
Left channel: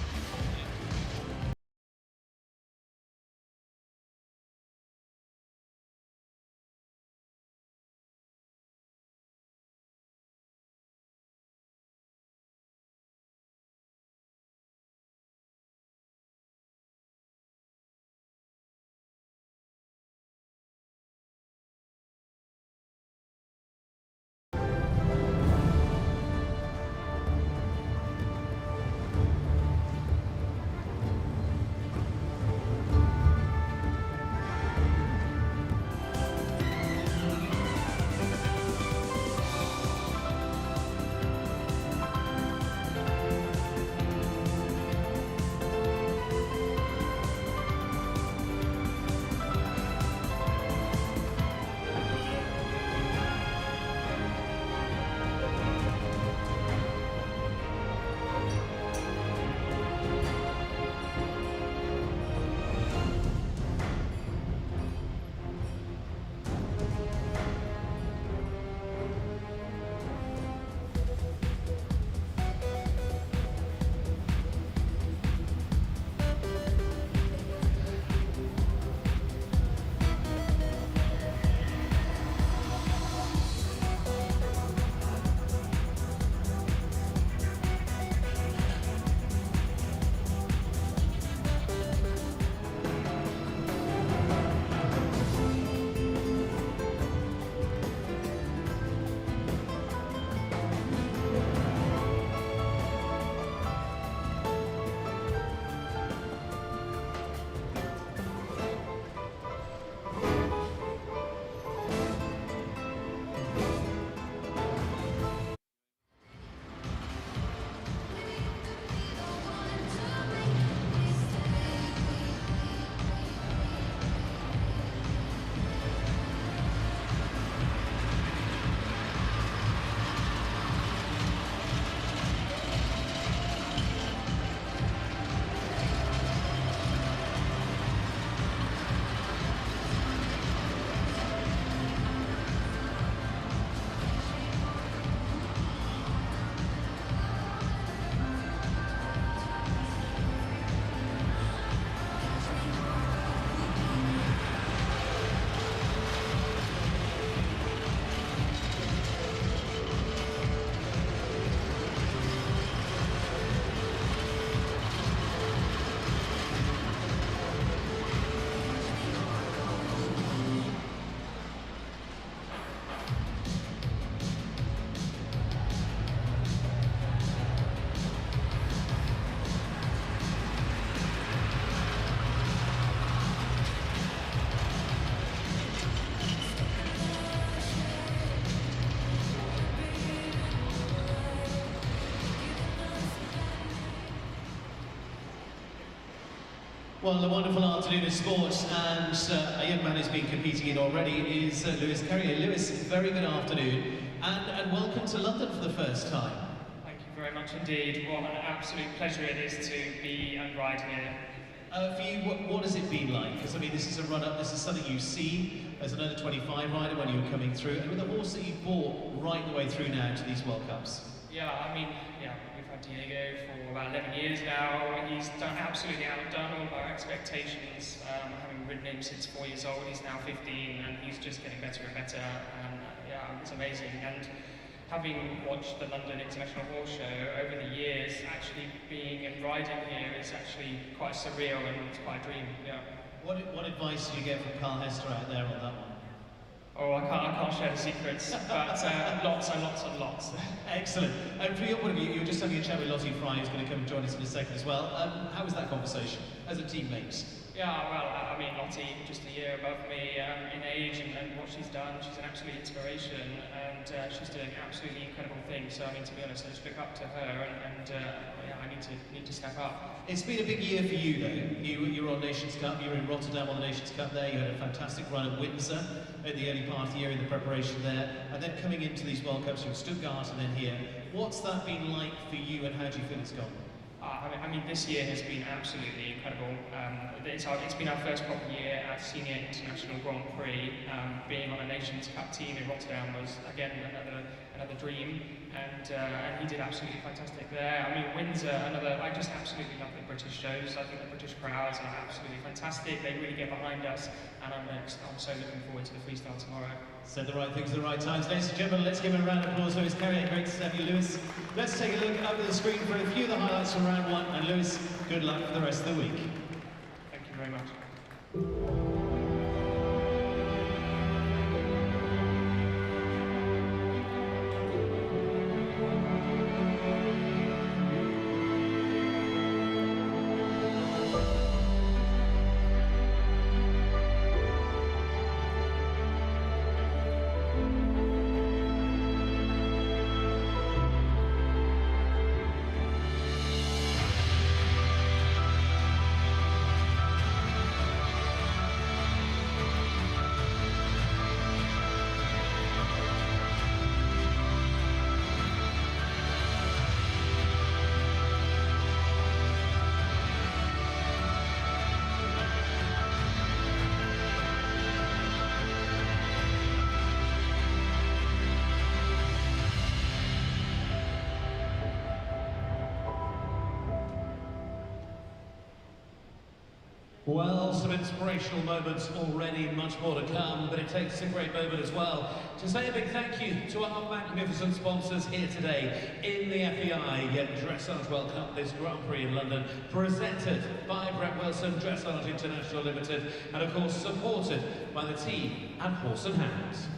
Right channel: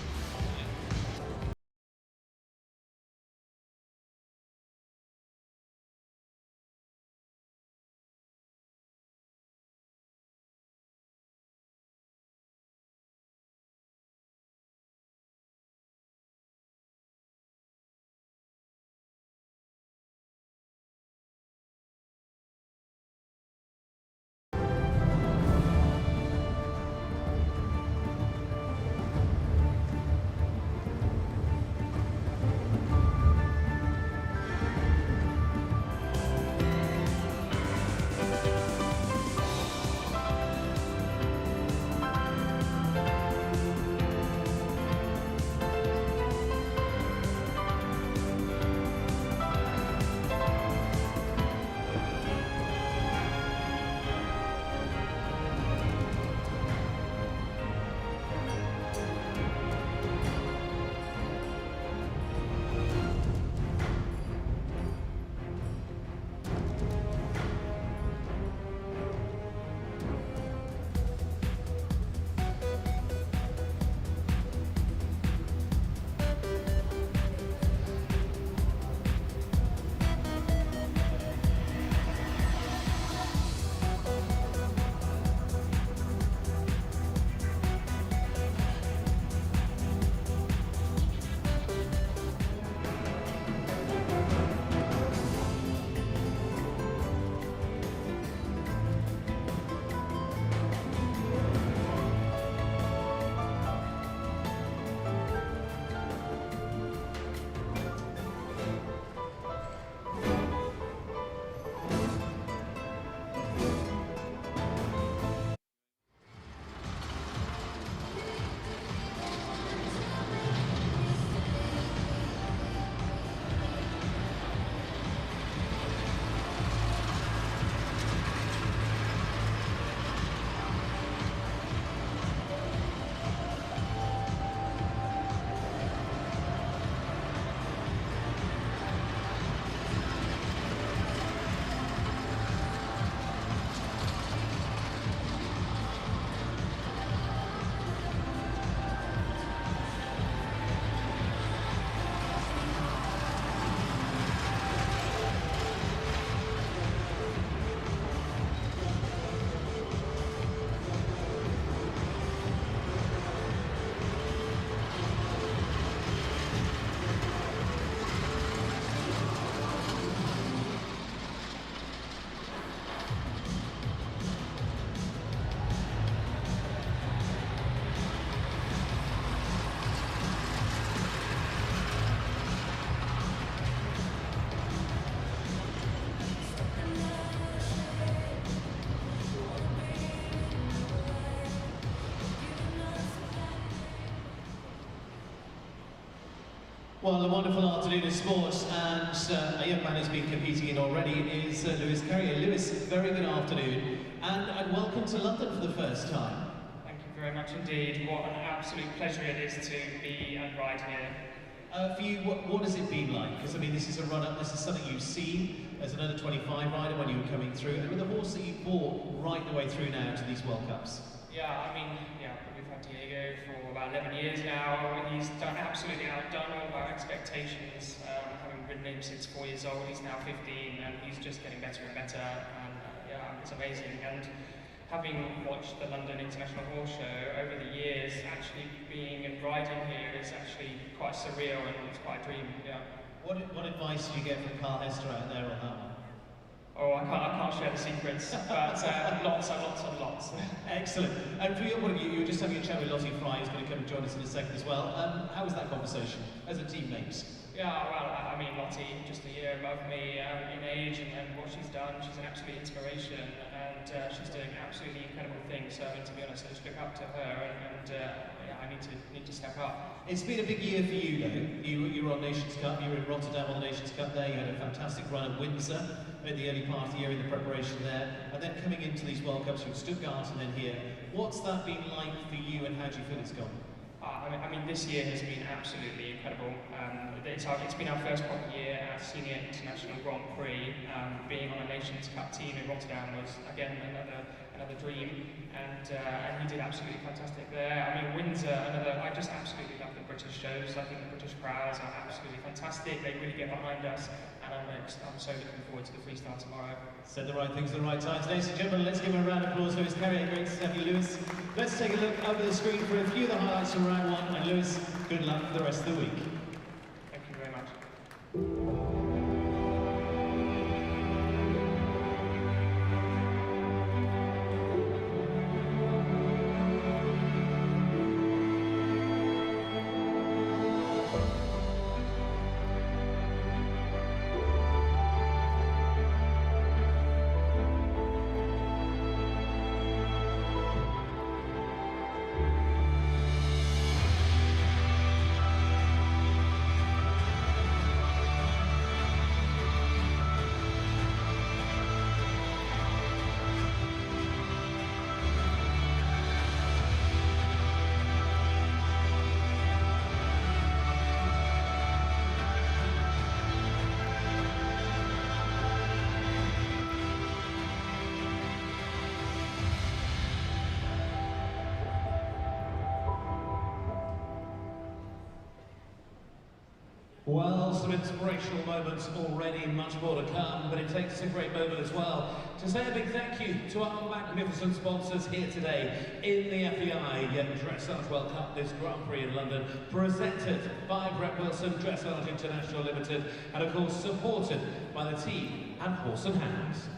Well, a wonderful afternoon of sports, and a young man who's been competing in already is Lewis Carrier. Lewis, very good afternoon, and welcome to London for the first time. Thank you very much indeed. What an absolute pleasure it is to be and ride here. For you, what has it been like? Because I mean, this is a run-up, this is something you've seen as another 25 rider when you were coming through, and with a horse that you bought right the way through now to these World Cups. Yeah, I mean, we've had Diego for about 11 years now. He's absolutely outdone all of our expectations. Having ridden him since 4 years old, he's now 15, and he's just getting better and better. And it's amazing. And having watched the London International Horse Show over the years, actually being and riding here is actually quite surreal, and it's quite a dream. Yeah. What advice did you get from Carl Hester out there on that one? Oh, I can't share the secrets, but lots and lots and lots. Excellent. And from your point of view, you were just having a chat with Lottie Fry, who's going to come and join us in a second as well. How was that conversation as a teammate? Yeah, well, I mean, Lottie, just a year above me in age, and what she's done, she's an absolute inspiration, and she's doing absolutely incredible things. So, I mean, to be honest, I just look up to her, and I need to step up. It's been a big year for you, though. You were on Nations Cup, you were in Rotterdam on the Nations Cup there, you had a fantastic run at Windsor at the early part of the year in the preparation there, and then coming into these World Cups in Stuttgart and then here. What's that been like for you, and how do you feel it's gone? I mean, this year has been absolutely incredible. It's been our first proper year at Senior International Grand Prix. Being on a Nations Cup team in Rotterdam was, again, another dream, and he did absolutely fantastic there. I mean, Windsor, I just absolutely love the British shows. I think the British crowds are absolutely fantastic. They really get behind us, and I'm so looking forward to the freestyle tomorrow. Said the right things at the right times. Ladies and gentlemen, let's give him a round of applause. Lewis Carrier, great to have you, Lewis. Let's take a look over the screen for a few of the highlights from round one. And Lewis, good luck for the rest of the week. Thank you very much. Well, some inspirational moments already, much more to come, but it takes a great moment as well to say a big thank you to our magnificent sponsors here today in the FEI Dressage World Cup, this Grand Prix in London, presented by Brett Wilson Dressage International Limited, and of course supported by the team at Horse and Hounds.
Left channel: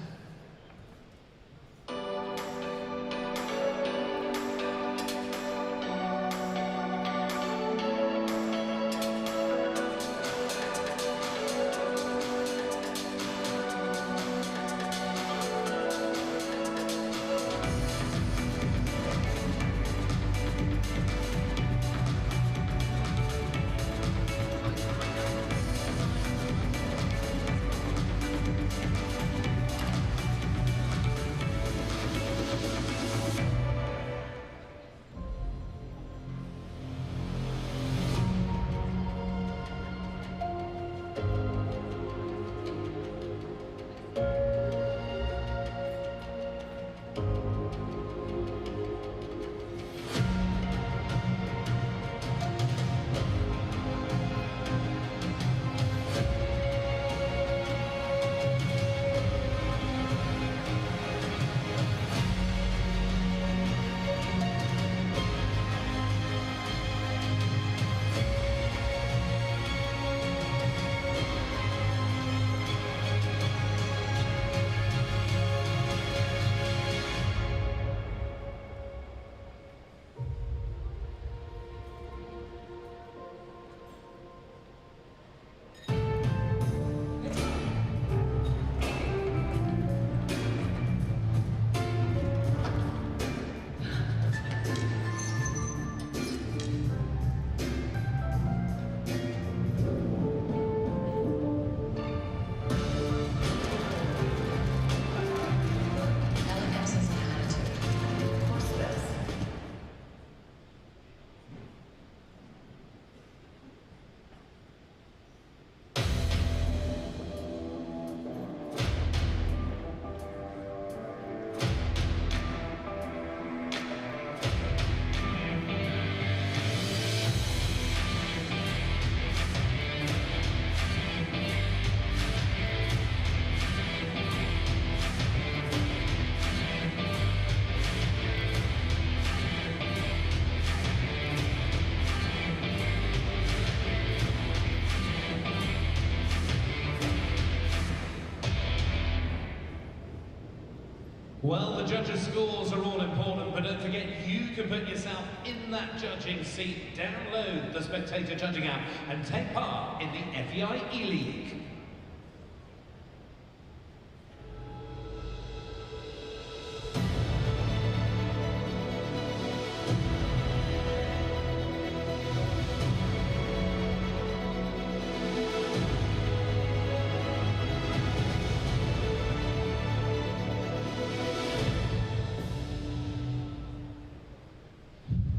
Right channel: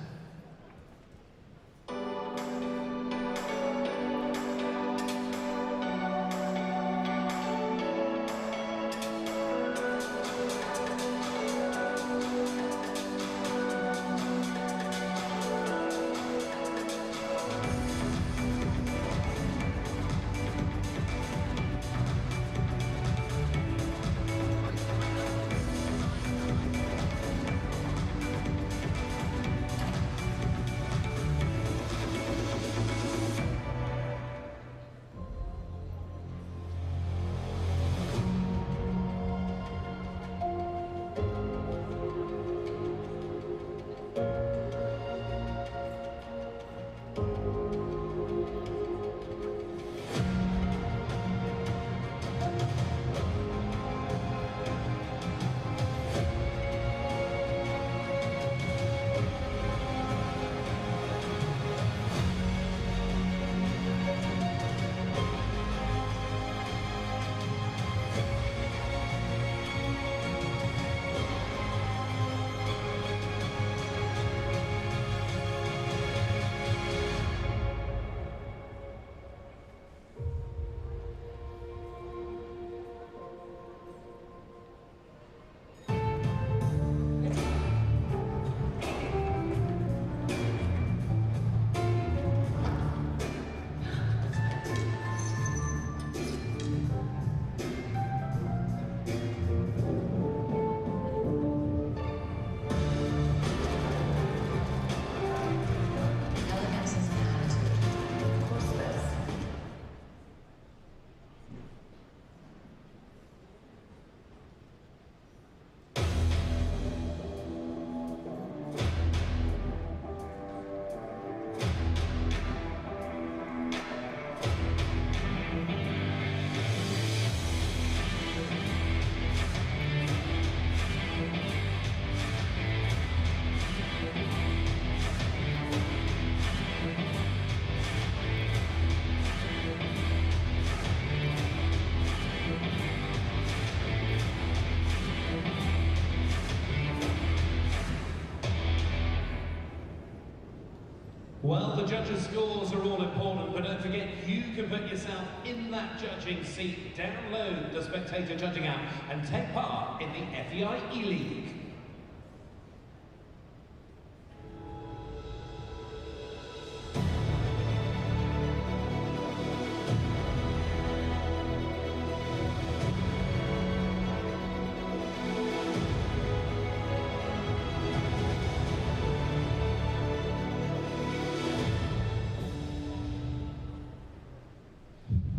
Well, the judges' scores are all important, but don't forget you can put yourself in that judging seat. Download the Spectator judging app and take part in the FEI E-League.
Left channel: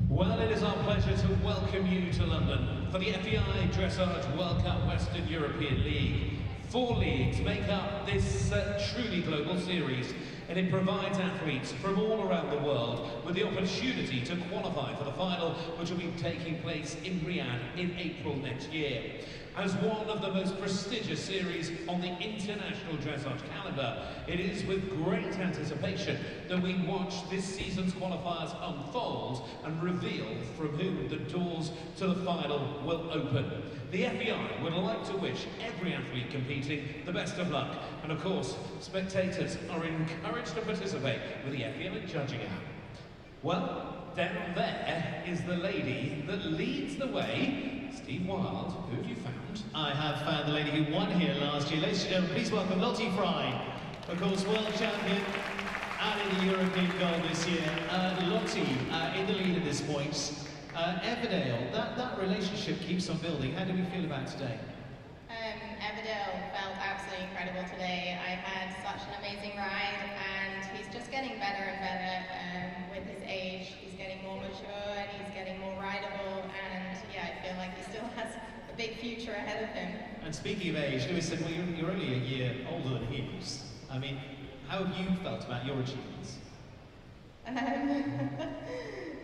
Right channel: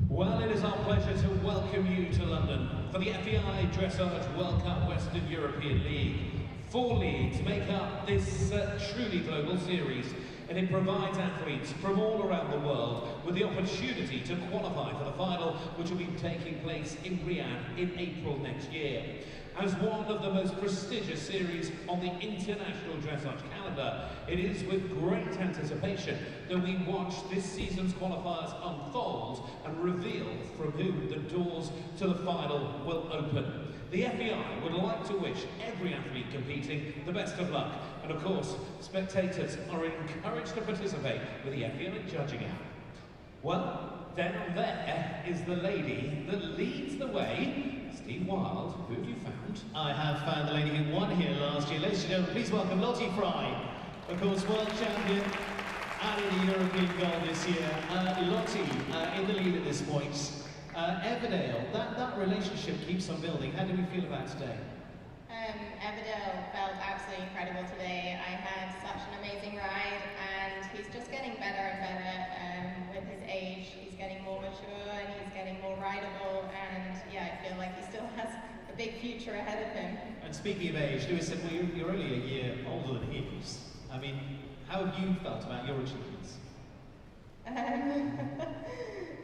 Well, it is our pleasure to welcome you to London for the FEI Dressage World Cup Western European League. 4 leagues make up this truly global series, and it provides athletes from all around the world with the opportunity to qualify for the final, which will be taking place in Riyadh in April next year. As one of the most prestigious series on the international dressage calendar, it is with great anticipation that we watch this season's qualifiers unfold and reveal from whom the doors to the final will open. The FEI would like to wish every athlete competing the best of luck, and of course, spectators are encouraged to participate with the FEI judging app. Well, down there is the lady that leads the way. Steve Wild, who have you found? I have found the lady who won here last year. Ladies and gentlemen, please welcome Lottie Fry, of course, world champion and in the European gold this year. Lottie in the lead at this point. Everdale, that relationship keeps on building. How do we feel about today? Everdale felt absolutely incredible today. I had such an amazing ride, and he's just getting better and better with his age. He's getting more mature and he's getting more rideable, and yeah, I feel like he still has a big future ahead of him. And speaking of age, Louis said, well, you're only a year older than he is. I mean, how have you felt about your achievements?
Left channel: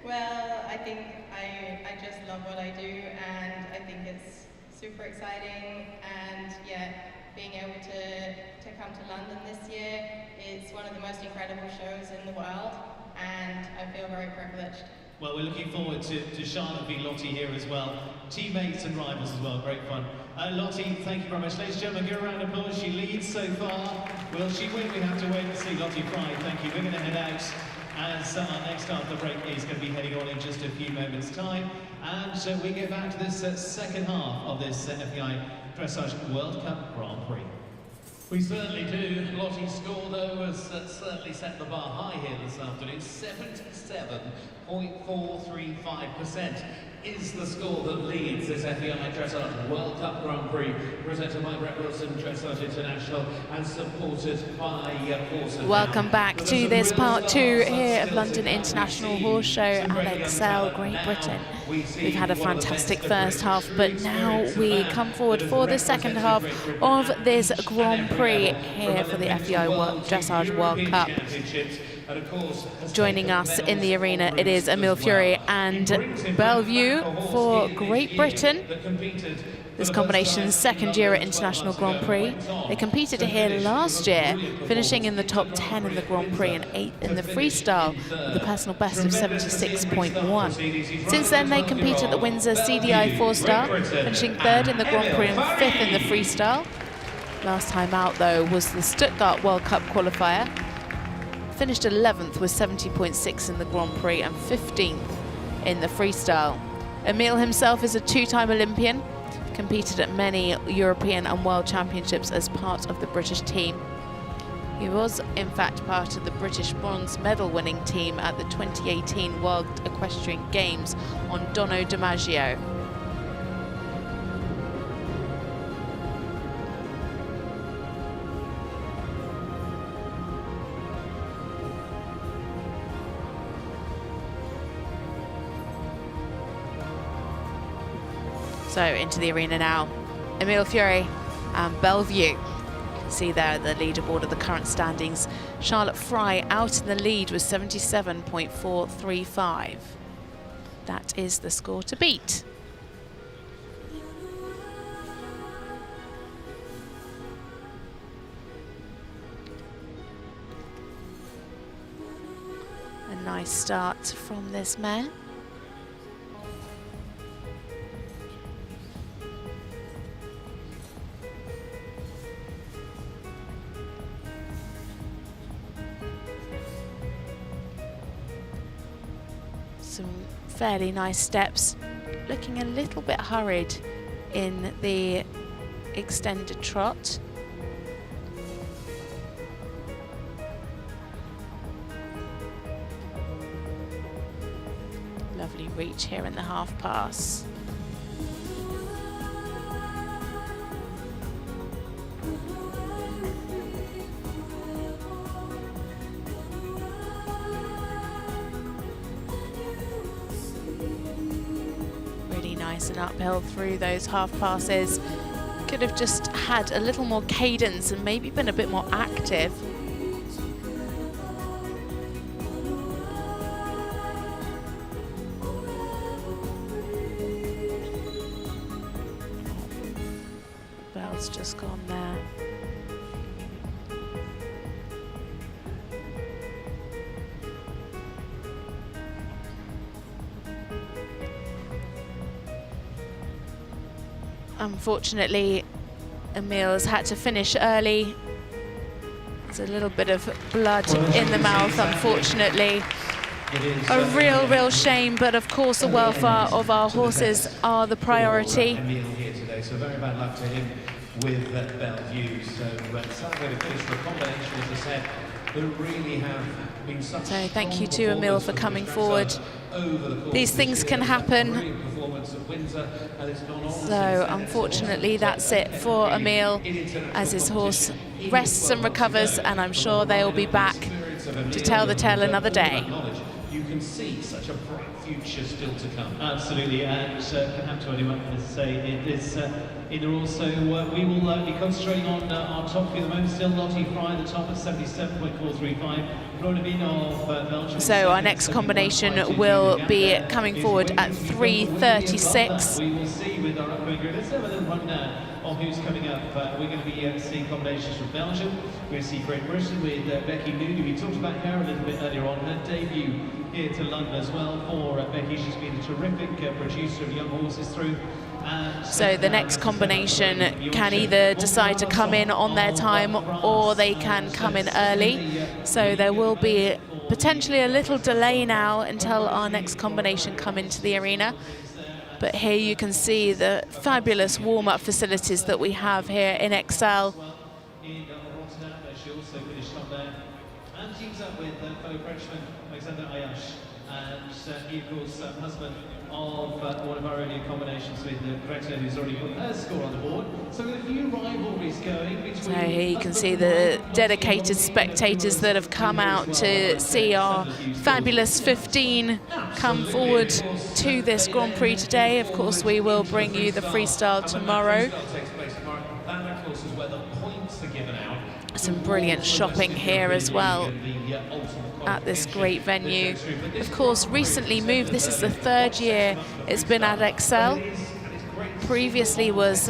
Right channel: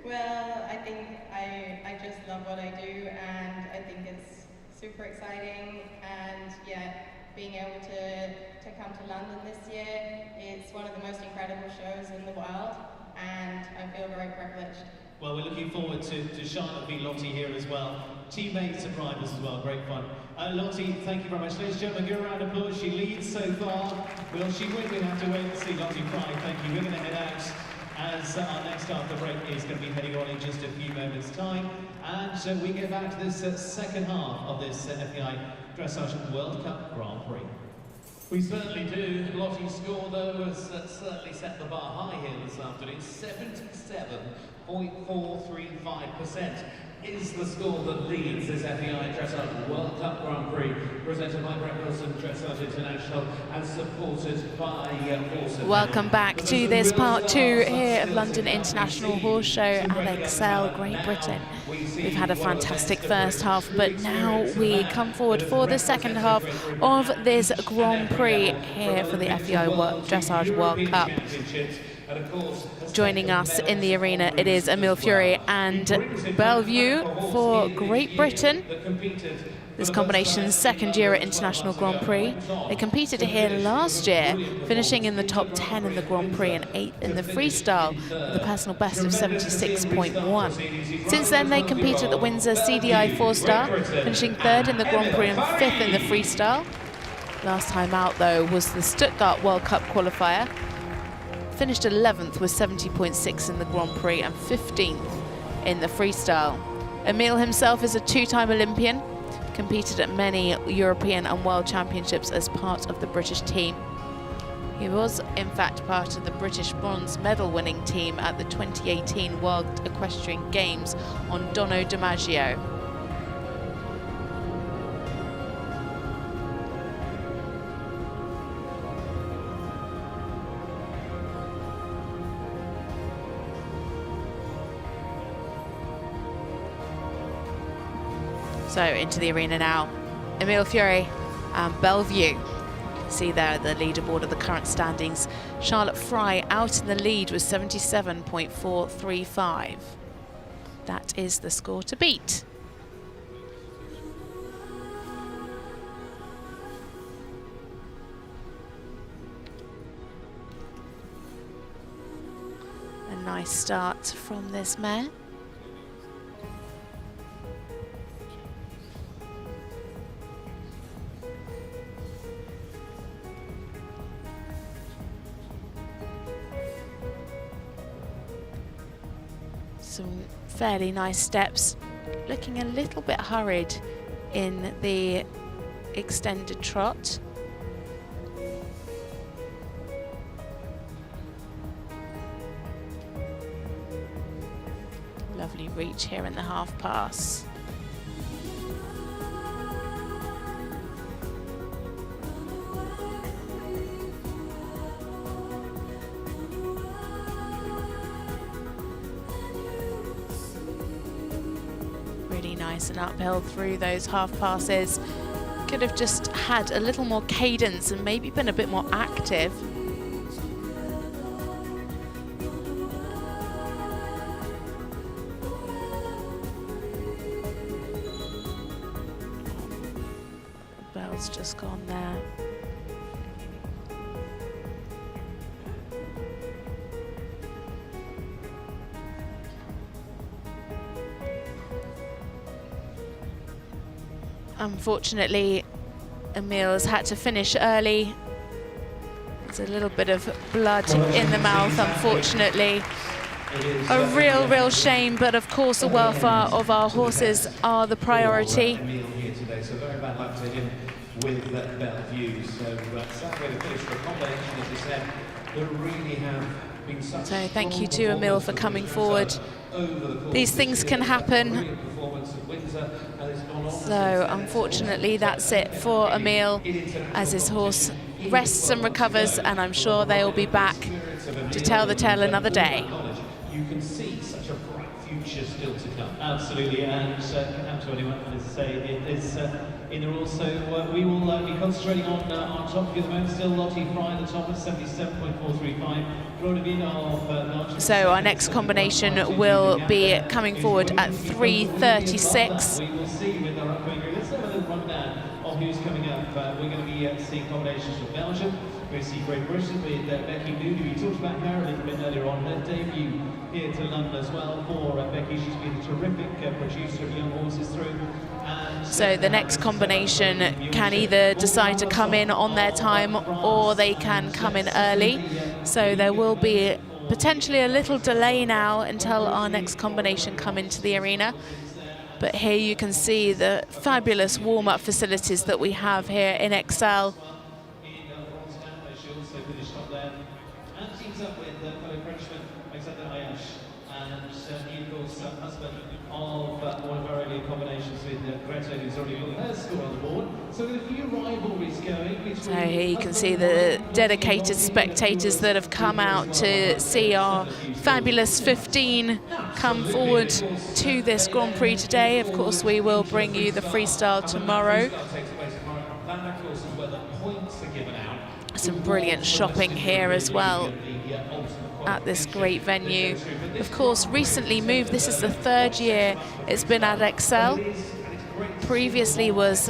Well, I think I just love what I do, and I think it's super exciting, and yeah, being able to come to London this year, it's one of the most incredible shows in the world, and I feel very privileged. Well, we're looking forward to Charlotte v. Lottie here as well. Teammates and rivals as well, great fun. Lottie, thank you very much. Ladies and gentlemen, give her a round of applause. She leads so far. Will she win? We have to wait and see. Lottie Fry, thank you. We're going to head out as our next after break is going to be heading on in just a few moments' time. And so we get back to this second half of this FEI Dressage World Cup Grand Prix. We certainly do. Lottie's score, though, has certainly set the bar high here this afternoon. 77.435% is the score that leads this FEI Dressage World Cup Grand Prix, presented by Brett Wilson Dressage International and supported by Wilson. Welcome back to this part 2 here of London International Horse Show at Excel, Great Britain. We've had a fantastic first half, but now we come forward for the second half of this Grand Prix here for the FEI Dressage World Cup. Joining us in the arena, it is Emile Fury and Bellevue for Great Britain. This combination's second year at International Grand Prix. They competed here last year, finishing in the top 10 in the Grand Prix and 8th in the freestyle with a personal best of 76.1. Since then, they competed at the Windsor CDI 4-star, finishing 3rd in the Grand Prix and 5th in the freestyle. Last time out, though, was the Stuttgart World Cup qualifier. Finished 11th with 70.6 in the Grand Prix and 15th in the freestyle. Emile himself is a 2-time Olympian, competed at many European and World Championships as part of the British team. He was, in fact, part of the British bronze medal winning team at the 2018 World Equestrian Games on Dono DiMaggio. So into the arena now, Emile Fury and Bellevue. See there at the leaderboard of the current standings. Charlotte Fry out in the lead with 77.435. That is the score to beat. A nice start from this mare. Some fairly nice steps, looking a little bit hurried in the extended trot. Lovely reach here in the half pass. Really nice and uphill through those half passes. Could have just had a little more cadence and maybe been a bit more active. Bell's just gone there. Unfortunately, Emil's had to finish early. There's a little bit of blood in the mouth, unfortunately. A real shame, but of course the welfare of our horses are the priority. So thank you to Emil for coming forward. These things can happen. So unfortunately that's it for Emil as his horse rests and recovers, and I'm sure they'll be back to tell the tale another day. You can see such a bright future still to come. Absolutely, and perhaps what I want to say is also we will be concentrating on our top field men. Still Lottie Fry at the top at 77.435. Flor De Win of Belgium. So our next combination will be coming forward at 3:36. We will see with our upcoming group. Let's have a little rundown of who's coming up. We're going to be seeing combinations from Belgium. We're going to see Great Britain with Becky Moody. We talked about her a little bit earlier on. Her debut here to London as well for Becky. She's been a terrific producer of young horses through. So the next combination can either decide to come in on their time or they can come in early. So there will be potentially a little delay now until our next combination come into the arena. But here you can see the fabulous warm-up facilities that we have here in Excel. Alexandre Ayache, and he, of course, husband of one of our earlier combinations with Grete, who's already got her score on the board. So a few rivalries going. So here you can see the dedicated spectators that have come out to see our fabulous 15 come forward to this Grand Prix today. Of course, we will bring you the freestyle tomorrow. Some brilliant shopping here as well at this great venue. Of course, recently moved. This is the third year it's been at Excel. Previously was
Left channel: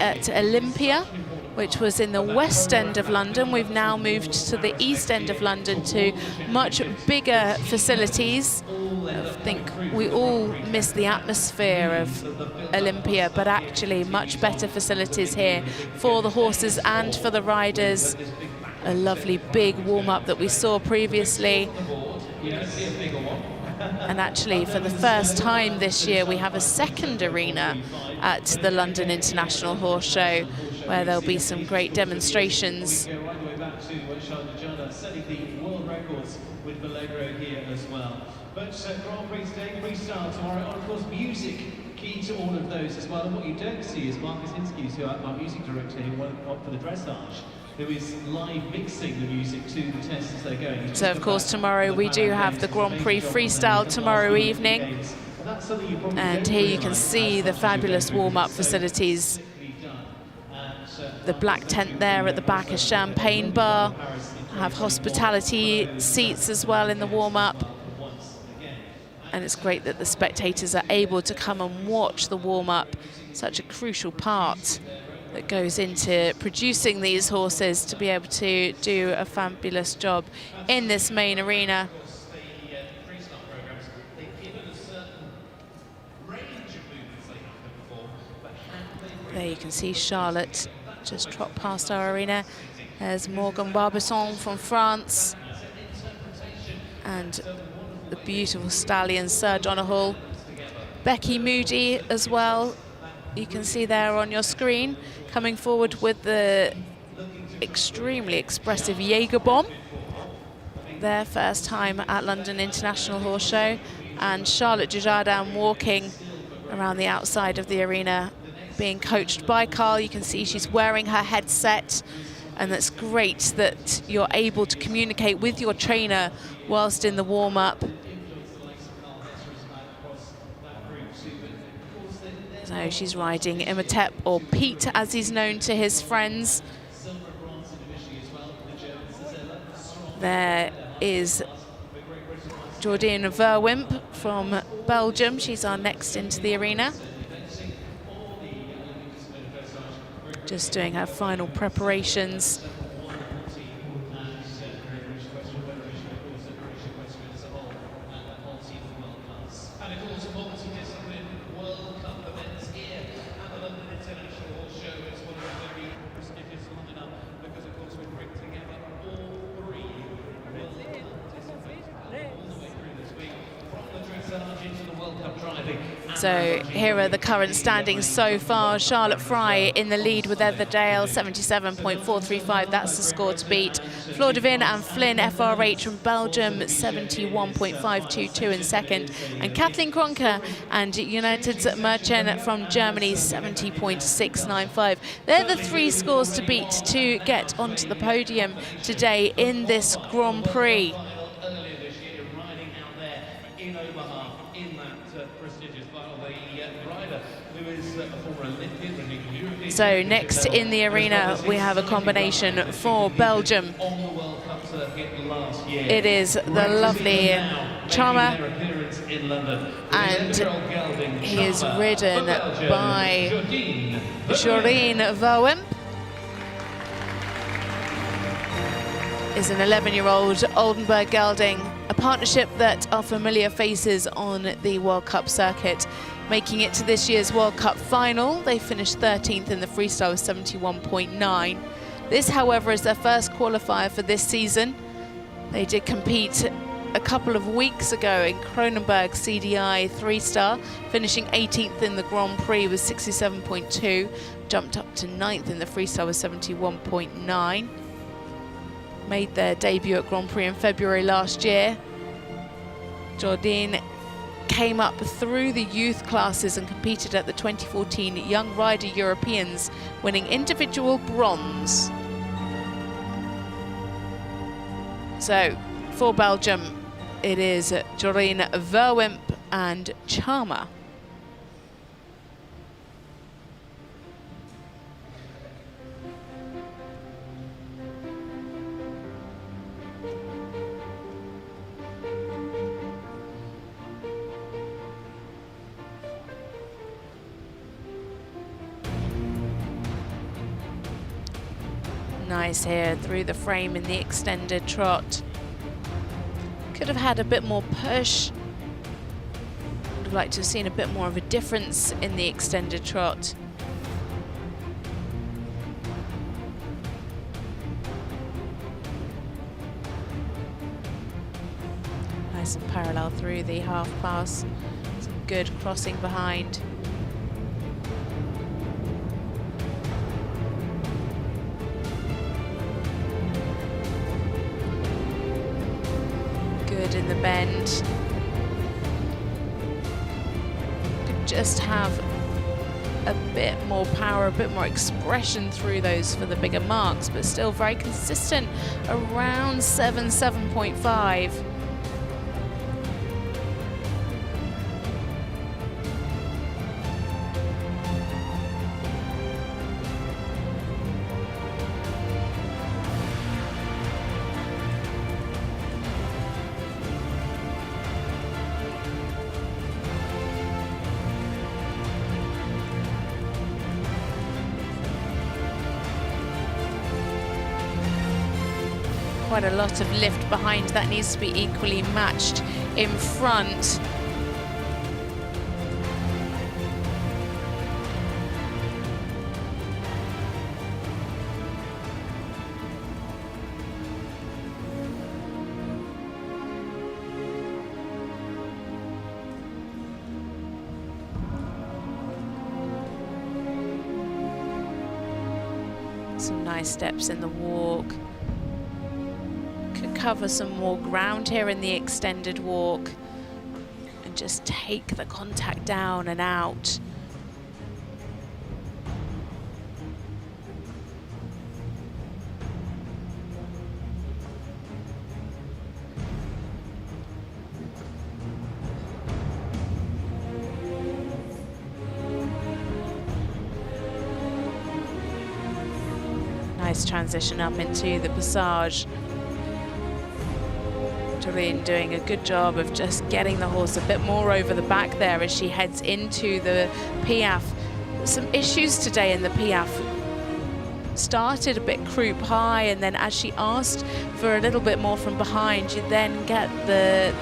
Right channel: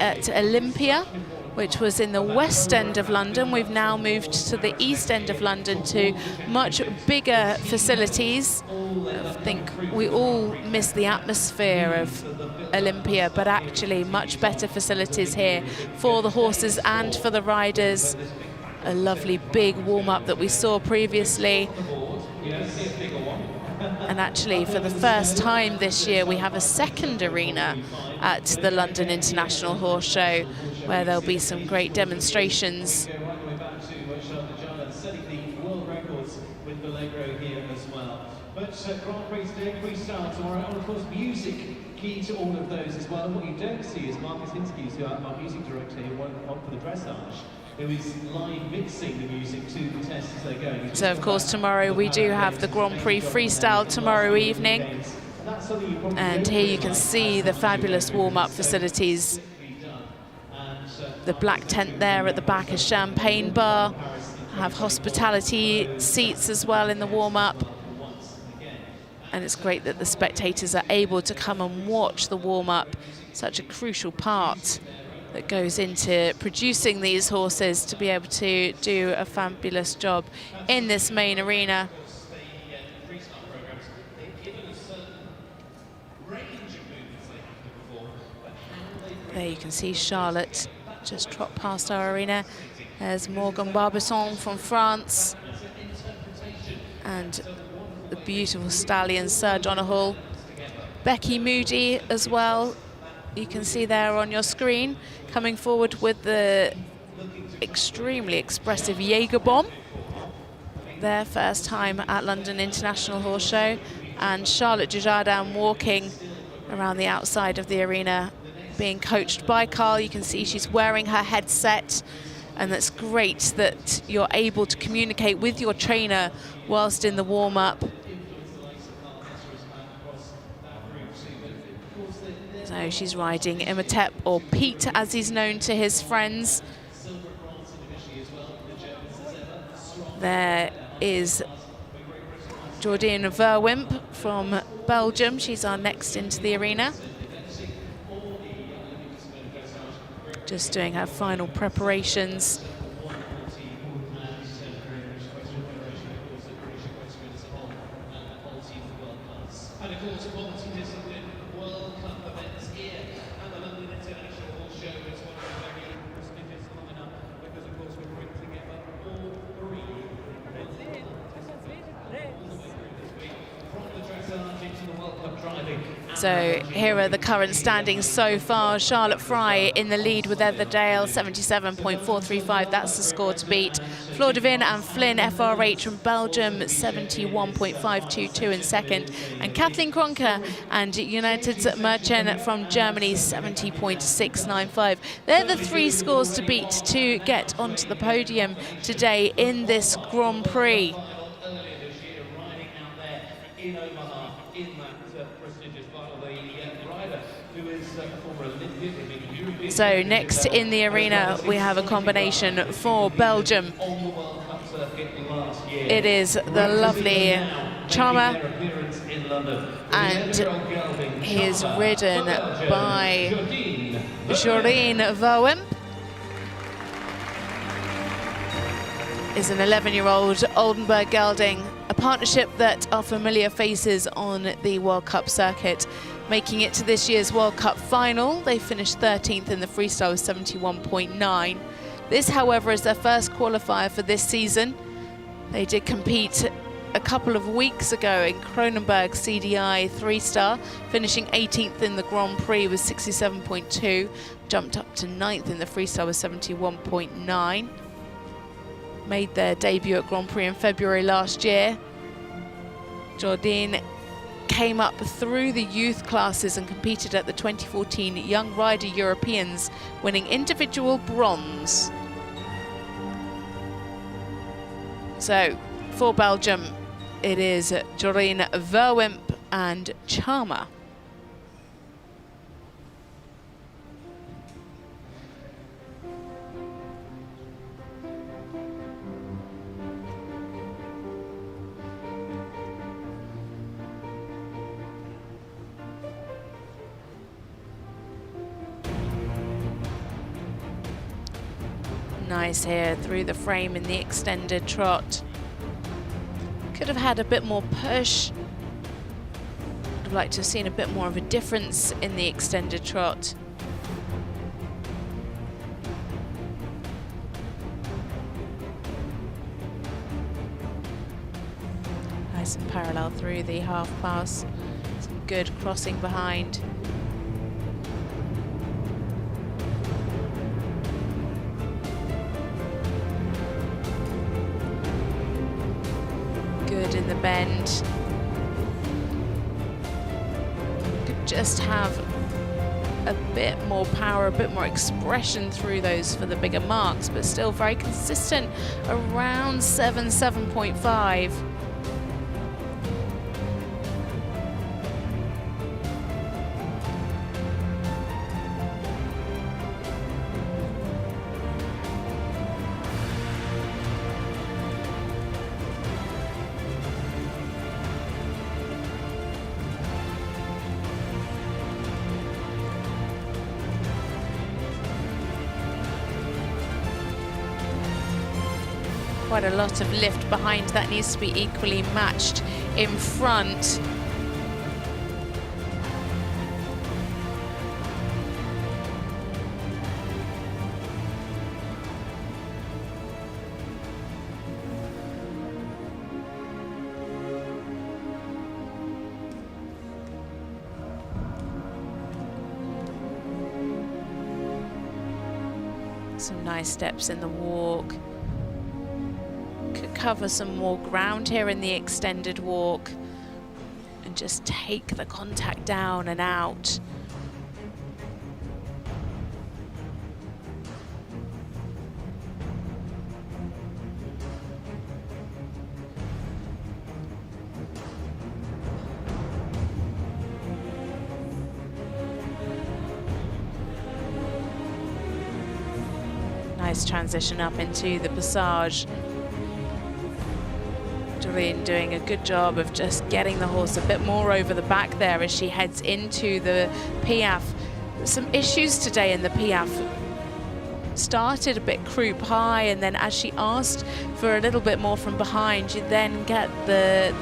at Olympia, which was in the west end of London. We've now moved to the east end of London to much bigger facilities. I think we all miss the atmosphere of Olympia, but actually much better facilities here for the horses and for the riders. A lovely big warm-up that we saw previously. And actually, for the first time this year, we have a second arena at the London International Horse Show, where there'll be some great demonstrations. Who is live mixing the music to the tests as they're going. So of course tomorrow we do have the Grand Prix freestyle tomorrow evening. And here you can see the fabulous warm-up facilities. The black tent there at the back, a champagne bar. Have hospitality seats as well in the warm-up. And it's great that the spectators are able to come and watch the warm-up. Such a crucial part that goes into producing these horses to be able to do a fabulous job in this main arena. There you can see Charlotte just trot past our arena. There's Morgan Barbancon from France. And the beautiful stallion, Sir Donahall. Becky Moody as well, you can see there on your screen, coming forward with the extremely expressive Jaeger bomb. Their first time at London International Horse Show. And Charlotte Dujardin walking around the outside of the arena, being coached by Carl. You can see she's wearing her headset, and that's great that you're able to communicate with your trainer whilst in the warm-up. So she's riding Imhotep, or Pete as he's known to his friends. There is Jordine Verwimp from Belgium. She's our next into the arena. Just doing her final preparations. So here are the current standings so far. Charlotte Fry in the lead with Etherdale, 77.435. That's the score to beat. Flor De Win and Flynn FRH from Belgium, 71.522 in second. And Kathleen Kruner and United Merchant from Germany, 70.695. They're the three scores to beat to get onto the podium today in this Grand Prix. So next in the arena, we have a combination for Belgium. It is the lovely Charmer, and he is ridden by Jordine Verwimp. Is an 11-year-old Oldenburg Gelding, a partnership that are familiar faces on the World Cup circuit. Making it to this year's World Cup final, they finished 13th in the freestyle with 71.9. This, however, is their first qualifier for this season. They did compete a couple of weeks ago in Kronenberg CDI 3-star, finishing 18th in the Grand Prix with 67.2, jumped up to 9th in the freestyle with 71.9. Made their debut at Grand Prix in February last year. Jordine came up through the youth classes and competed at the 2014 Young Rider Europeans, winning individual bronze. So for Belgium, it is Jordine Verwimp and Charmer. Nice here through the frame in the extended trot. Could have had a bit more push. Would have liked to have seen a bit more of a difference in the extended trot. Nice and parallel through the half pass. Some good crossing behind. Good in the bend. Could just have a bit more power, a bit more expression through those for the bigger marks, but still very consistent around 7.5. Quite a lot of lift behind. That needs to be equally matched in front. Some nice steps in the walk. Could cover some more ground here in the extended walk and just take the contact down and out. Nice transition up into the passage. Jordine doing a good job of just getting the horse a bit more over the back there as she heads into the Piaffe. Some issues today in the Piaffe. Started a bit croup high, and then as she asked for a little bit more from behind, you then get the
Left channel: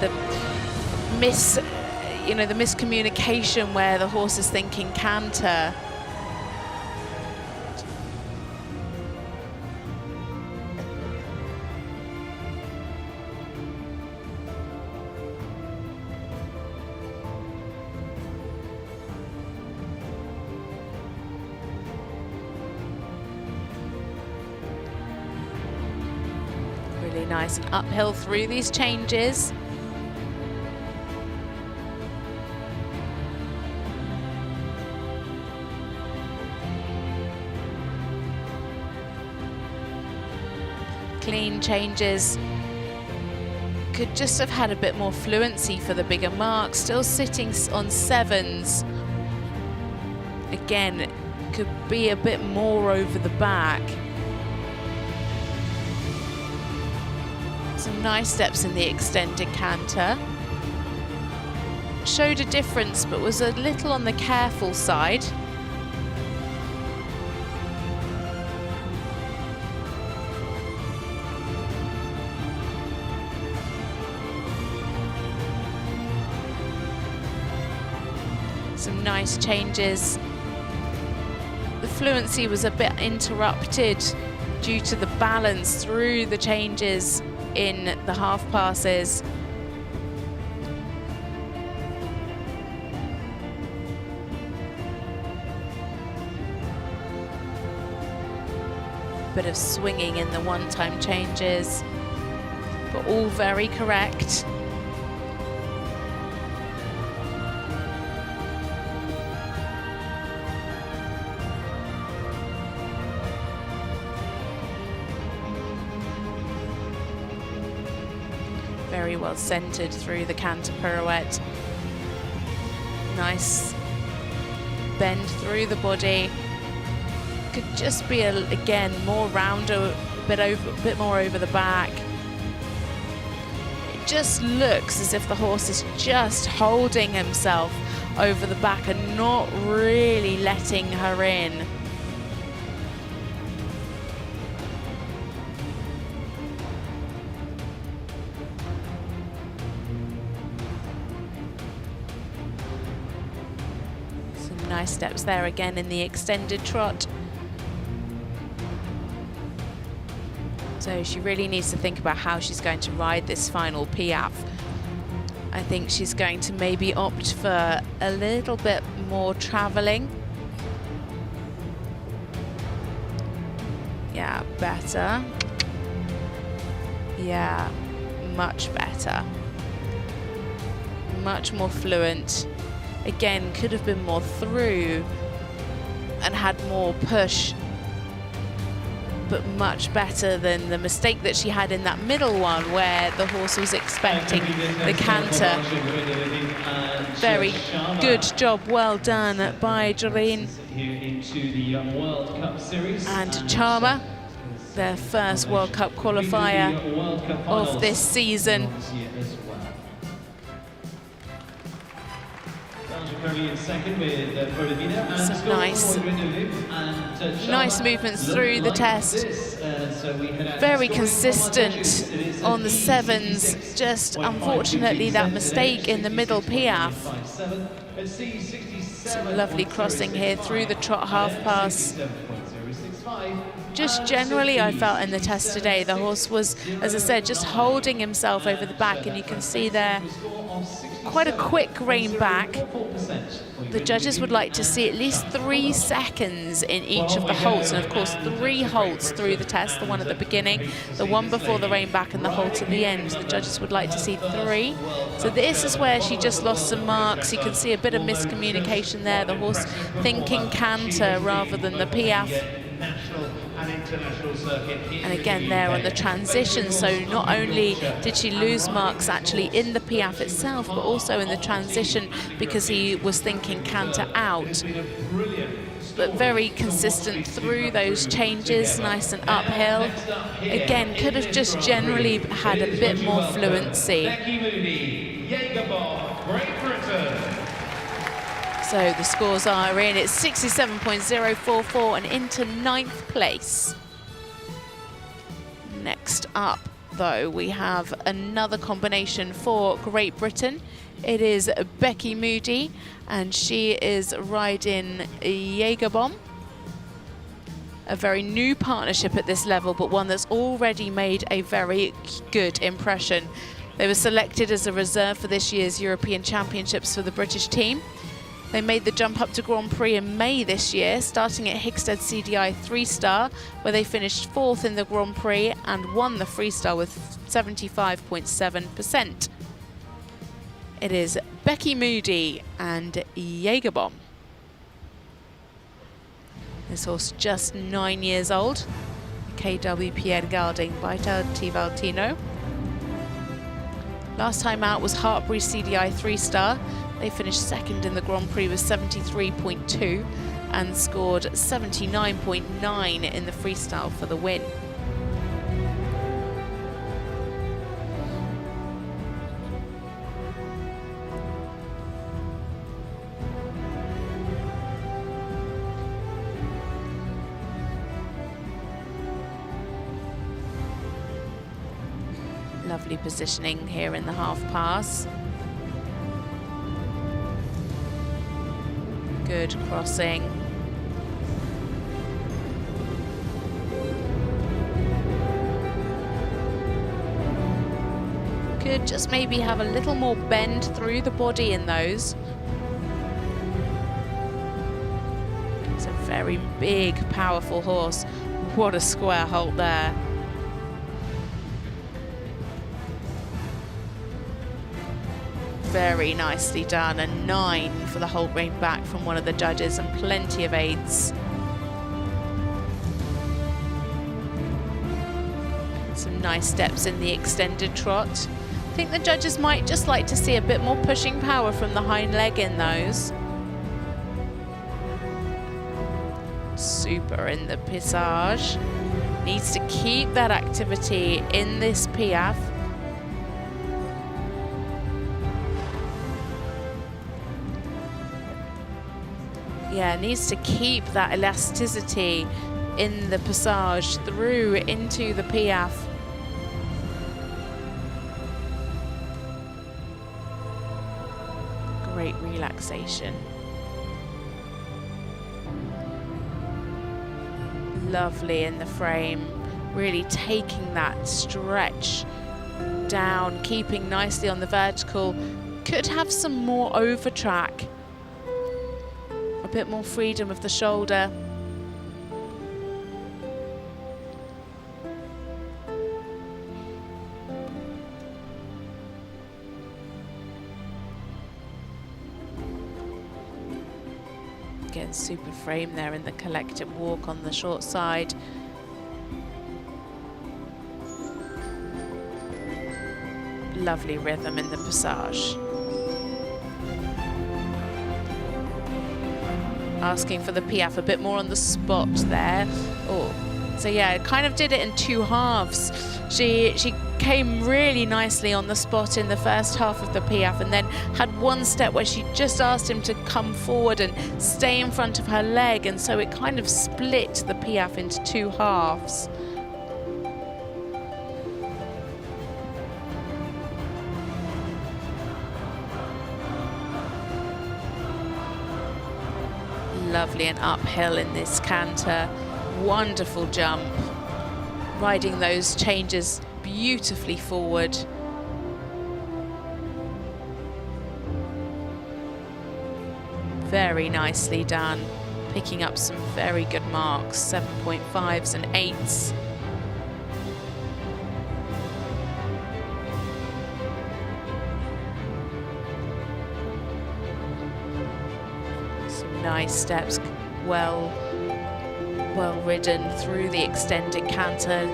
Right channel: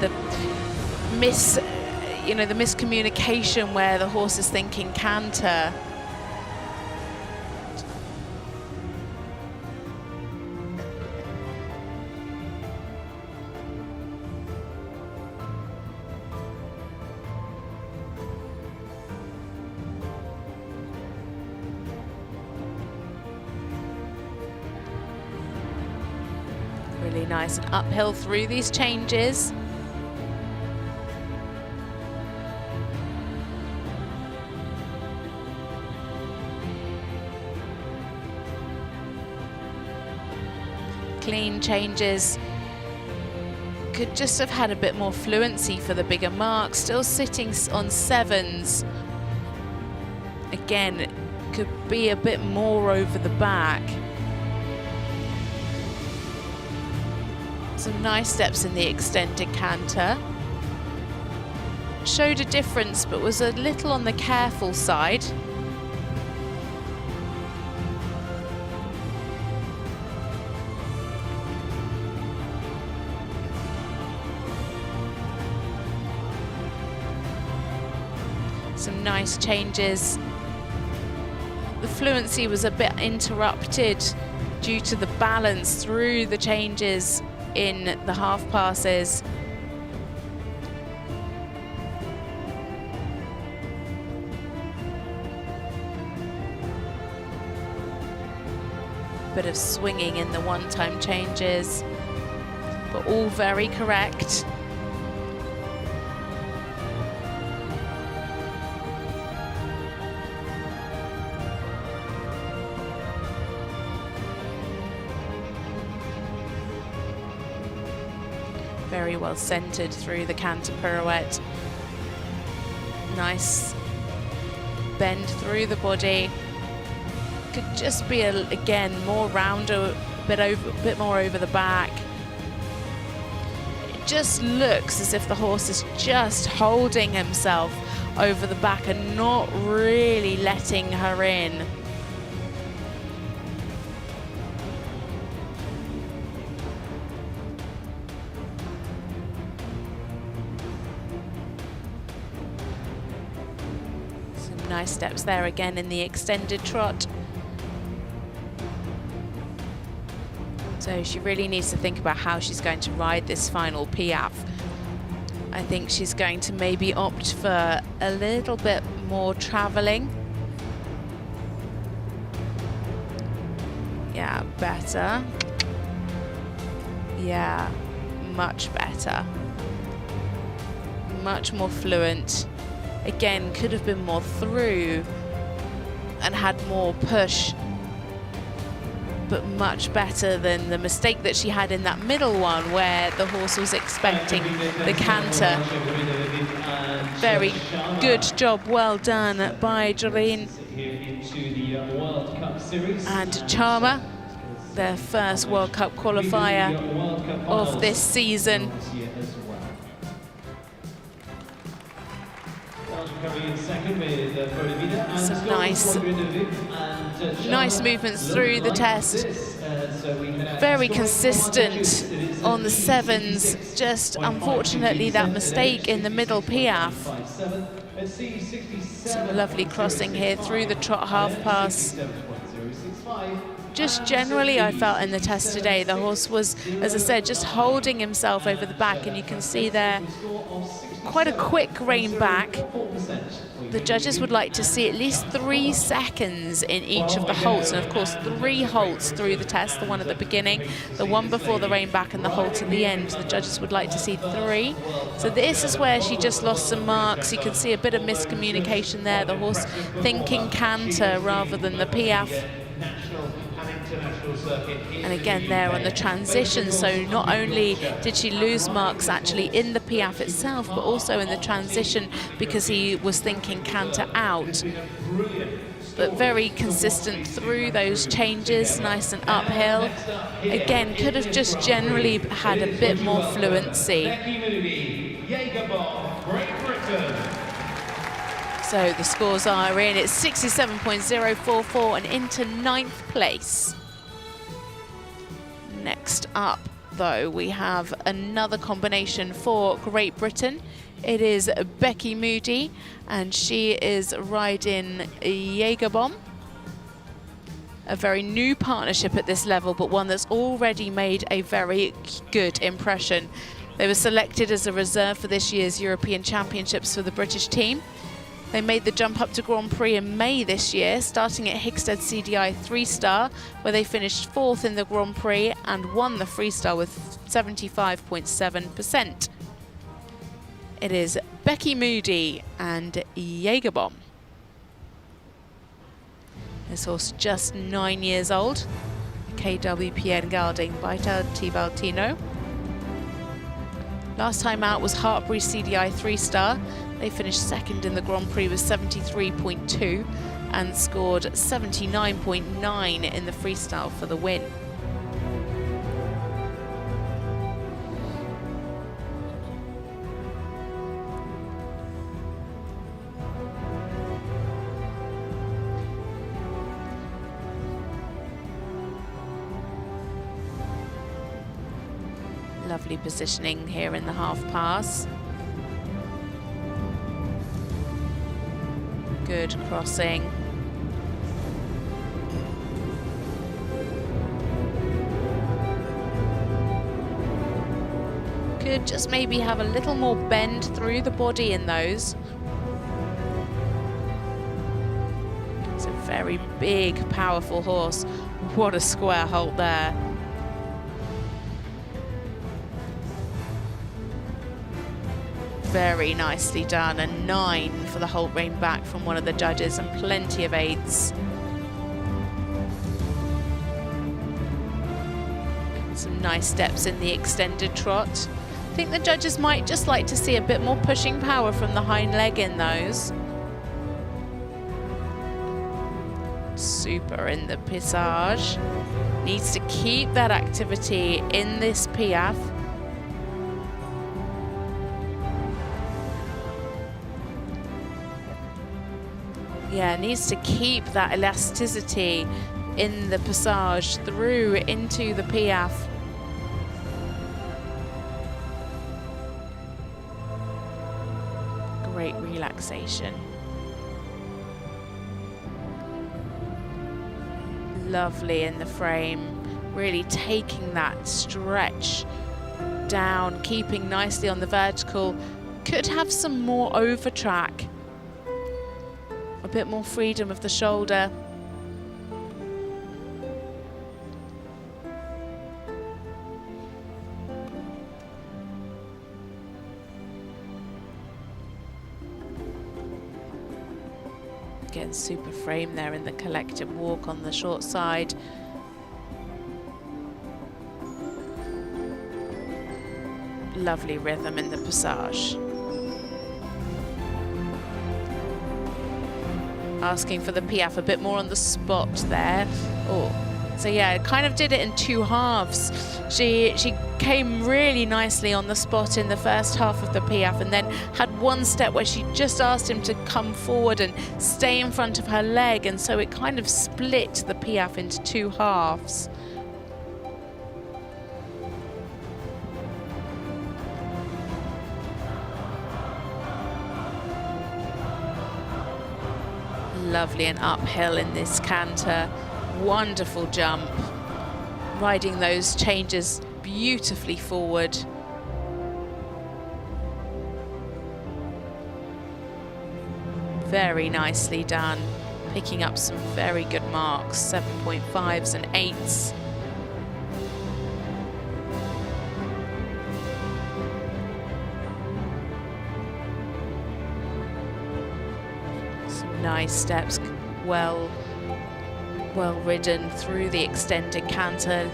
miscommunication where the horse is thinking canter. Really nice and uphill through these changes. Clean changes. Could just have had a bit more fluency for the bigger mark. Still sitting on sevens. Again, could be a bit more over the back. Some nice steps in the extended canter. Showed a difference, but was a little on the careful side. Some nice changes. The fluency was a bit interrupted due to the balance through the changes in the half passes. Bit of swinging in the one-time changes, but all very correct. Very well centered through the canter pirouette. Nice bend through the body. Could just be again more rounder, a bit more over the back. It just looks as if the horse is just holding himself over the back and not really letting her in. Nice steps there again in the extended trot. So she really needs to think about how she's going to ride this final Piaffe. I think she's going to maybe opt for a little bit more traveling. Yeah, better. Yeah, much better. Much more fluent. Again, could have been more through and had more push, but much better than the mistake that she had in that middle one where the horse was expecting the canter. Very good job, well done by Jordine and Charmer, their first World Cup qualifier of this season. Some nice movements through the test. Very consistent on the sevens. Just unfortunately that mistake in the middle Piaffe. Some lovely crossing here through the trot half pass. Just generally I felt in the test today the horse was, as I said, just holding himself over the back, and you can see there quite a quick rein back. the judges would like to see at least 3 seconds in each of the halts, and of course 3 halts through the test, the one at the beginning, the one before the rein back, and the halt at the end. The judges would like to see 3. So this is where she just lost some marks. You can see a bit of miscommunication there, the horse thinking canter rather than the piaffe. And again there on the transition, so not only did she lose marks actually in the piaffe itself, but also in the transition because he was thinking canter out. But very consistent through those changes, nice and uphill. Again, could have just generally had a bit more fluency. So the scores are in, it's 67.044 and into 9th place. Next up, though, we have another combination for Great Britain. It is Becky Moody, and she is riding Jägerbomb. A very new partnership at this level, but one that's already made a very good impression. They were selected as a reserve for this year's European Championships for the British team. They made the jump up to Grand Prix in May this year, starting at Hickstead CDI 3-star, where they finished 4th in the Grand Prix and won the freestyle with 75.7%. It is Becky Moody and Jägerbomb. This horse just 9 years old. KW Pierre Galding by Tivaltino. Last time out was Hartbury CDI 3-star. They finished 2nd in the Grand Prix with 73.2 and scored 79.9 in the freestyle for the win. Lovely positioning here in the half pass. Good crossing. Could just maybe have a little more bend through the body in those. It's a very big, powerful horse. What a square halt there. Very nicely done, a 9 for the halt rein back from one of the judges and plenty of aids. Some nice steps in the extended trot. I think the judges might just like to see a bit more pushing power from the hind leg in those. Super in the passage. Needs to keep that activity in this piaffe. Yeah, needs to keep that elasticity in the passage through into the piaffe. Great relaxation. Lovely in the frame, really taking that stretch down, keeping nicely on the vertical. Could have some more over track. A bit more freedom of the shoulder. Again, super frame there in the collective walk on the short side. Lovely rhythm in the passage. Asking for the piaffe a bit more on the spot there. Oh, so yeah, kind of did it in 2 halves. She came really nicely on the spot in the first half of the piaffe, and then had one step where she just asked him to come forward and stay in front of her leg, and so it kind of split the piaffe into 2 halves. Lovely and uphill in this canter. Wonderful jump. Riding those changes beautifully forward. very nicely done, picking up some very good marks, 7.5s and 8s. Some nice steps, well ridden through the extended canter.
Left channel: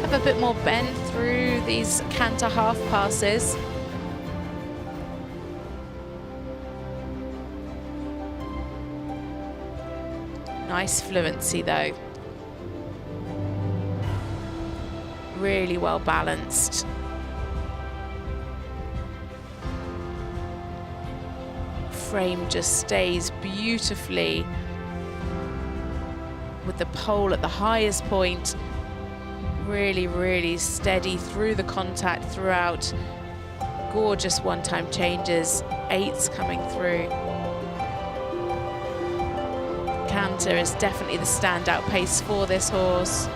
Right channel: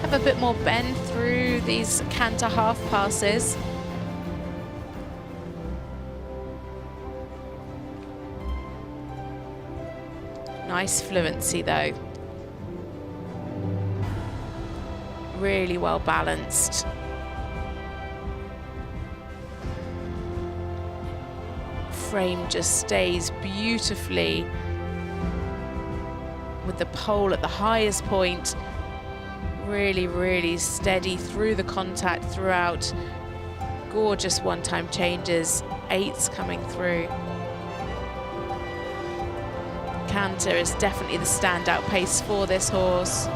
Have a bit more bend through these canter half passes. Nice fluency though. Really well balanced. Frame just stays beautifully with the pole at the highest point. Really, really steady through the contact throughout. Gorgeous one-time changes, 8s coming through. Canter is definitely the standout pace for this horse.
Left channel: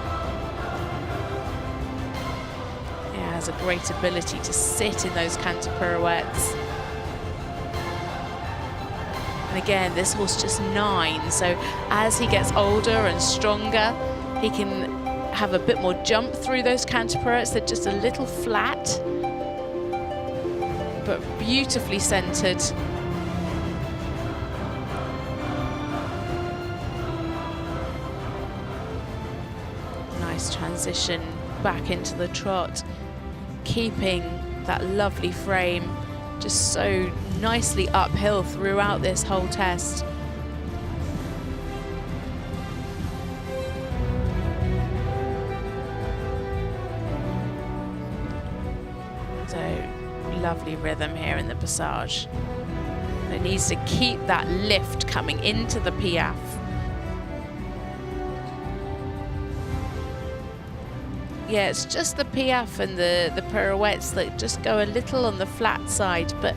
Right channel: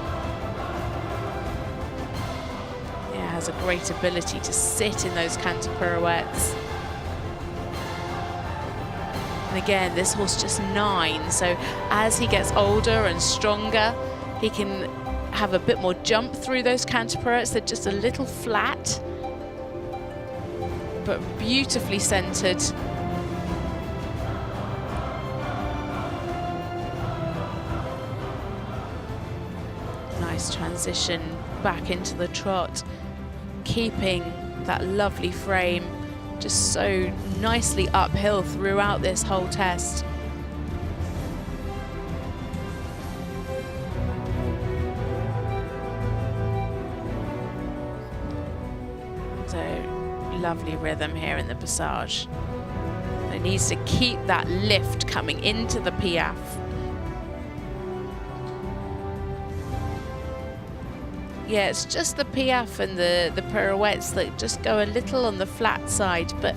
Yeah, has a great ability to sit in those canter pirouettes. And again, this horse just 9, so as he gets older and stronger, he can have a bit more jump through those canter pirouettes. They're just a little flat, but beautifully centered. Nice transition back into the trot, keeping that lovely frame just so nicely uphill throughout this whole test. So lovely rhythm here in the passage. It needs to keep that lift coming into the piaffe. Yeah, it's just the piaffe and the pirouettes that just go a little on the flat side, but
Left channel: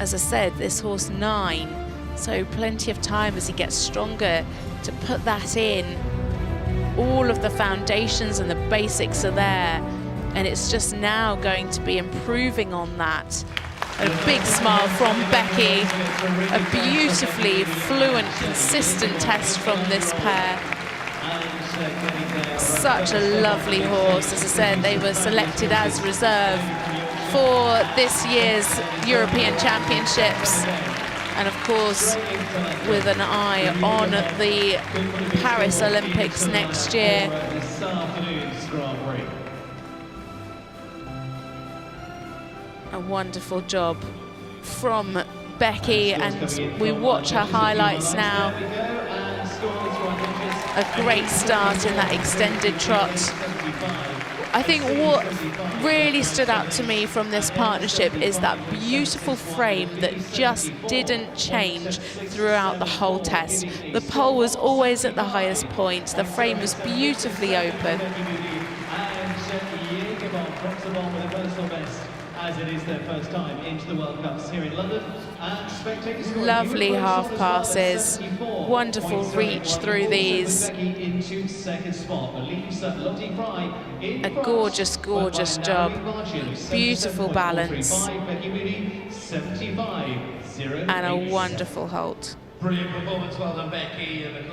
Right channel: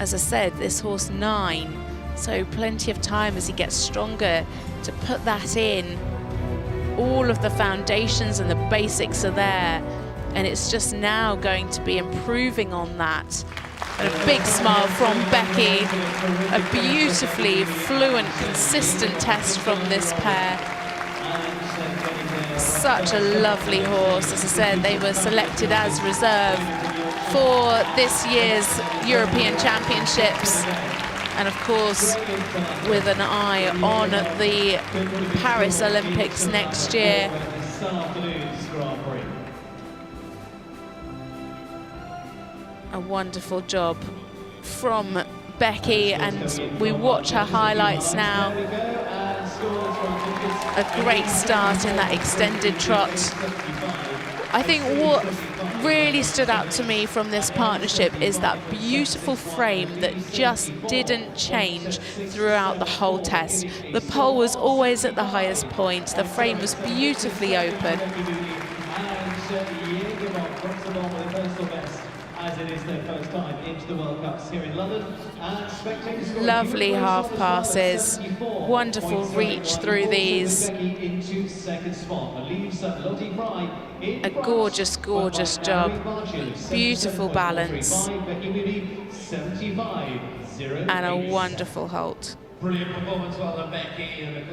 as I said, this horse 9, so plenty of time as he gets stronger to put that in. All of the foundations and the basics are there, and it's just now going to be improving on that. And a big smile from Becky. A beautifully fluent, consistent test from this pair. Such a lovely horse. As I said, they were selected as reserve for this year's European Championships. And of course, with an eye on the Paris Olympics next year. A wonderful job from Becky, and we watch her highlights now. A great start in that extended trot. I think what really stood out to me from this partnership is that beautiful frame that just didn't change throughout the whole test. The pole was always at the highest point. The frame was beautifully open. Lovely half passes. Wonderful reach through these. A gorgeous, gorgeous job. Beautiful balance. And a wonderful halt.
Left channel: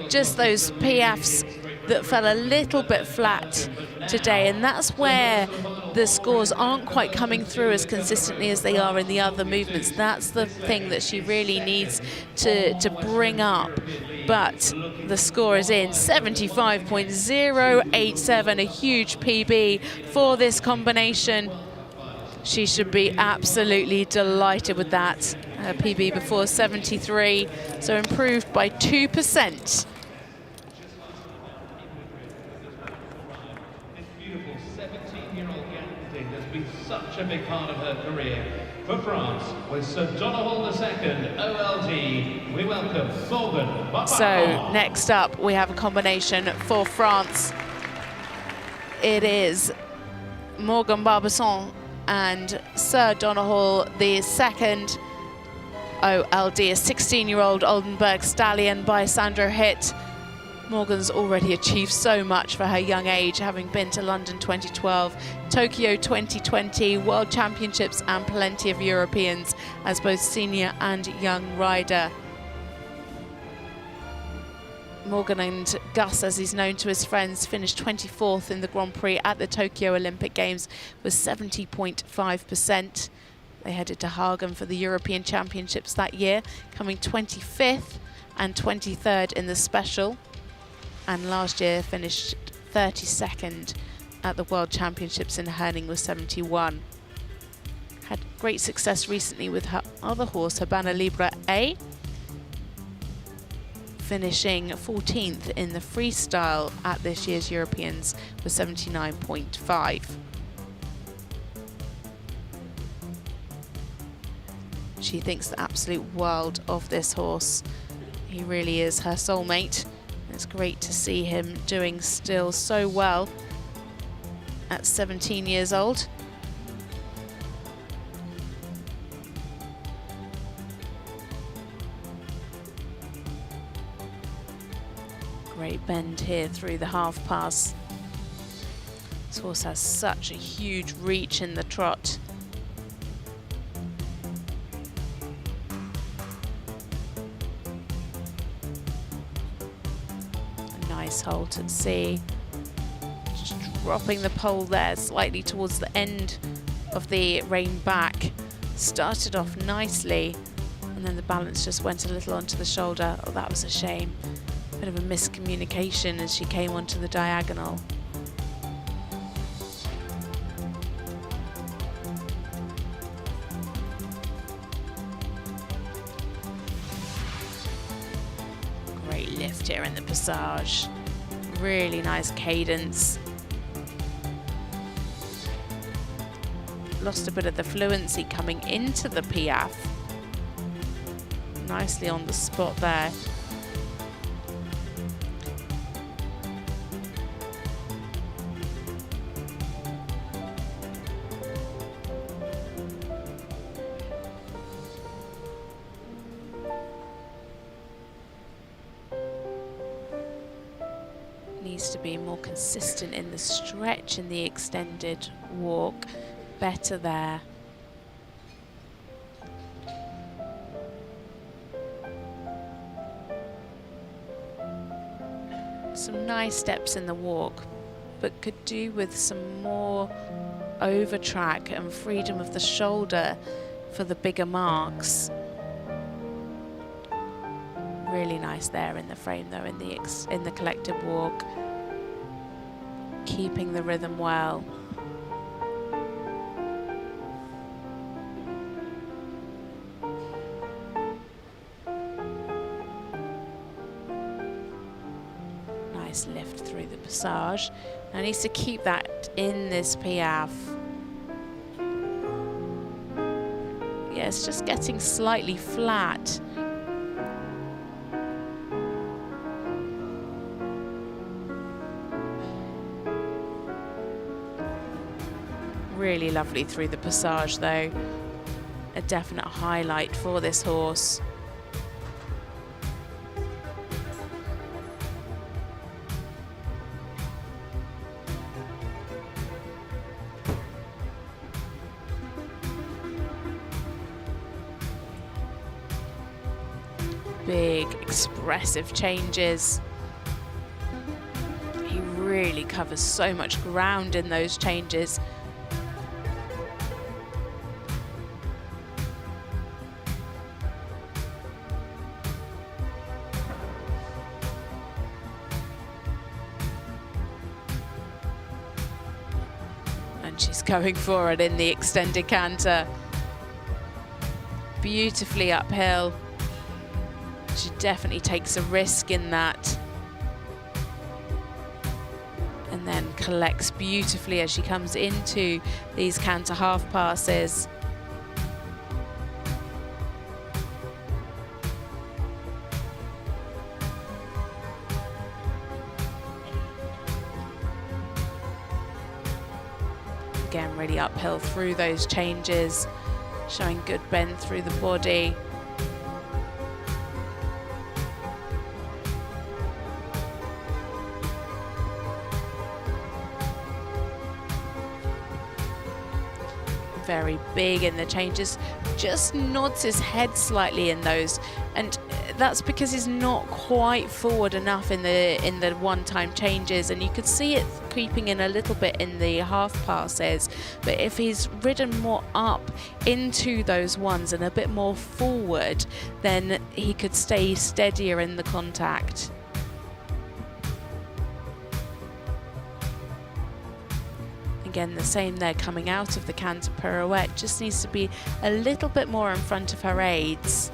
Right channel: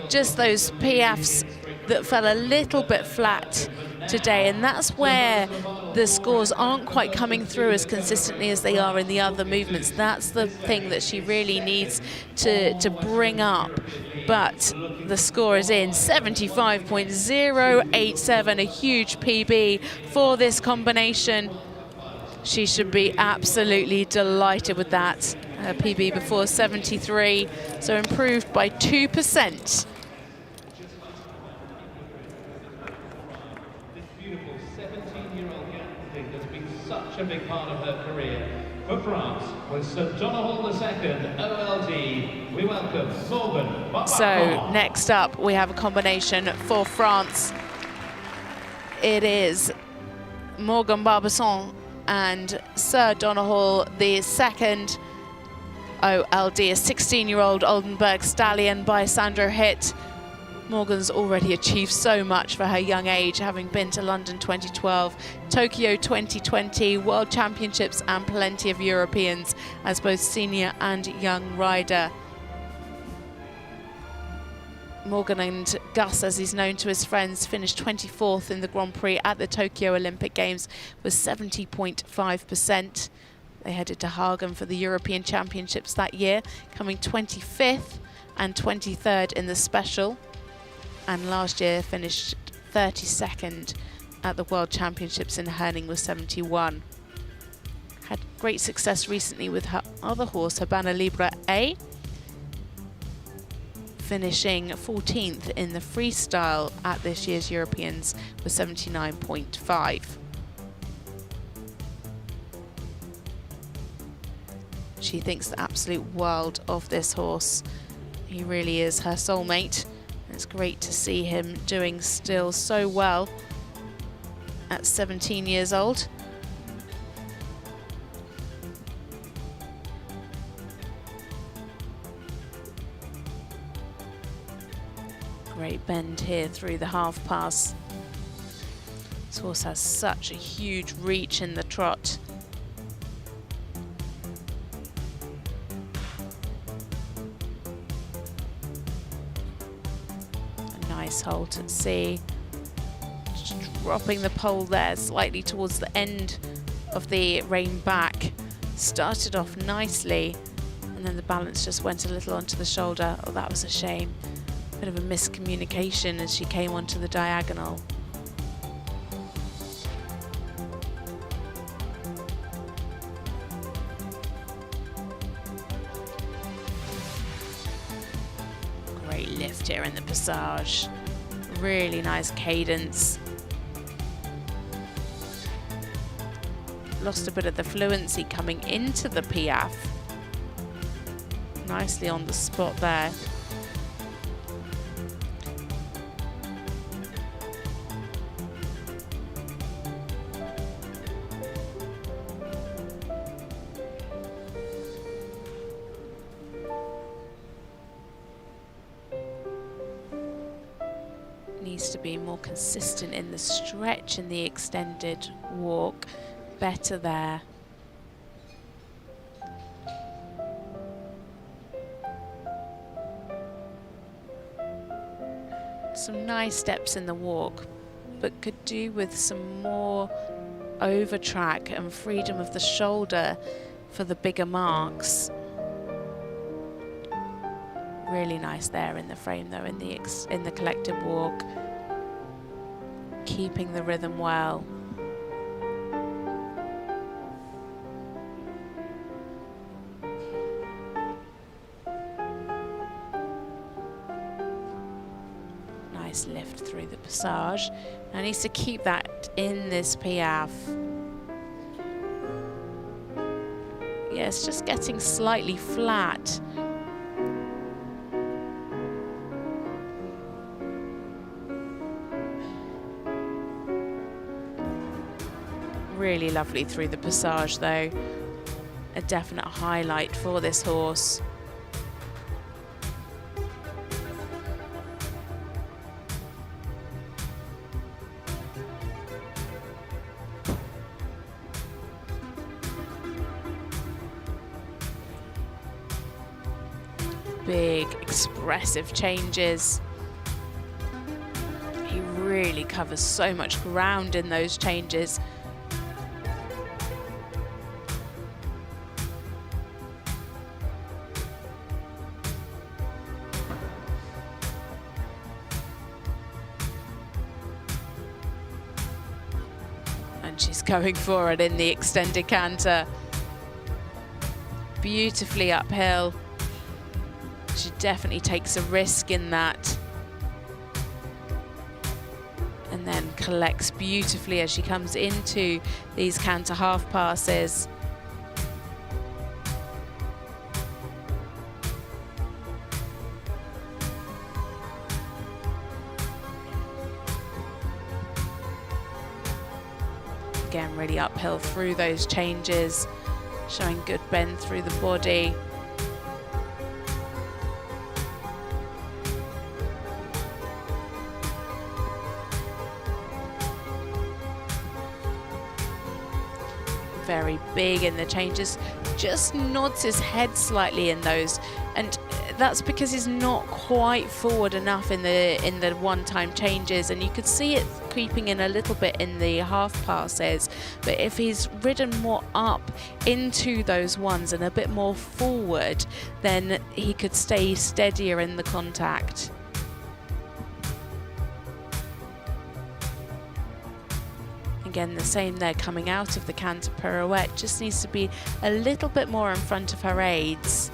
Just those piaffes that fell a little bit flat today, and that's where the scores aren't quite coming through as consistently as they are in the other movements. That's the thing that she really needs to bring up. But the score is in, 75.087, a huge PB for this combination. She should be absolutely delighted with that. Her PB before 73, so improved by 2%. So next up we have a combination for France. It is Morgan Barbancon and Sir Donoghue, the second OLD, a 16-year-old Oldenburg stallion by Sandro Hitt. Morgan's already achieved so much for her young age, having been to London 2012, Tokyo 2020, World Championships and plenty of Europeans as both senior and young rider. Morgan and Gus, as he's known to his friends, finished 24th in the Grand Prix at the Tokyo Olympic Games with 70.5%. They headed to Hagen for the European Championships that year, coming 25th and 23rd in the special. And last year finished 32nd at the World Championships in Herning with 71. Had great success recently with her other horse, Habana Libre A, finishing 14th in the freestyle at this year's Europeans with 79.5. She thinks the absolute world of this horse. He really is her soulmate. It's great to see him doing still so well at 17 years old. Great bend here through the half pass. This horse has such a huge reach in the trot. Nice halt at sea. Just dropping the pole there slightly towards the end of the rein back. Started off nicely and then the balance just went a little onto the shoulder. Oh, that was a shame. Bit of a miscommunication as she came onto the diagonal. Great lift here in the passage. Really nice cadence. Lost a bit of the fluency coming into the piaffe. Nicely on the spot there. Needs to be more consistent in the stretch in the extended walk. Better there. Some nice steps in the walk, but could do with some more over track and freedom of the shoulder for the bigger marks. Really nice there in the frame though, in the collective walk. Keeping the rhythm well. Nice lift through the passage. Now needs to keep that in this piaffe. Yeah, it's just getting slightly flat. Really lovely through the passage though. A definite highlight for this horse. Big, expressive changes. He really covers so much ground in those changes. And she's going for it in the extended canter. Beautifully uphill. She definitely takes a risk in that. And then collects beautifully as she comes into these canter half passes. Again, really uphill through those changes, showing good bend through the body. very big in the changes, just nods his head slightly in those, and that's because he's not quite forward enough in the one-time changes, and you could see it creeping in a little bit in the half passes. But if he's ridden more up into those ones and a bit more forward, then he could stay steadier in the contact. Again, the same there, coming out of the canter pirouette, just needs to be a little bit more in front of her aids.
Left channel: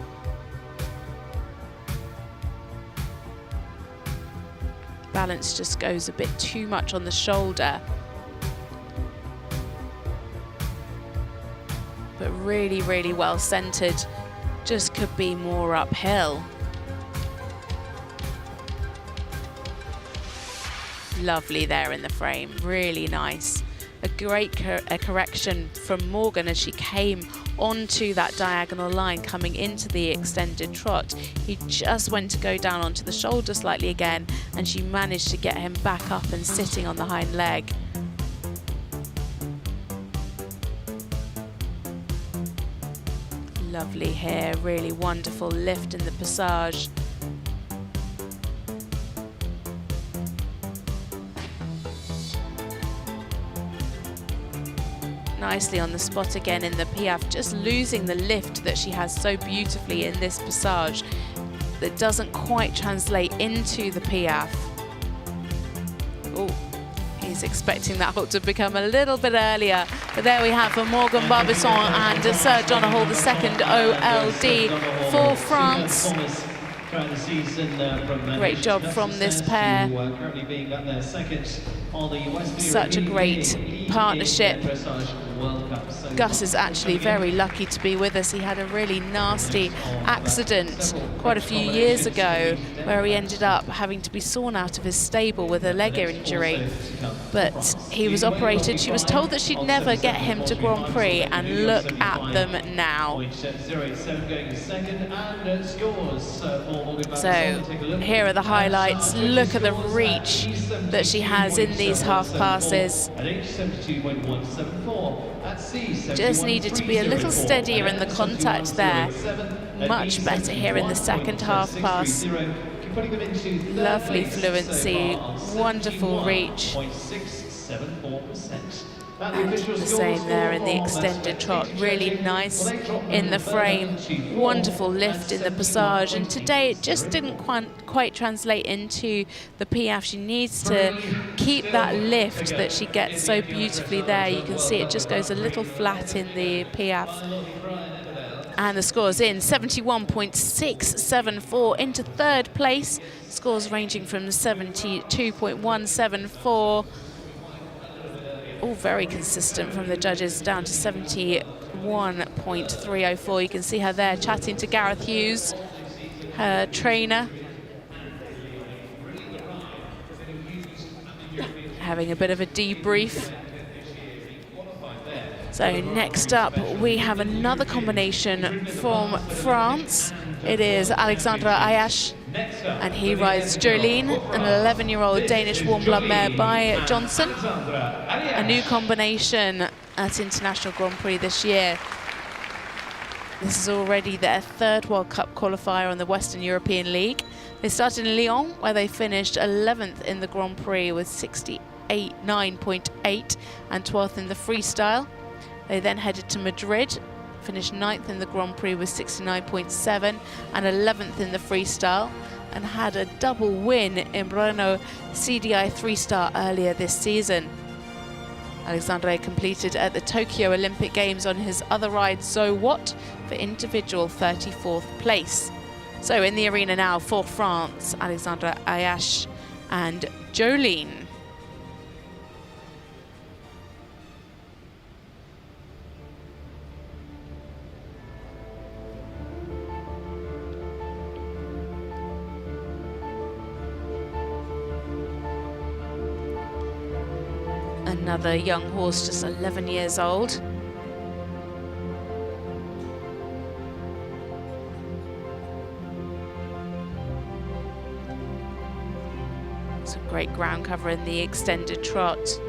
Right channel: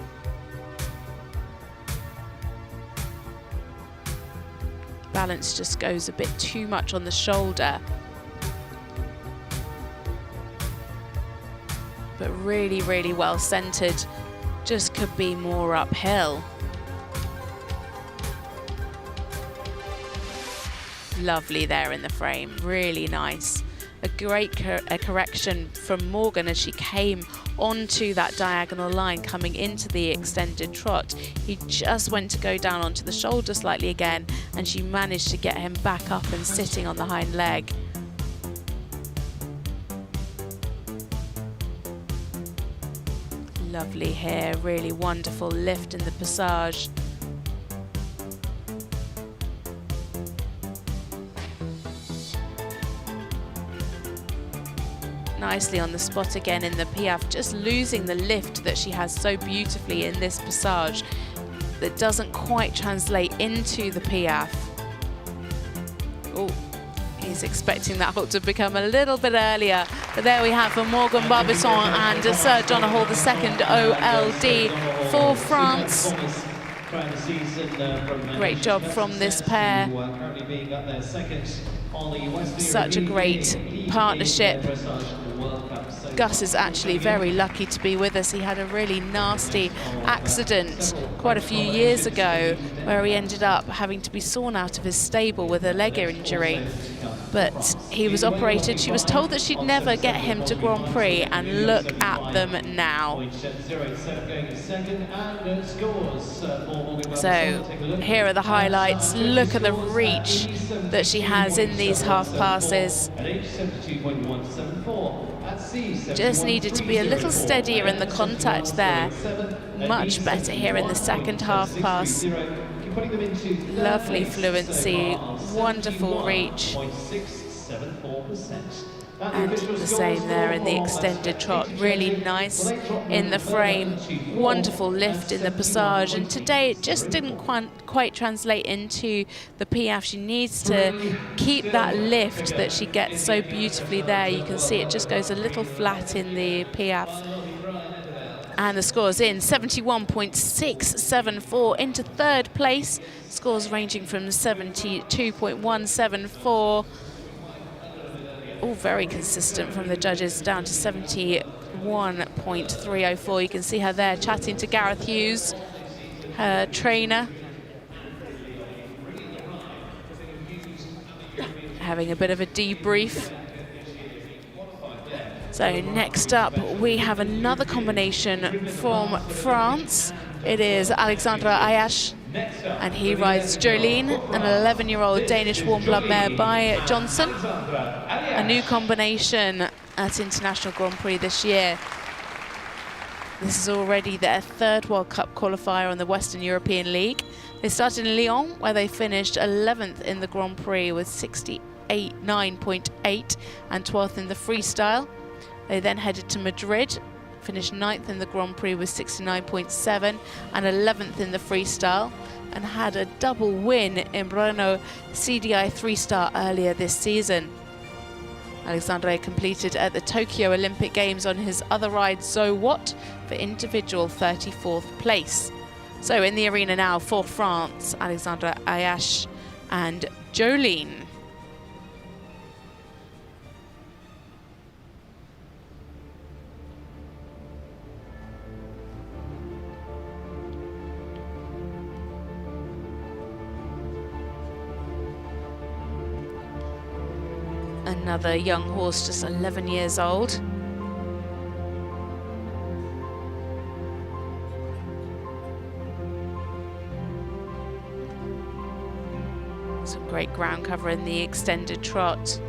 Balance just goes a bit too much on the shoulder. But really, really well centered, just could be more uphill. Lovely there in the frame, really nice. A great correction from Morgan as she came onto that diagonal line coming into the extended trot. He just went to go down onto the shoulder slightly again, and she managed to get him back up and sitting on the hind leg. Lovely here, really wonderful lift in the passage. Nicely on the spot again in the piaffe, just losing the lift that she has so beautifully in this passage that doesn't quite translate into the piaffe. Oh, he's expecting that halt to become a little bit earlier, but there we have for Morgan Barbancon and Sir Donald the second OLD for France. Great job from this pair. Such a great partnership. Gus is actually very lucky to be with us. He had a really nasty accident quite a few years ago where he ended up having to be sawn out of his stable with a leg injury. But he was operated. She was told that she'd never get him to Grand Prix, and look at them now. So here are the highlights. Look at the reach that she has in these half passes. Just needed to be a little steadier in the contact there. Much better here in the second half pass. Lovely fluency, wonderful reach. And the same there in the extended trot. Really nice in the frame, wonderful lift in the passage. And today it just didn't quite translate into the piaffe. She needs to keep that lift that she gets so beautifully there. You can see it just goes a little flat in the piaffe. And the score's in, 71.674 into third place. Scores ranging from 72.174. All very consistent from the judges, down to 71.304. You can see her there chatting to Gareth Hughes, her trainer. Having a bit of a debrief. So next up, we have another combination from France. It is Alexandre Ayache, and he rides Jordine, an 11-year-old Danish warm-blood mare by Johnson. A new combination at International Grand Prix this year. This is already their third World Cup qualifier on the Western European League. They started in Lyon, where they finished 11th in the Grand Prix with 69.8 and 12th in the freestyle. They then headed to Madrid, finished 9th in the Grand Prix with 69.7 and 11th in the freestyle, and had a double win in Brno CDI 3-star earlier this season. Alexandre completed at the Tokyo Olympic Games on his other ride, So What, for individual 34th place. So in the arena now for France, Alexandre Ayache and Jordine. Another young horse, just 11 years old. Some great ground cover in the extended trot.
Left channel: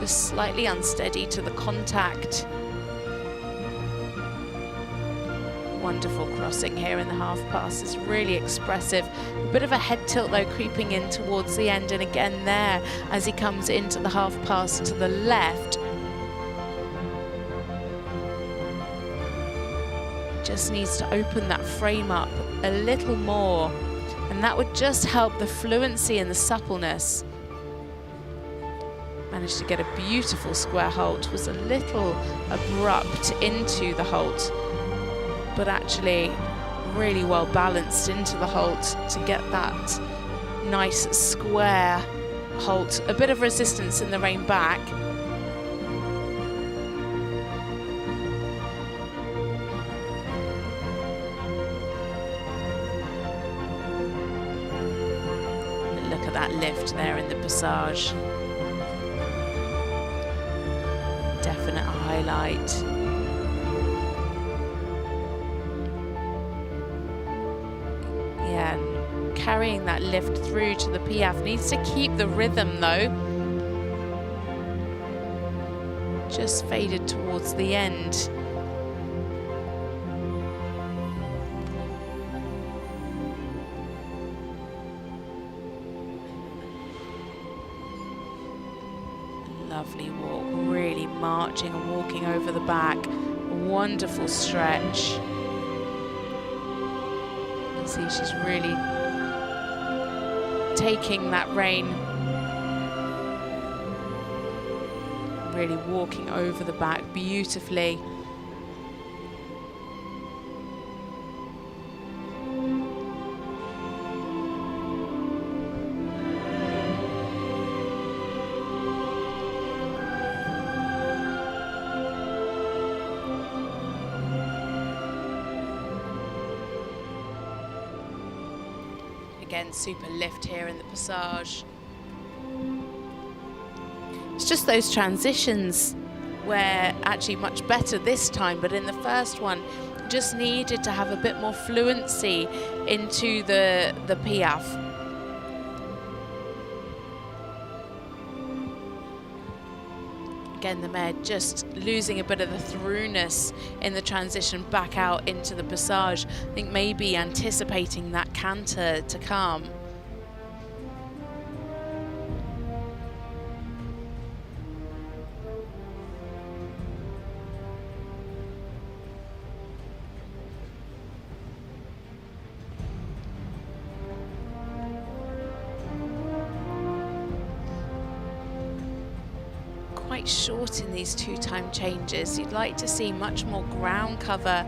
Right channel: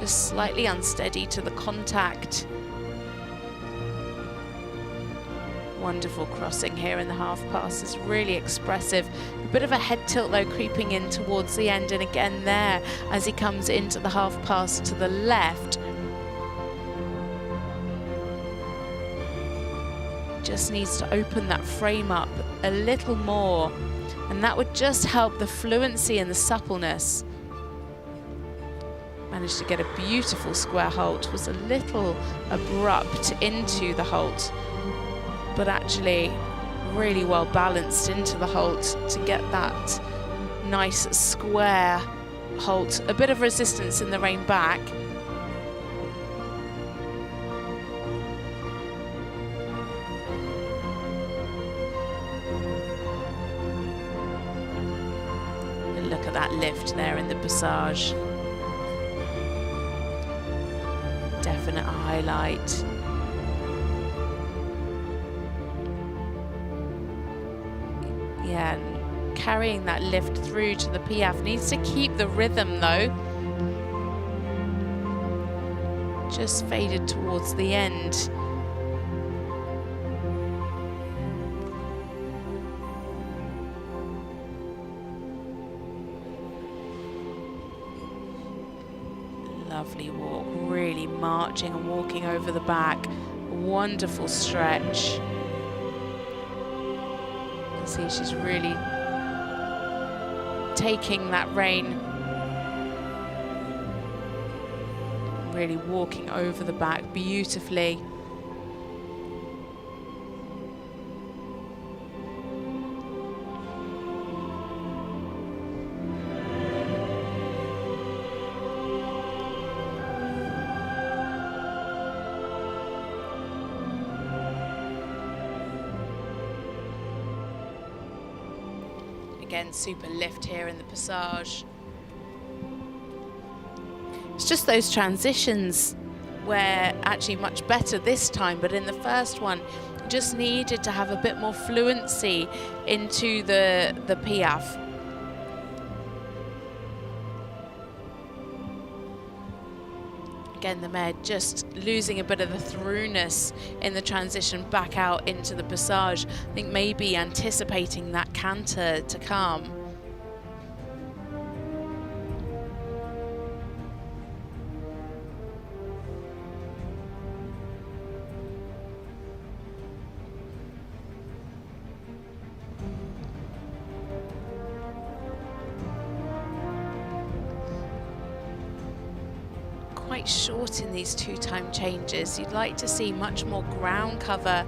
Just slightly unsteady to the contact. Wonderful crossing here in the half pass, is really expressive. A bit of a head tilt though creeping in towards the end, and again there as he comes into the half pass to the left. Just needs to open that frame up a little more, and that would just help the fluency and the suppleness. Managed to get a beautiful square halt, was a little abrupt into the halt, but actually really well balanced into the halt to get that nice square halt. A bit of resistance in the rein back. Look at that lift there in the passage. Definite highlight. Yeah, and carrying that lift through to the Piaffe. Needs to keep the rhythm though. Just faded towards the end. Lovely walk, really marching and walking over the back. A wonderful stretch. You can see she's really taking that rein. Really walking over the back beautifully. Again, super lift here in the passage. It's just those transitions were actually much better this time, but in the first one, just needed to have a bit more fluency into the Piaffe. Again, the mare just losing a bit of the throughness in the transition back out into the passage. I think maybe anticipating that canter to come. Quite short in these two-time changes. You'd like to see much more ground cover.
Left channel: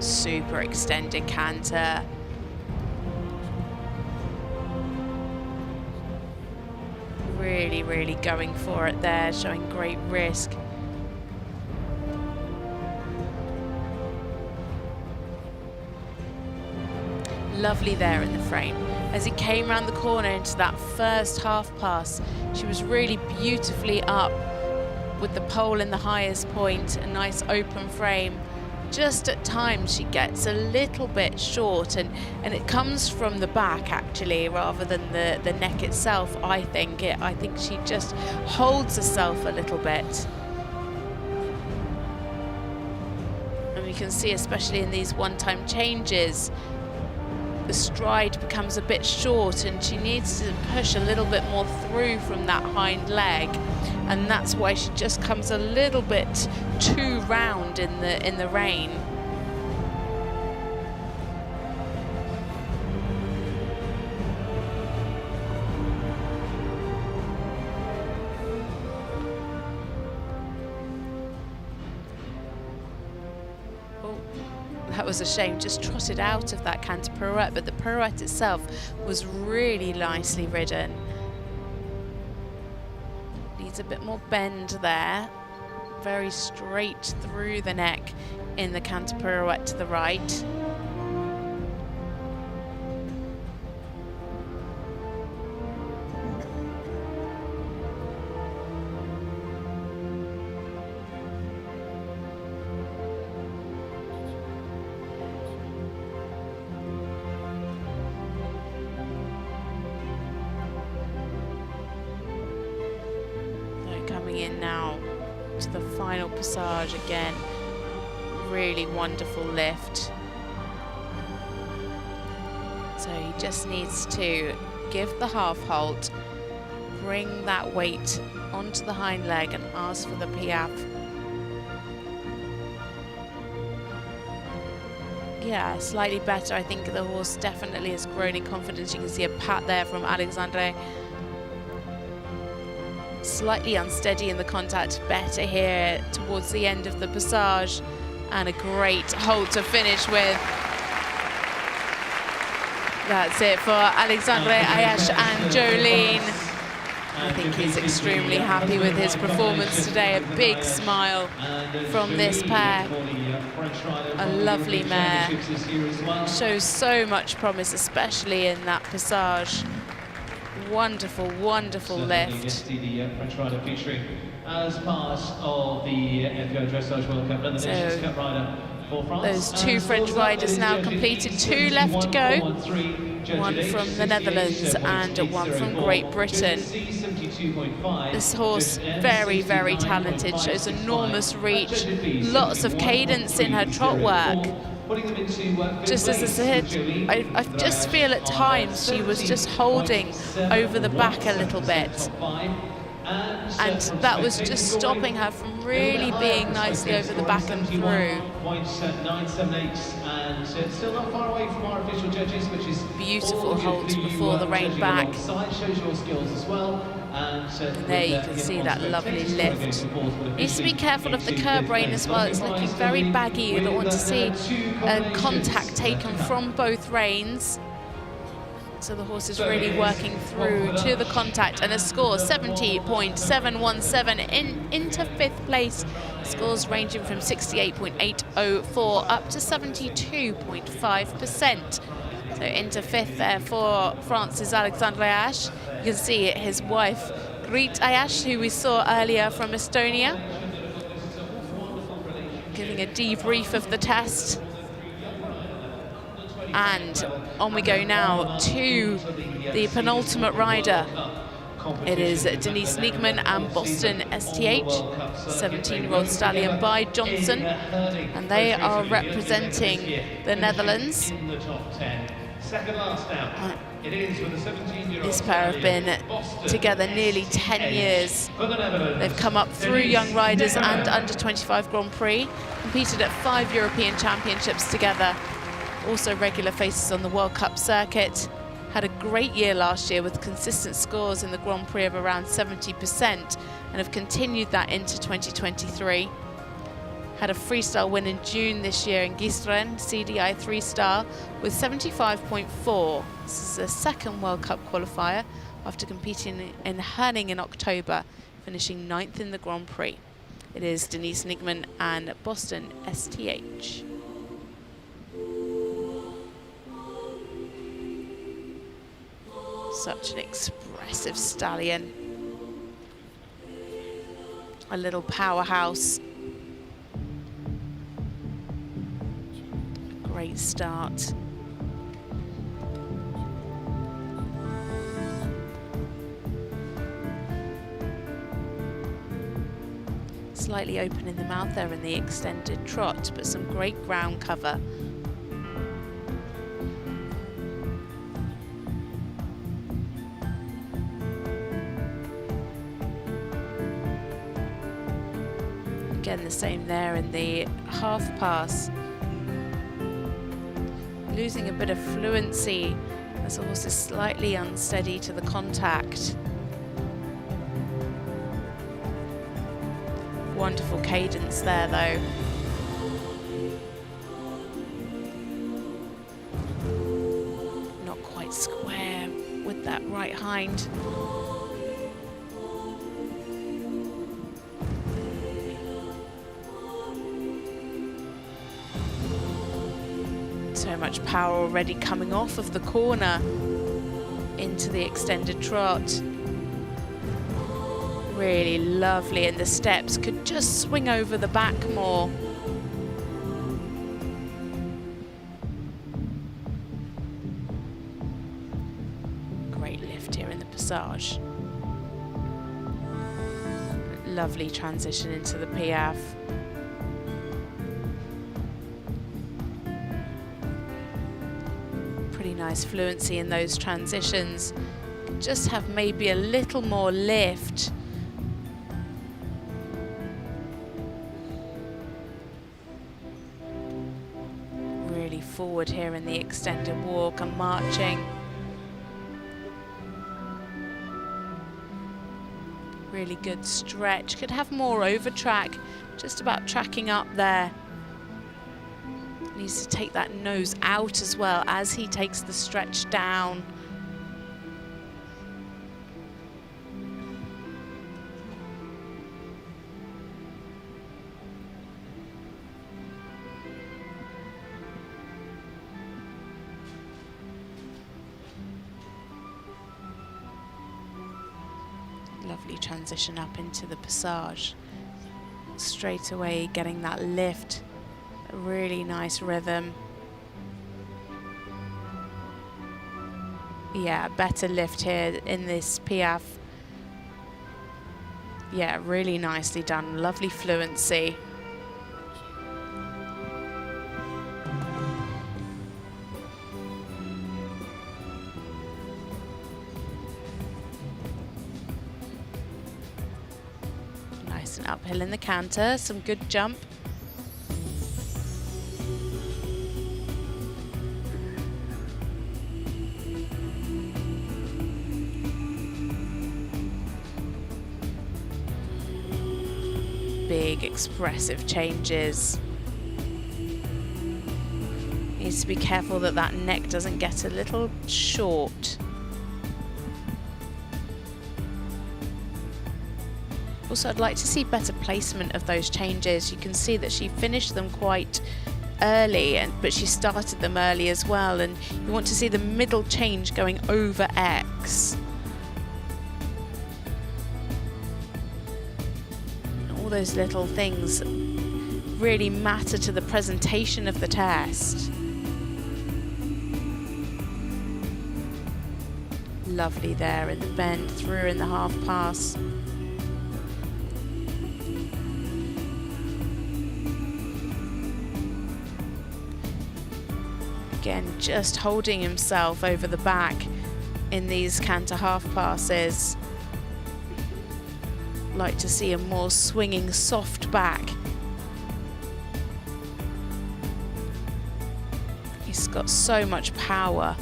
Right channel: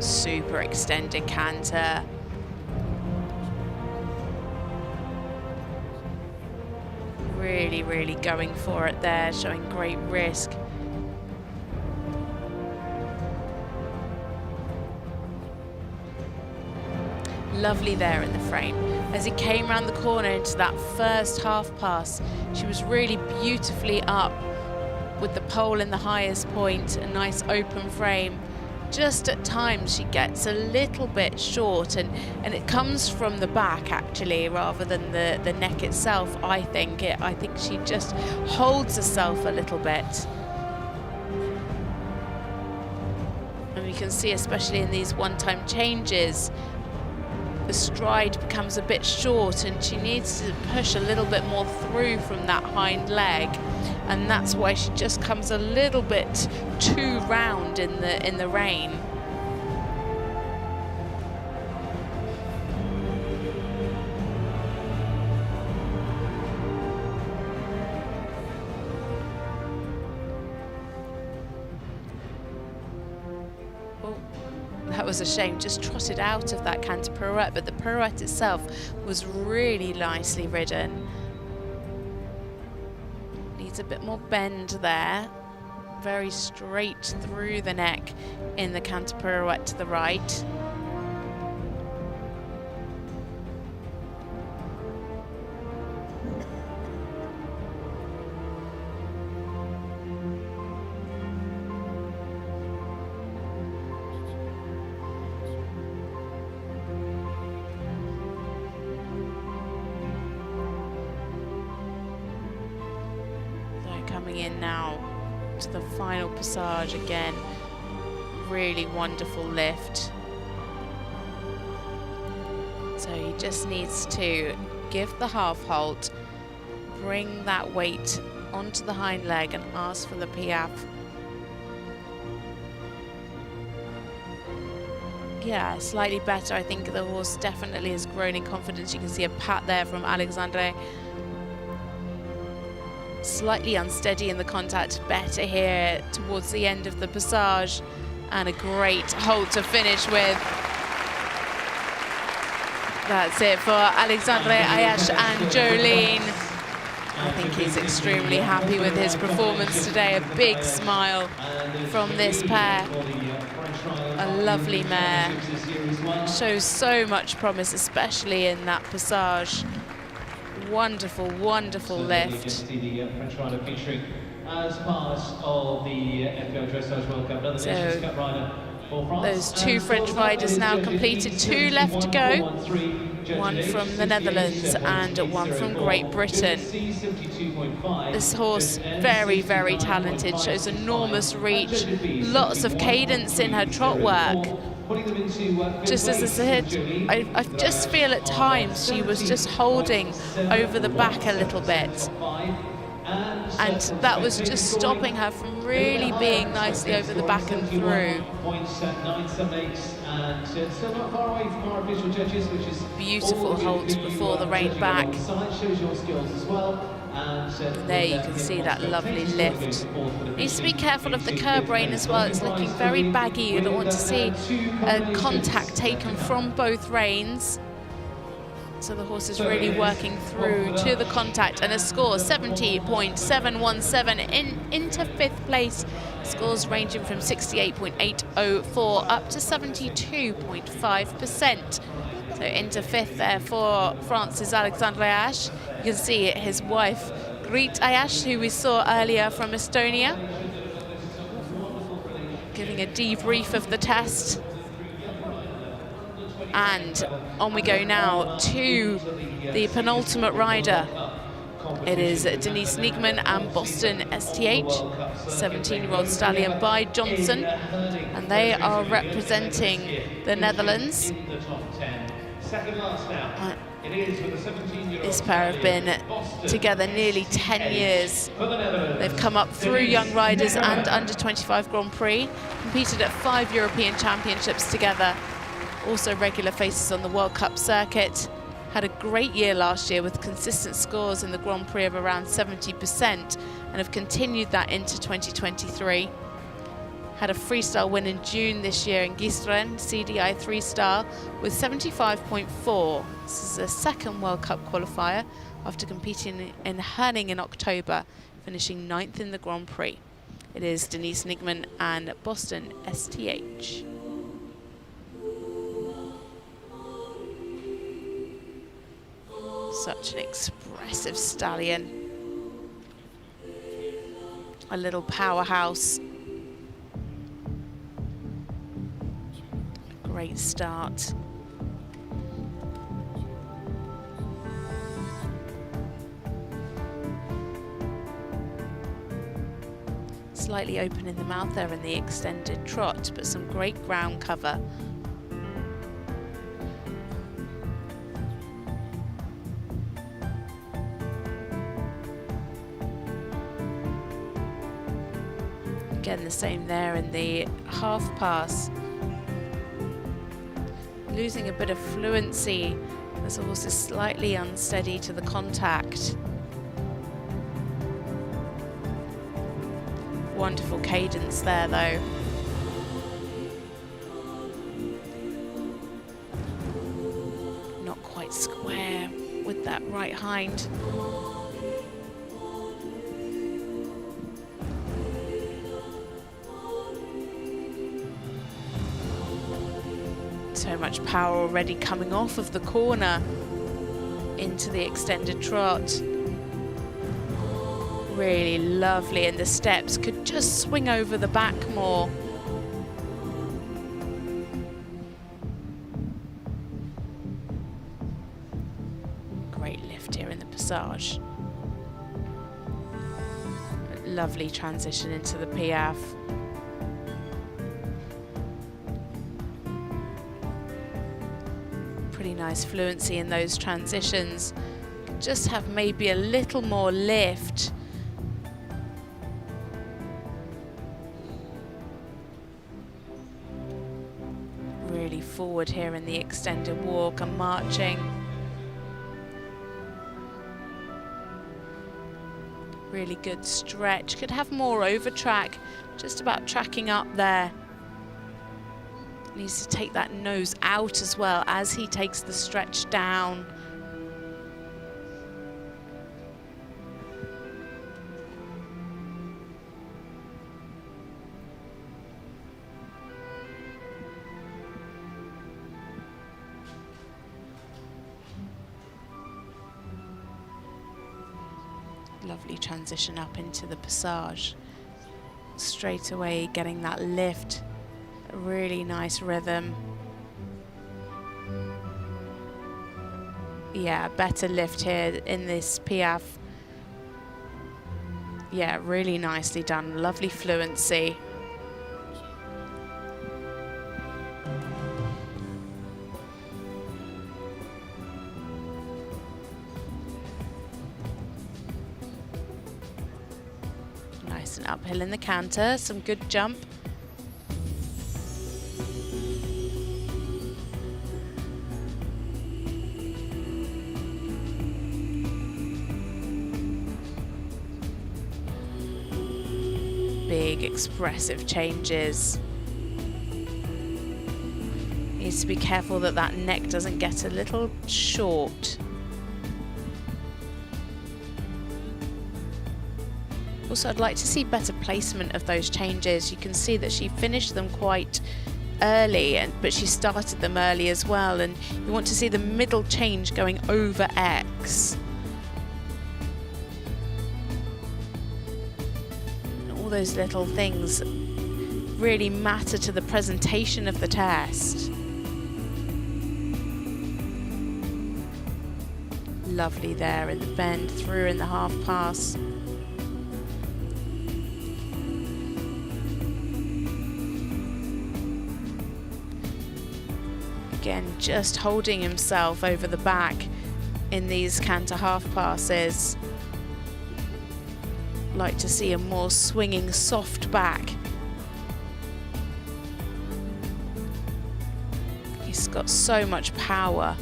Super extended canter. Really, really going for it there, showing great risk. Lovely there in the frame. As he came around the corner into that first half pass, she was really beautifully up with the pole in the highest point, a nice open frame. Just at times she gets a little bit short, and it comes from the back actually rather than the neck itself. I think she just holds herself a little bit. And we can see, especially in these one-time changes, the stride becomes a bit short and she needs to push a little bit more through from that hind leg, and that's why she just comes a little bit too round in the rein. That was a shame, just trotted out of that canter pirouette, but the pirouette itself was really nicely ridden. Needs a bit more bend there. Very straight through the neck in the canter pirouette to the right. coming in now to the final passage again. Really wonderful lift. So he just needs to give the half halt, bring that weight onto the hind leg and ask for the piaffe. Yeah, slightly better. I think the horse definitely has grown in confidence. You can see a pat there from Alexandre. Slightly unsteady in the contact, better here towards the end of the passage, and a great halt to finish with. That's it for Alexandre Ayache and Jordine. I think he's extremely happy with his performance today. A big smile from this pair. A lovely mare. Shows so much promise, especially in that passage. Wonderful, wonderful lift. So those two French riders now completed, 2 left to go. One from the Netherlands and one from Great Britain. This horse, very, very talented, shows enormous reach, lots of cadence in her trot work. Just as I said, I just feel at times she was just holding over the back a little bit. And that was just stopping her from really being nicely over the back and through. Beautiful halt before the rein back. And there you can see that lovely lift. Needs to be careful of the curb rein as well. It's looking very baggy. You don't want to see a contact taken from both reins. So the horse is really working through to the contact, and a score 70.717 into 5th place. Scores ranging from 68.804 up to 72.5%. So into 5th there for France's Alexandre Ayache. You can see his wife Grete Ayash, who we saw earlier from Estonia, giving a debrief of the test. And on we go now to the penultimate rider. It is Denise Nekeman and Boston STH, 17-year-old stallion by Johnson, and they are representing the Netherlands. This pair have been together nearly 10 years. They've come up through Young Riders and Under-25 Grand Prix, competed at 5 European Championships together, also regular faces on the World Cup circuit. Had a great year last year with consistent scores in the Grand Prix of around 70%, and have continued that into 2023. Had a freestyle win in June this year in Gisteren, CDI 3-star, with 75.4. This is a second World Cup qualifier after competing in Herning in October, finishing 9th in the Grand Prix. It is Denise Nekeman and Boston STH. Such an expressive stallion. A little powerhouse. A great start. Slightly open in the mouth there in the extended trot, but some great ground cover. Again, the same there in the half pass. Losing a bit of fluency as the horse is slightly unsteady to the contact. Wonderful cadence there though. Not quite square with that right hind. So much power already coming off of the corner into the extended trot. Really lovely, and the steps could just swing over the back more. Great lift here in the passage. Lovely transition into the Piaffe. Pretty nice fluency in those transitions. Just have maybe a little more lift. Really forward here in the extended walk and marching. Really good stretch. Could have more over track, just about tracking up there. Needs to take that nose out as well as he takes the stretch down. Lovely transition up into the passage. Straight away getting that lift. A really nice rhythm. Yeah, better lift here in this Piaffe. Yeah, really nicely done. Lovely fluency. Nice and uphill in the canter, some good jump. Big expressive changes. Needs to be careful that that neck doesn't get a little short. Also, I'd like to see better placement of those changes. You can see that she finished them quite early, but she started them early as well, and you want to see the middle change going over X. Those little things really matter to the presentation of the test. Lovely there in the bend, through in the half pass. Again, just holding himself over the back in these canter half passes. Like to see a more swinging, soft back. He's got so much power.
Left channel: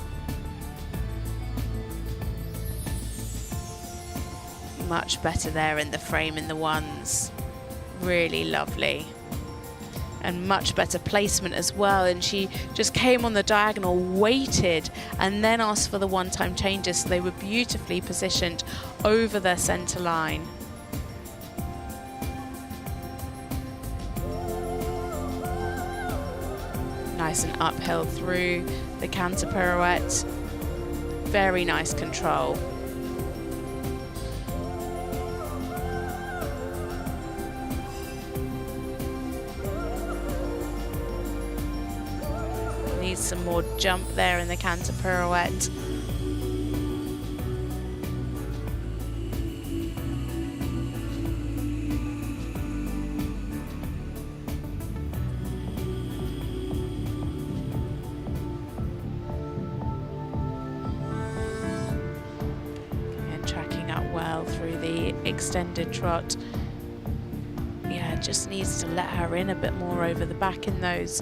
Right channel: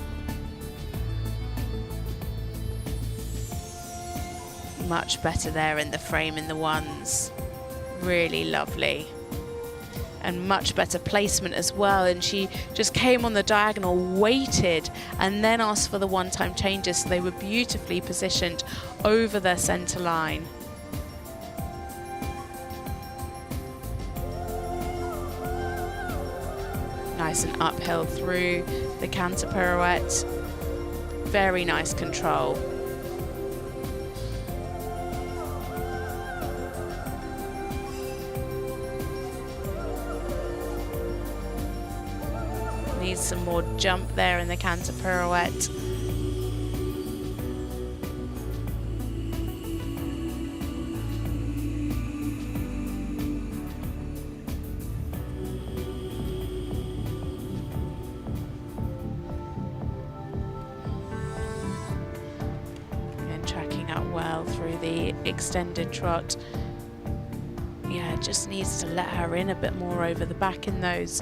Much better there in the frame in the ones. Really lovely. And much better placement as well. And she just came on the diagonal, waited, and then asked for the one-time changes, so they were beautifully positioned over their center line. Nice and uphill through the canter pirouette. Very nice control. Needs some more jump there in the canter pirouette. The extended trot. Yeah, just needs to let her in a bit more over the back in those.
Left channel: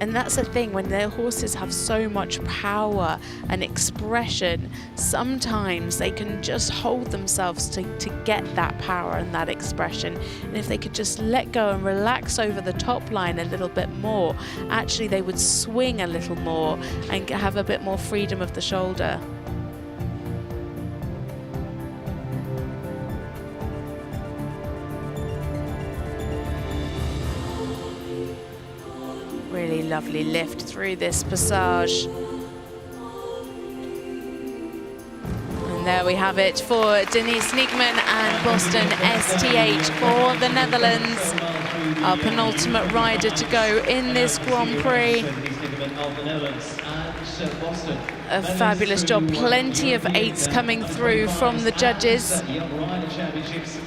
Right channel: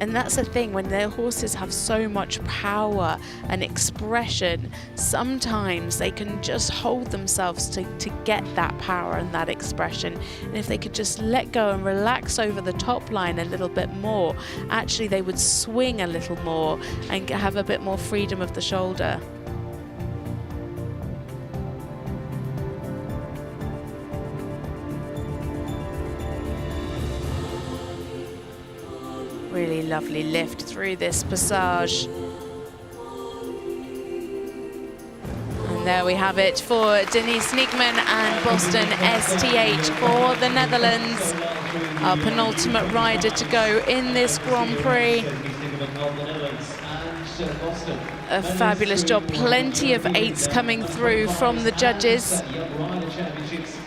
And that's the thing, when their horses have so much power and expression, sometimes they can just hold themselves to get that power and that expression. And if they could just let go and relax over the top line a little bit more, actually they would swing a little more and have a bit more freedom of the shoulder. Really lovely lift through this passage. And there we have it for Denise Nekeman and Boston STH for the Netherlands. Our penultimate rider to go in this Grand Prix. A fabulous job. Plenty of eights coming through from the judges.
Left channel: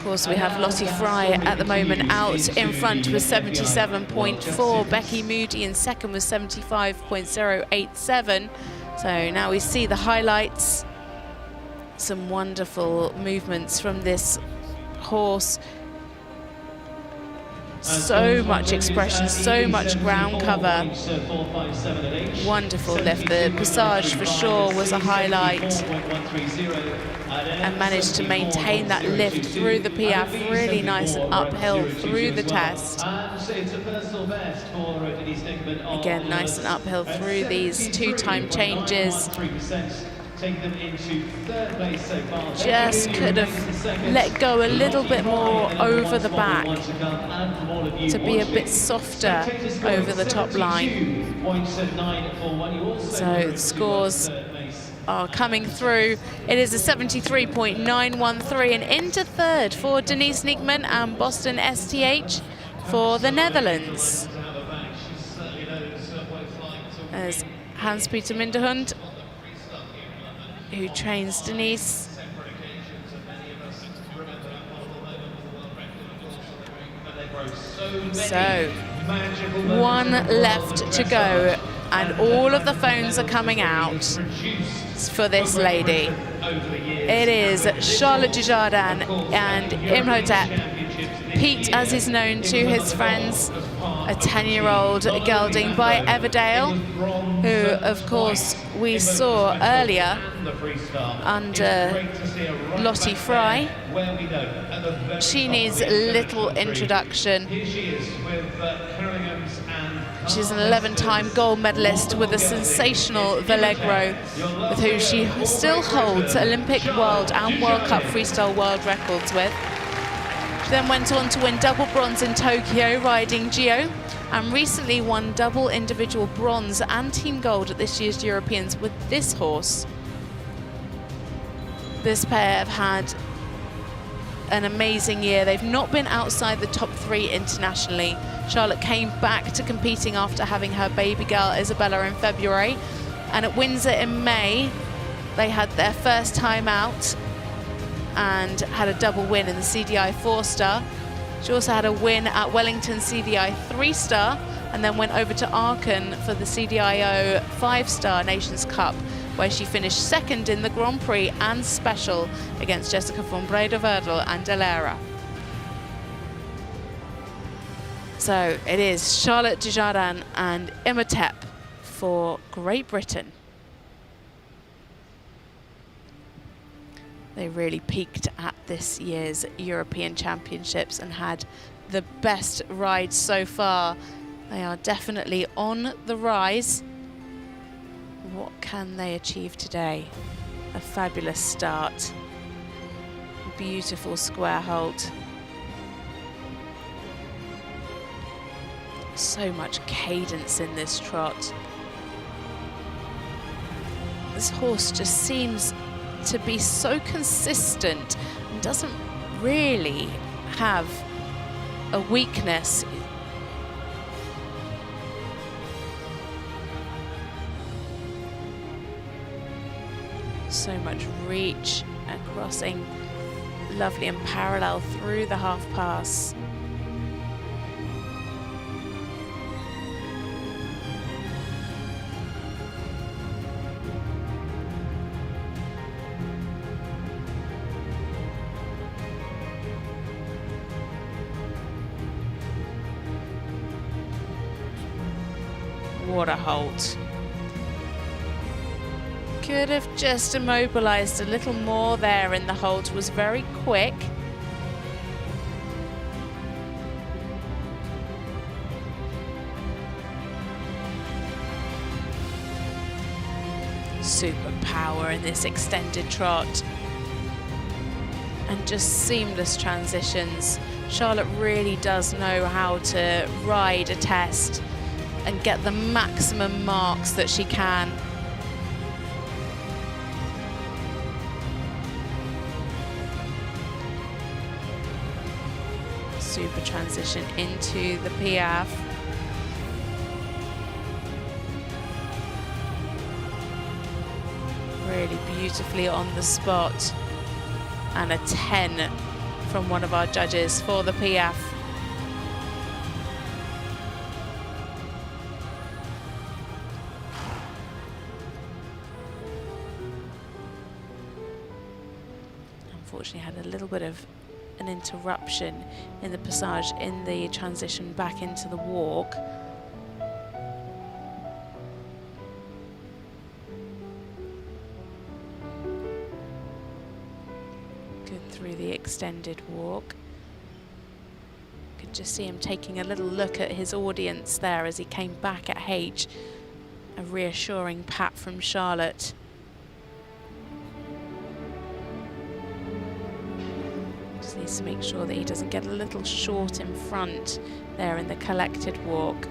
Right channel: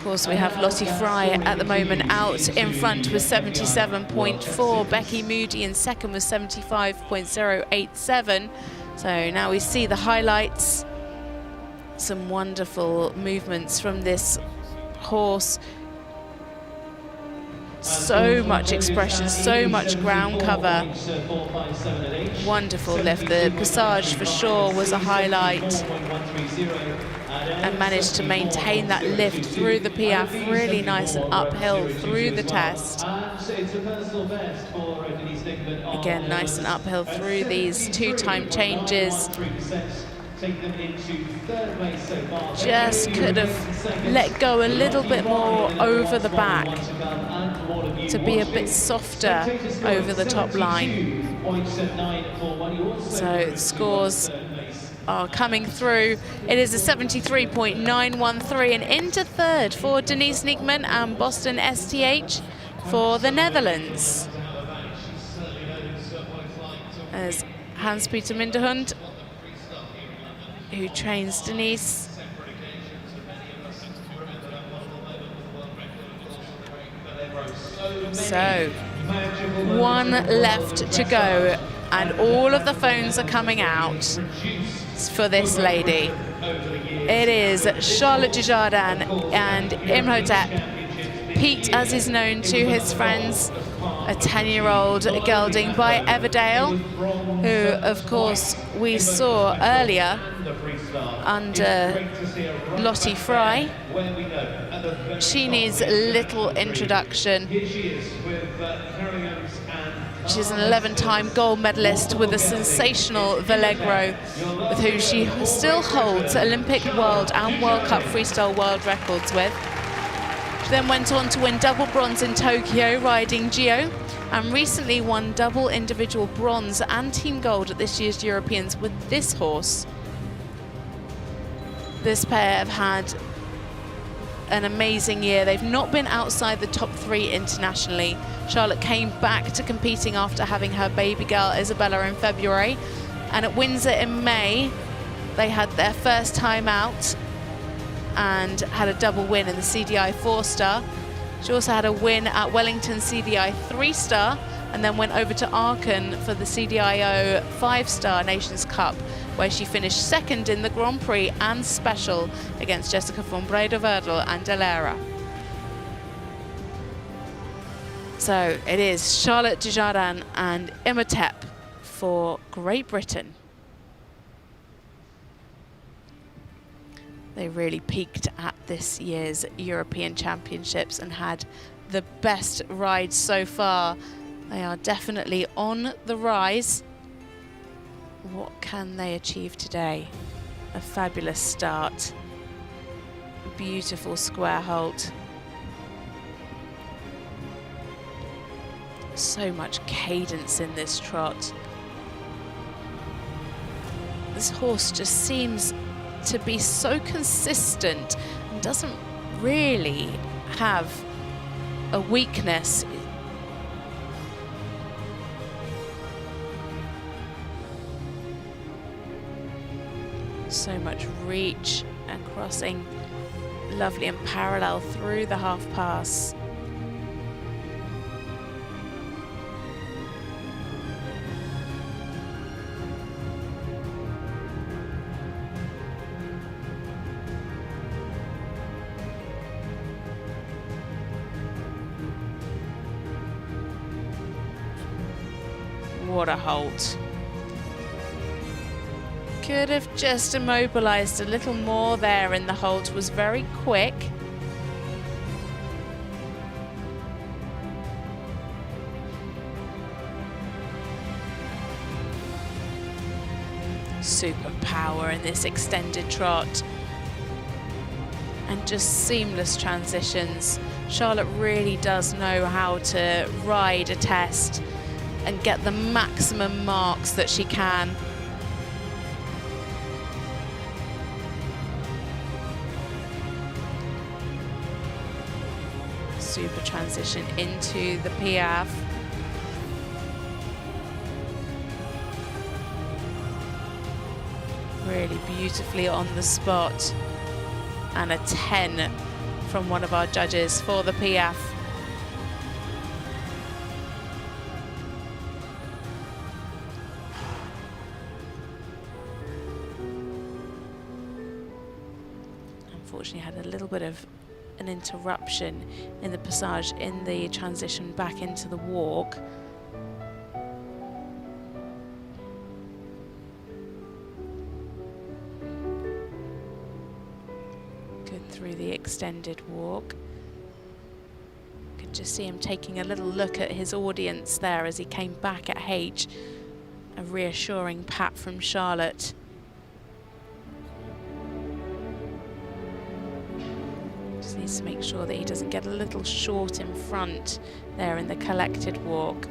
Of course, we have Lottie Fry at the moment out in front with 77.4. Becky Moody in second with 75.087. So now we see the highlights. Some wonderful movements from this horse. So much expression, so much ground cover. Wonderful lift. The passage for sure was a highlight, and managed to maintain that lift through the Piaffe, really nice and uphill through the test. Again, nice and uphill through these 2-time changes. Just could have let go a little bit more over the back to be a bit softer over the top line. So the scores are coming through. It is a 73.913, and into third for Denise Nekeman and Boston STH for the Netherlands. As Hans-Peter Minderhund, who trains Denise. So, one left to go, and all of the phones are coming out for this lady. It is Charlotte Dujardin and Imhotep. Pete, as is known to his friends, a 10-year-old gelding by Everdale, who, of course, we saw earlier under Lottie Fry. She needs little introduction. She's an 11-time gold medalist with a sensational Vallegro, with whom she still holds Olympic, World and World Cup freestyle world records with. She then went on to win double bronze in Tokyo riding Gio, and recently won double individual bronze and team gold at this year's Europeans with this horse. This pair have had an amazing year. They've not been outside the top 3 internationally. Charlotte came back to competing after having her baby girl Isabella in February, and at Windsor in May they had their first time out and had a double win in the CDI 4-star. She also had a win at Wellington CDI 3-star, and then went over to Aachen for the CDIO 5-star Nations Cup, where she finished second in the Grand Prix and Special against Jessica von Breda-Werdel and Delera. So it is Charlotte Dujardin and Imhotep for Great Britain. They really peaked at this year's European Championships and had the best ride so far. They are definitely on the rise. What can they achieve today? A fabulous start. Beautiful square halt. So much cadence in this trot. This horse just seems to be so consistent and doesn't really have a weakness. So much reach and crossing, lovely and parallel through the half pass. What a halt. Could have just immobilized a little more there in the halt, was very quick. Super power in this extended trot. And just seamless transitions. Charlotte really does know how to ride a test and get the maximum marks that she can. Super transition into the Piaffe. Really beautifully on the spot. And a 10 from one of our judges for the Piaffe. Unfortunately, had a little bit of an interruption in the passage in the transition back into the walk. Good through the extended walk. Could just see him taking a little look at his audience there as he came back at H. A reassuring pat from Charlotte. Just needs to make sure that he doesn't get a little short in front there in the collected walk.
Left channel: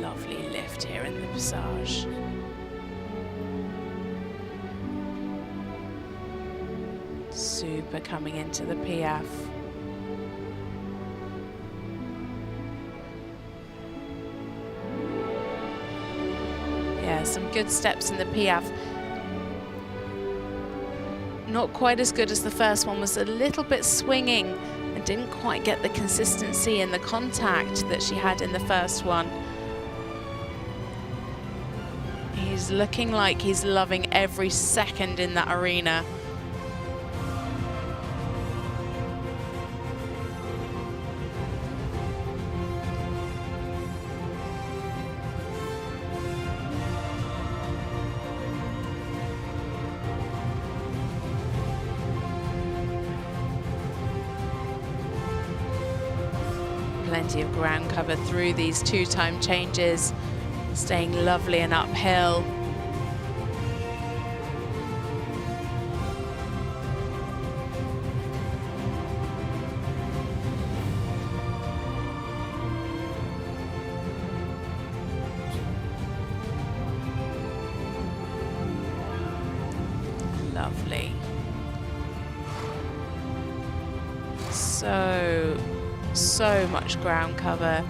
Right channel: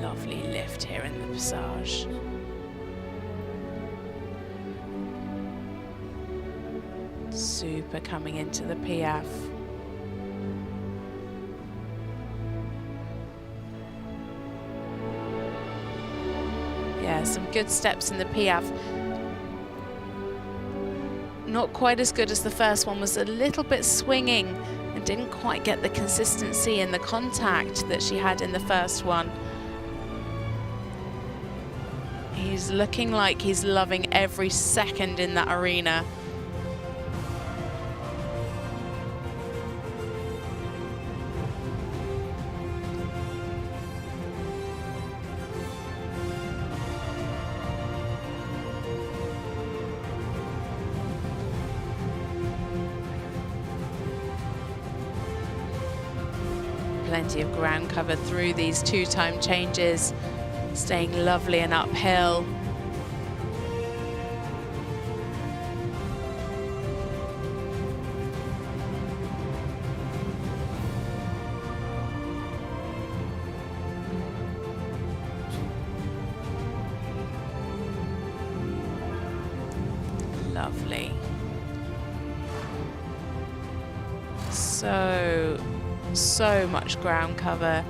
Lovely lift here in the passage. Super coming into the Piaffe. Yeah, some good steps in the Piaffe. Not quite as good as the first one, was a little bit swinging and didn't quite get the consistency and the contact that she had in the first one. He's looking like he's loving every second in that arena. Plenty of ground cover through these two-time changes, staying lovely and uphill. Lovely. So much ground cover,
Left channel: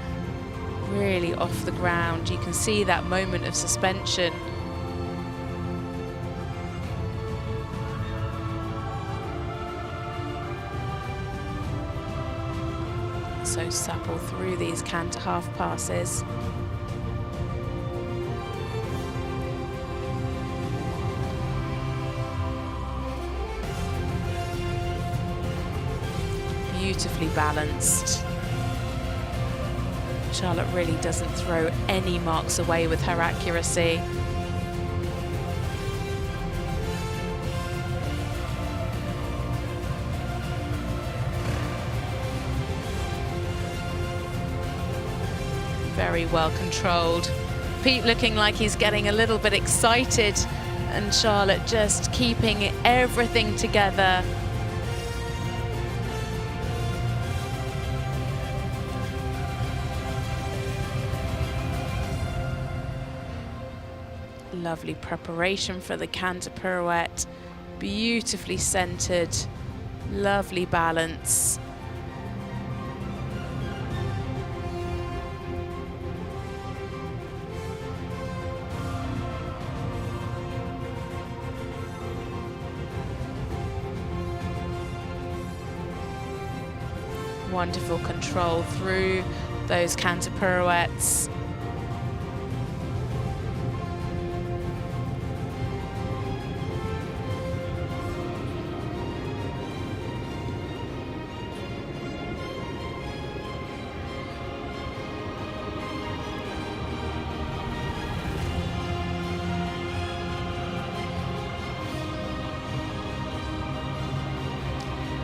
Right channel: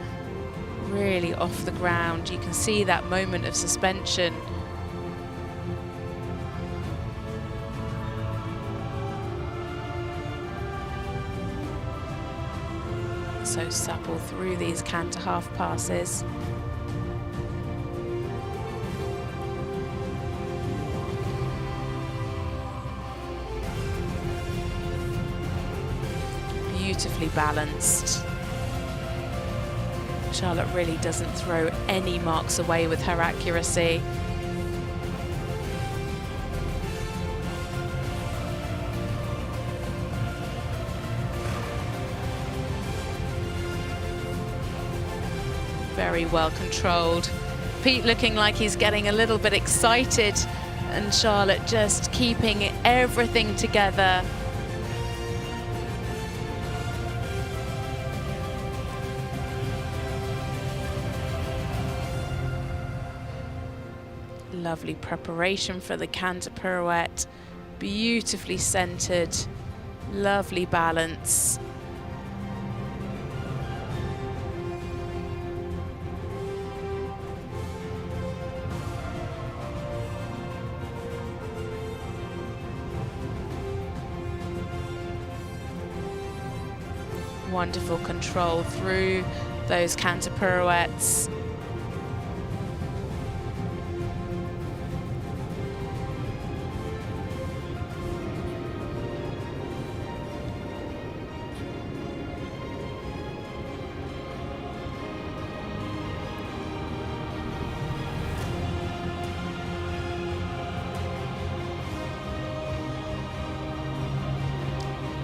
really off the ground. You can see that moment of suspension. So supple through these canter half passes. Beautifully balanced. Charlotte really doesn't throw any marks away with her accuracy. Very well controlled. Pete looking like he's getting a little bit excited, and Charlotte just keeping everything together. Lovely preparation for the canter pirouette, beautifully centered, lovely balance. Wonderful control through those canter pirouettes.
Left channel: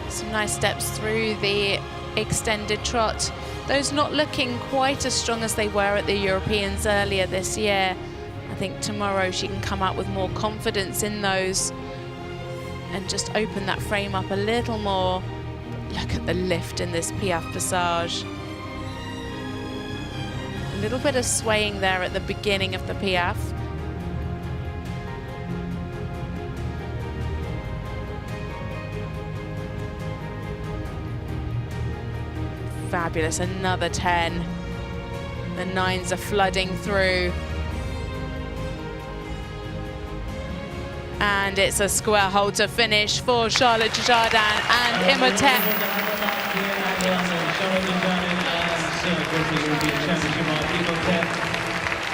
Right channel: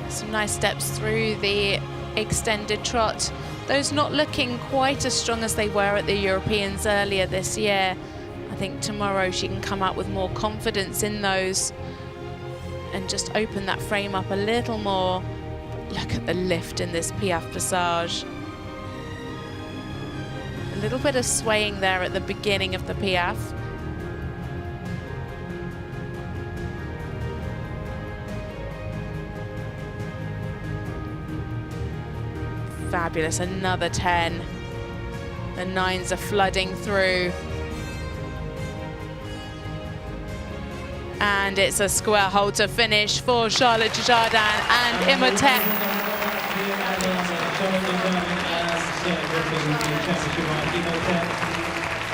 Some nice steps through the extended trot. Those not looking quite as strong as they were at the Europeans earlier this year. I think tomorrow she can come out with more confidence in those and just open that frame up a little more. Look at the lift in this Piaffe passage. A little bit of swaying there at the beginning of the Piaffe. Fabulous, another 10. The 9s are flooding through. And it's a square halter finish for Charlotte Dujardin and Imhotep. Fabulous job from Pete and Charlotte.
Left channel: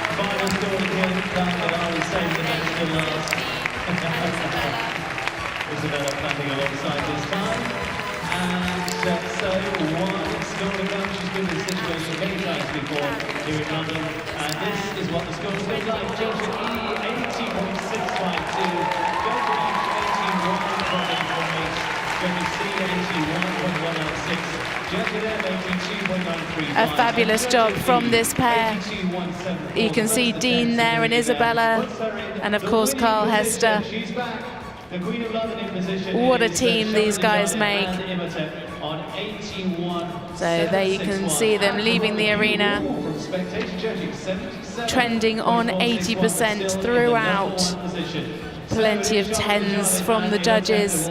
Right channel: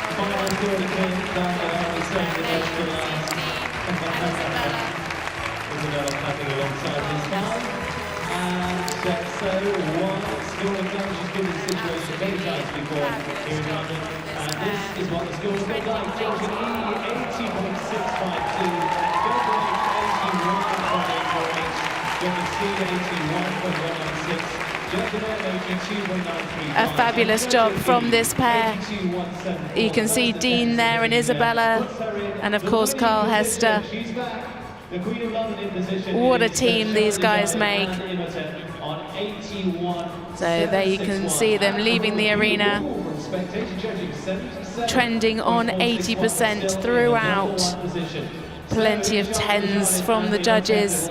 A wonderful, wonderful job from this pair. And there you can see Dean and Isabella. And Carl Hester, of course. An absolutely fabulous job from this pair. Trending on 18. A fabulous job from this pair. You can see Dean there and Isabella, and of course Carl Hester. What a team these guys make. So there you can see them leaving the arena, trending on 80% throughout. Plenty of 10s from the judges.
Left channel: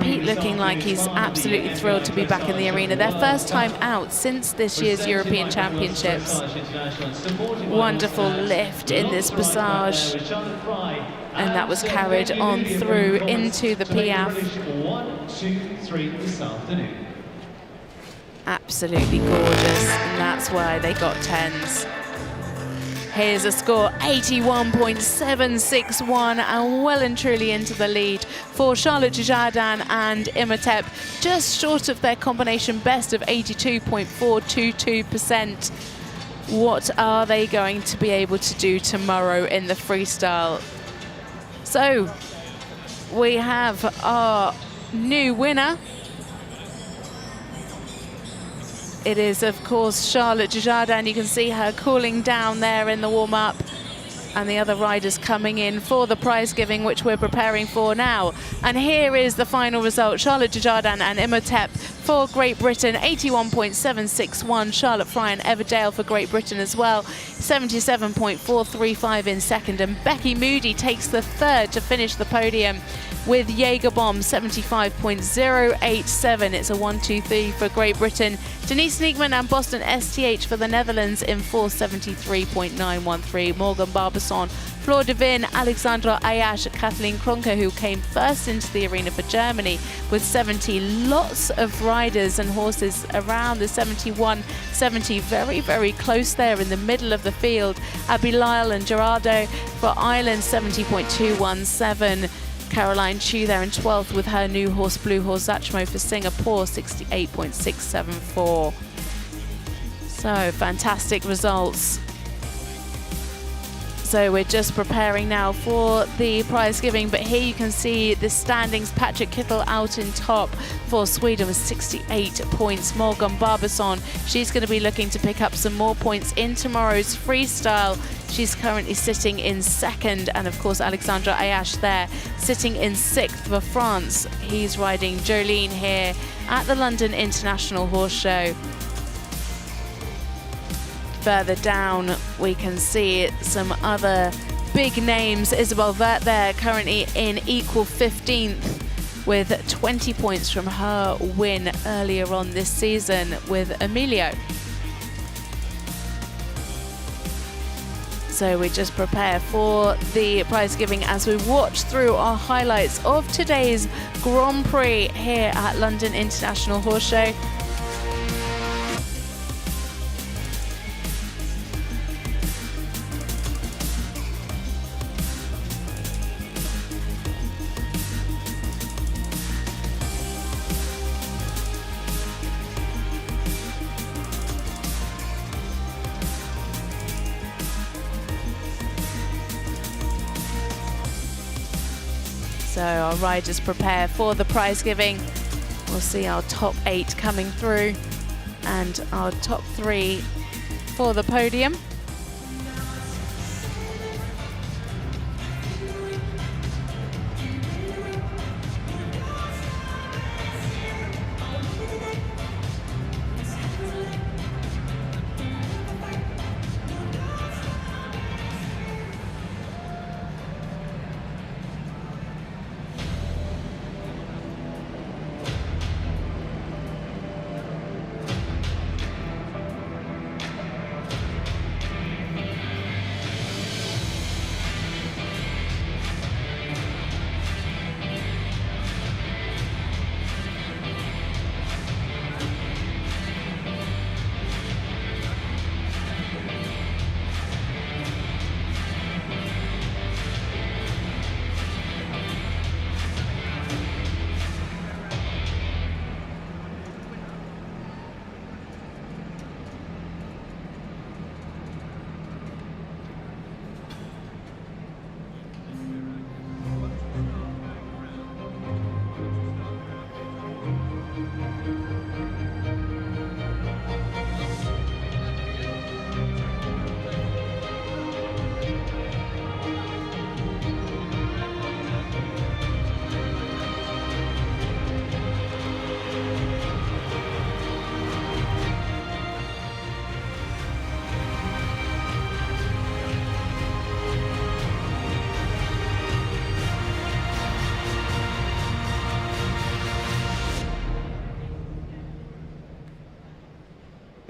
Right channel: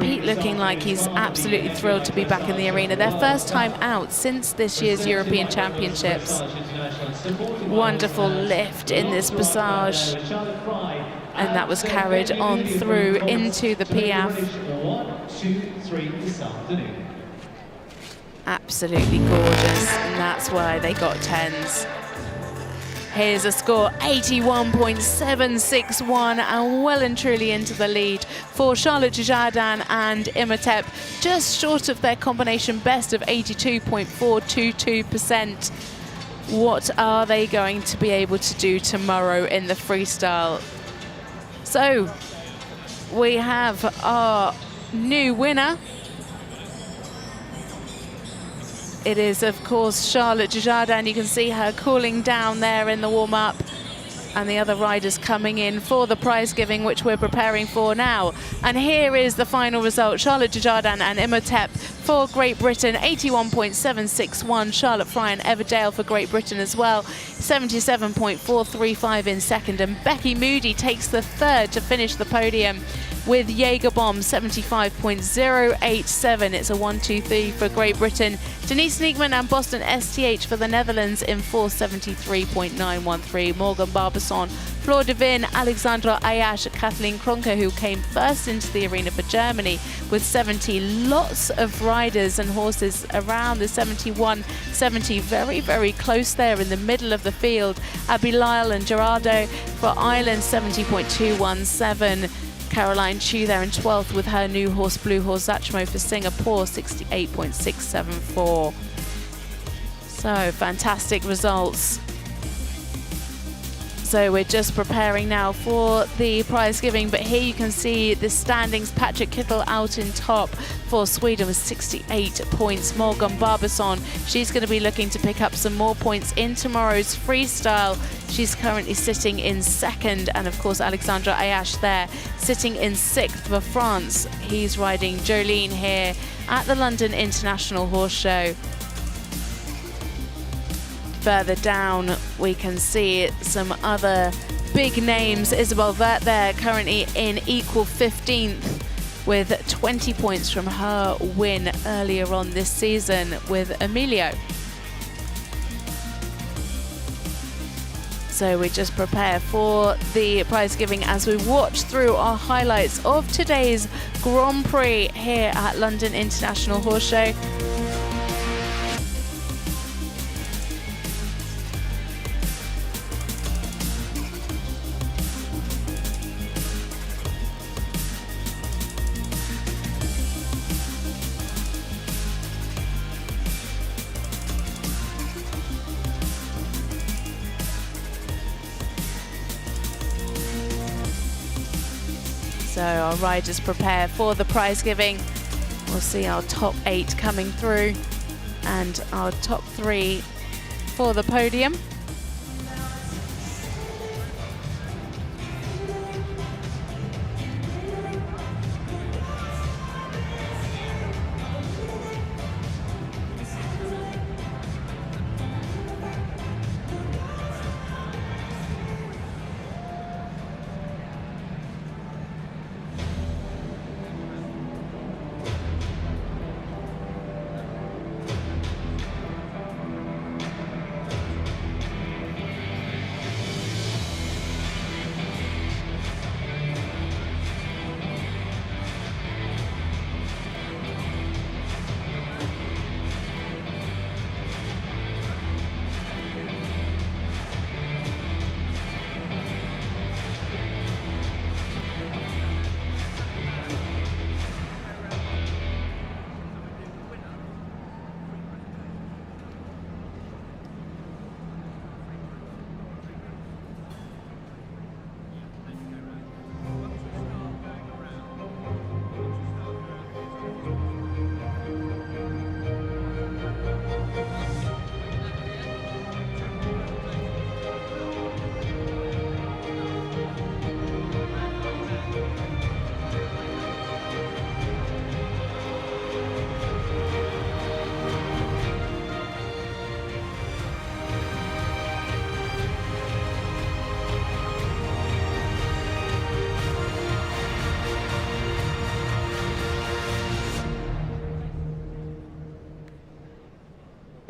Pete looking like he's absolutely thrilled to be back in the arena. Their first time out since this year's European Championships. Wonderful lift in this passage. And that was carried on through into the Piaffe. Absolutely gorgeous, and that's why they got 10s. Here's a score, 81.761, and well and truly into the lead for Charlotte Dujardin and Imhotep, just short of their combination best of 82.422%. What are they going to be able to do tomorrow in the freestyle? So, we have our new winner. It is, of course, Charlotte Dujardin. You can see her cooling down there in the warm-up. And the other riders coming in for the prize giving, which we're preparing for now. And here is the final result. Charlotte Dujardin and Imhotep for Great Britain, 81.761. Charlotte Fry and Everdale for Great Britain as well, 77.435 in second. And Becky Moody takes the third to finish the podium with Jägerbomb, 75.087. It's a 1-2-3 for Great Britain. Denise Nekeman and Boston STH for the Netherlands in 473.913. Morgan Barbancon, Flor De Win, Alexandre Ayache, Kathleen Kruner, who came first into the arena for Germany with 70. Lots of riders and horses around the 71, 70, very, very close there in the middle of the field. Abigail Lyle and Gerardo for Ireland, 70.217. Caroline Chu there in 12th with her new horse, Blue Horse Zachmo for Singapore, 68.674. So, fantastic results. So we're just preparing now for the prize giving, but here you can see the standings. Patrick Kittel out in top for Sweden with 68 points. Morgan Barbancon, she's going to be looking to pick up some more points in tomorrow's freestyle. She's currently sitting in second, and of course Alexandre Ayache there sitting in 6th for France. He's riding Jolene here at the London International Horse Show. Further down, we can see some other big names. Isabel Vert there, currently in equal 15th with 20 points from her win earlier on this season with Emilio. So we just prepare for the prize giving as we watch through our highlights of today's Grand Prix here at London International Horse Show. So our riders prepare for the prize giving. We'll see our top 8 coming through and our top 3 for the podium.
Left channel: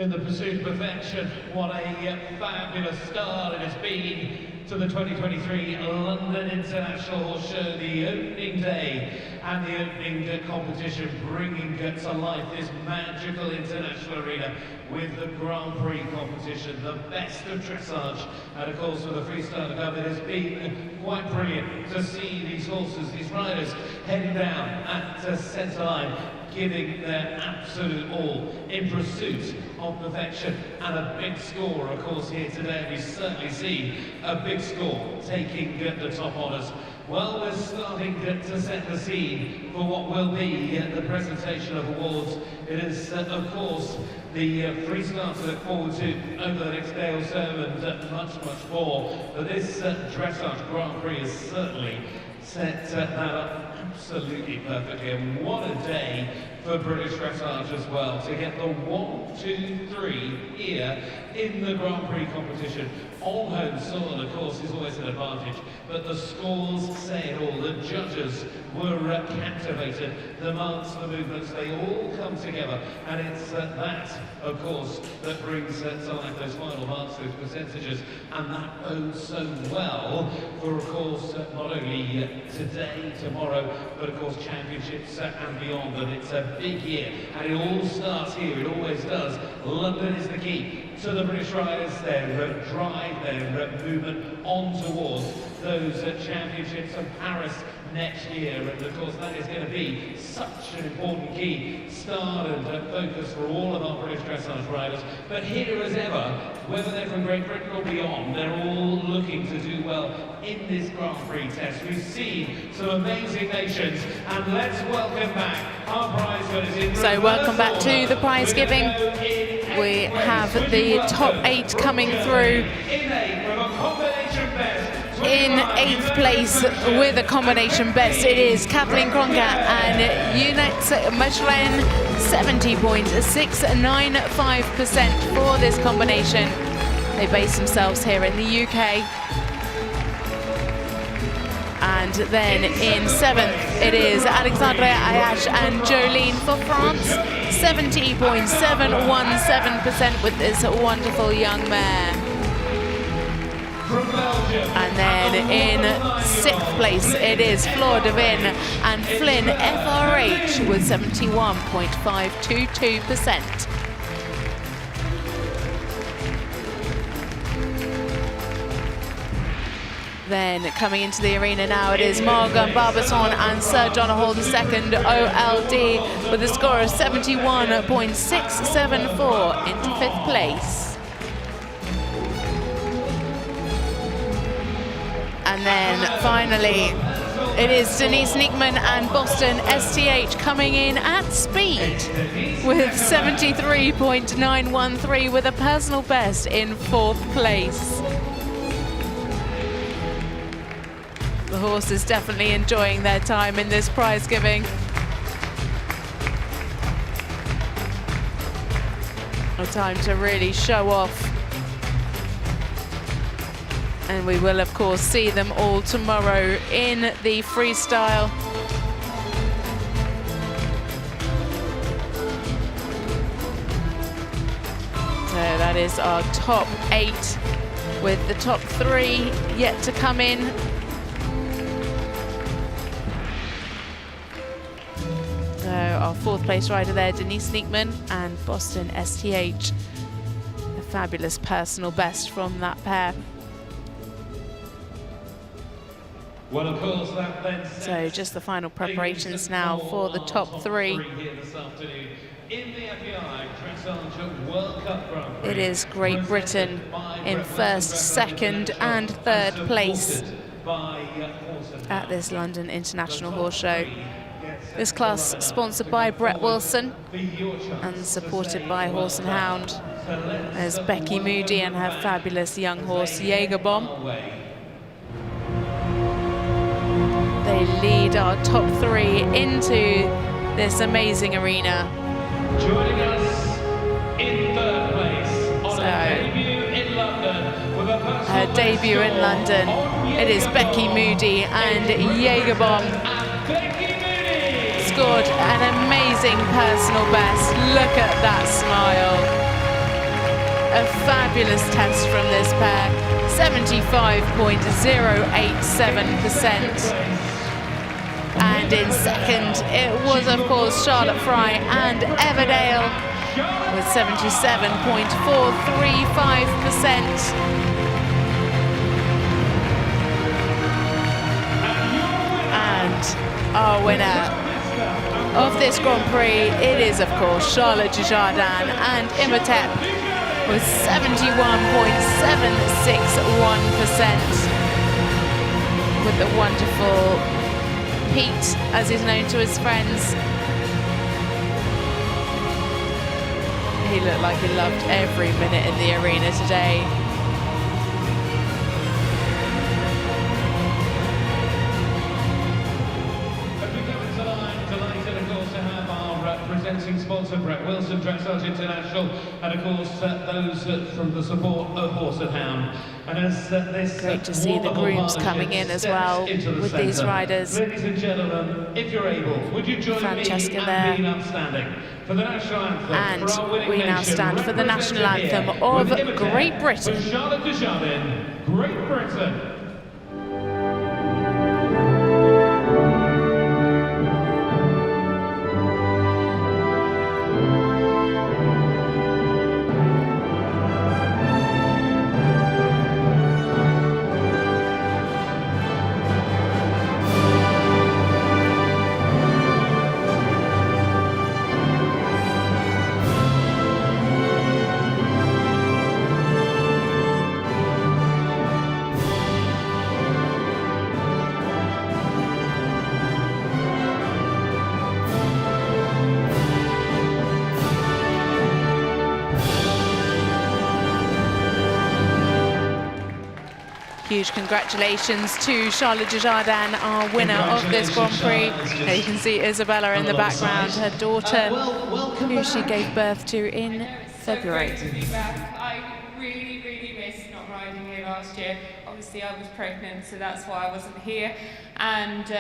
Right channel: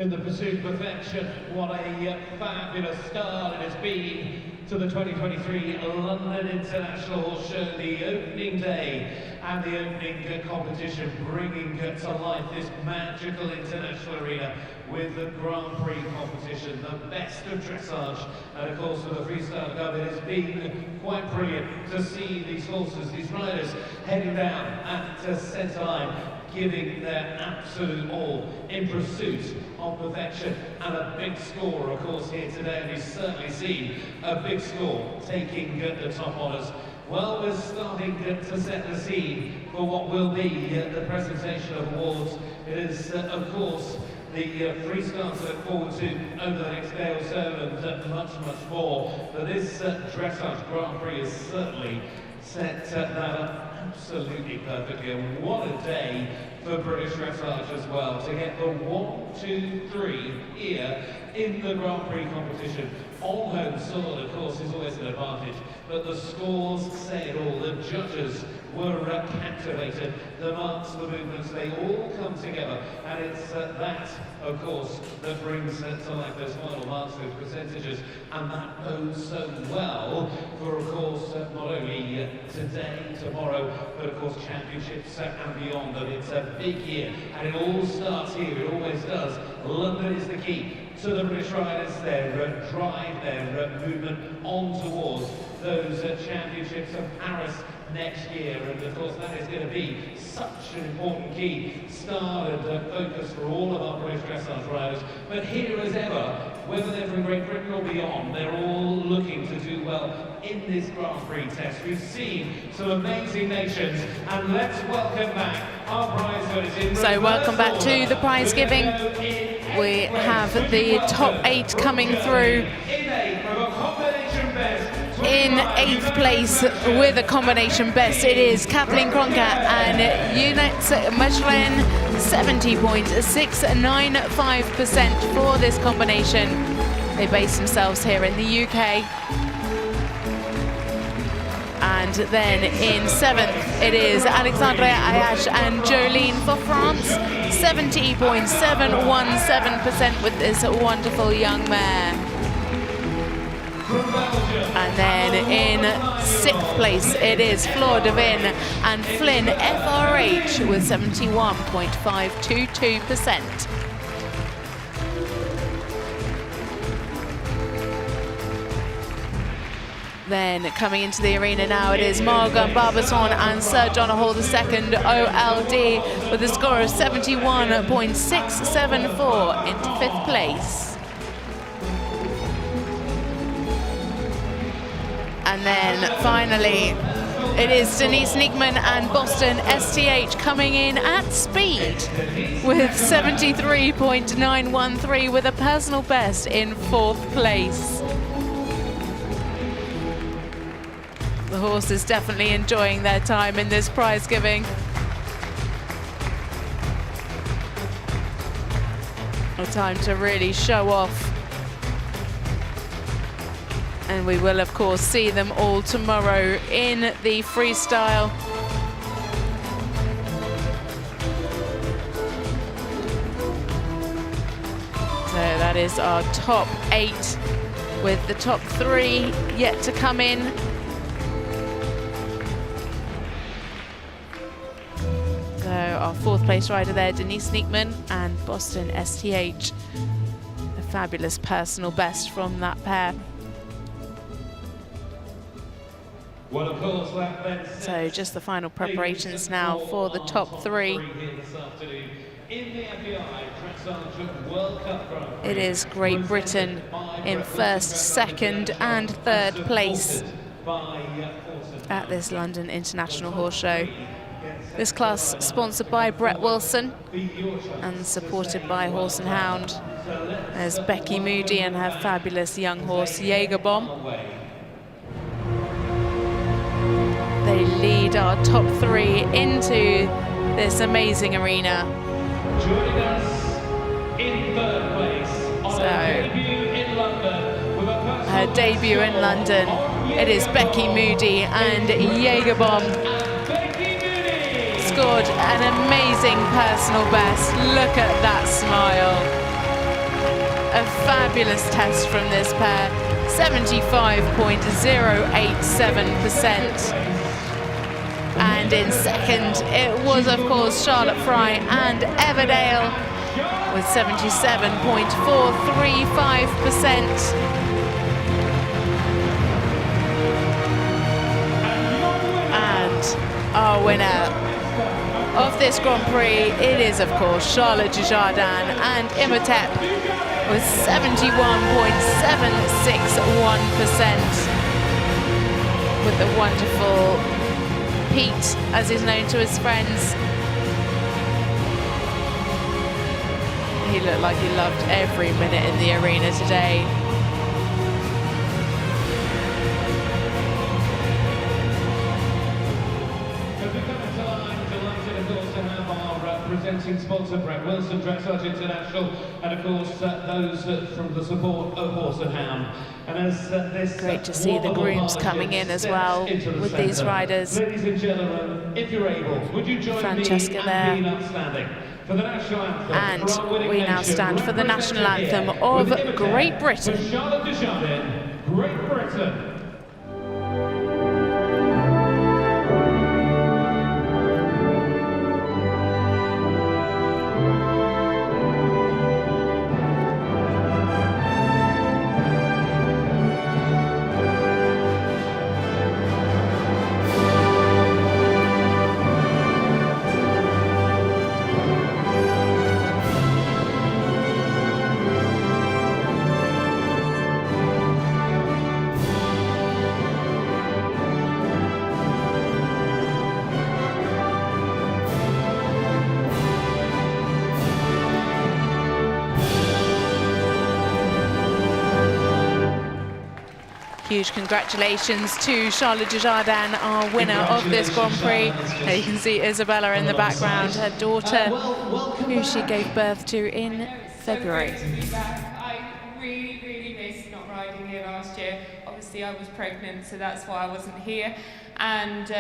in the pursuit of perfection. What a fabulous start it has been to the 2023 London International Horse Show, the opening day and the opening competition, bringing to life this magical international arena with the Grand Prix competition, the best of dressage, and of course with the freestyle club. It has been quite brilliant to see these horses, these riders heading down at centre line, giving their absolute all in pursuit of perfection, and a big score, of course, here today. We've certainly seen a big score taking the top honours. Well, we're starting to set the scene for what will be the presentation of awards. It is, of course, the freestyle to look forward to over the next day or so, and much more. But this dressage Grand Prix has certainly set that up absolutely perfectly, and what a day for British dressage as well, to get the 1, 2, 3 here in the Grand Prix competition. On home soil, of course, is always an advantage, but the scores say it all. The judges were captivated. The marks, the movements, they all come together, and it's that, of course, that brings to life those final marks, those percentages, and that bodes so well for, of course, not only today, tomorrow, but of course championships and beyond. And it's a big year, and it all starts here. It always does. London is the key to the British riders, their drive, their movement on towards those championships of Paris next year. And of course that is going to be such an important key start and focus for all of our British dressage riders. But here as ever, whether they're from Great Britain or beyond, they're all looking to do well in this Grand Prix test. We've seen some amazing nations, and let's welcome back our prize winners. So welcome back to the prize giving. We have the top 8 coming through. In 8th place with a combination best, it is Kathleen Kruner and Unit Michelin, 70.695% for this combination. They base themselves here in the UK. And then in 7th, it is Alexandre Ayache and Jordine for France, 70.717% with this wonderful young mare. And then in 6th place, it is Flor De Win and Flynn FRH with 71.522%. Then coming into the arena now, it is Morgan Barbancon and Sir John Hall II OLD with a score of 71.674 into 5th place. And then finally, it is Denise Nekeman and Boston STH coming in at speed with 73.913 with a personal best in 4th place. The horses definitely enjoying their time in this prize giving. A time to really show off. And we will, of course, see them all tomorrow in the freestyle. So that is our top 8, with the top 3 yet to come in. So our 4th place rider there, Denise Nekeman and Boston STH. A fabulous personal best from that pair. Well, of course, so just the final preparations now for the top 3. It is Great Britain in 1st, 2nd and 3rd place at this London International Horse Show. This class sponsored by Brett Wilson and supported by Horse and Hound. There's Becky Moody and her fabulous young horse Jägerbomb. They lead our top 3 into this amazing arena. So, her debut in London, it is Becky Moody and Jägerbomb. Scored an amazing personal best. Look at that smile. a fabulous test from this pair, 75.087%. And in second, it was, of course, Charlotte Fry and Everdale with 77.435%. And our winner of this Grand Prix, it is, of course, Charlotte Dujardin and Imhotep with 71.761%, with the wonderful Pete, as he's known to his friends. He looked like he loved every minute in the arena today. Great to see the grooms coming in as well with these riders. Francesca there. And we now stand for the national anthem of Great Britain. Huge congratulations to Charlotte Dujardin, our winner of this Grand Prix. You can see Isabella in the background, her daughter, who she gave birth to in February. I really missed not riding here last year. Obviously I was pregnant, so that's why I wasn't here. And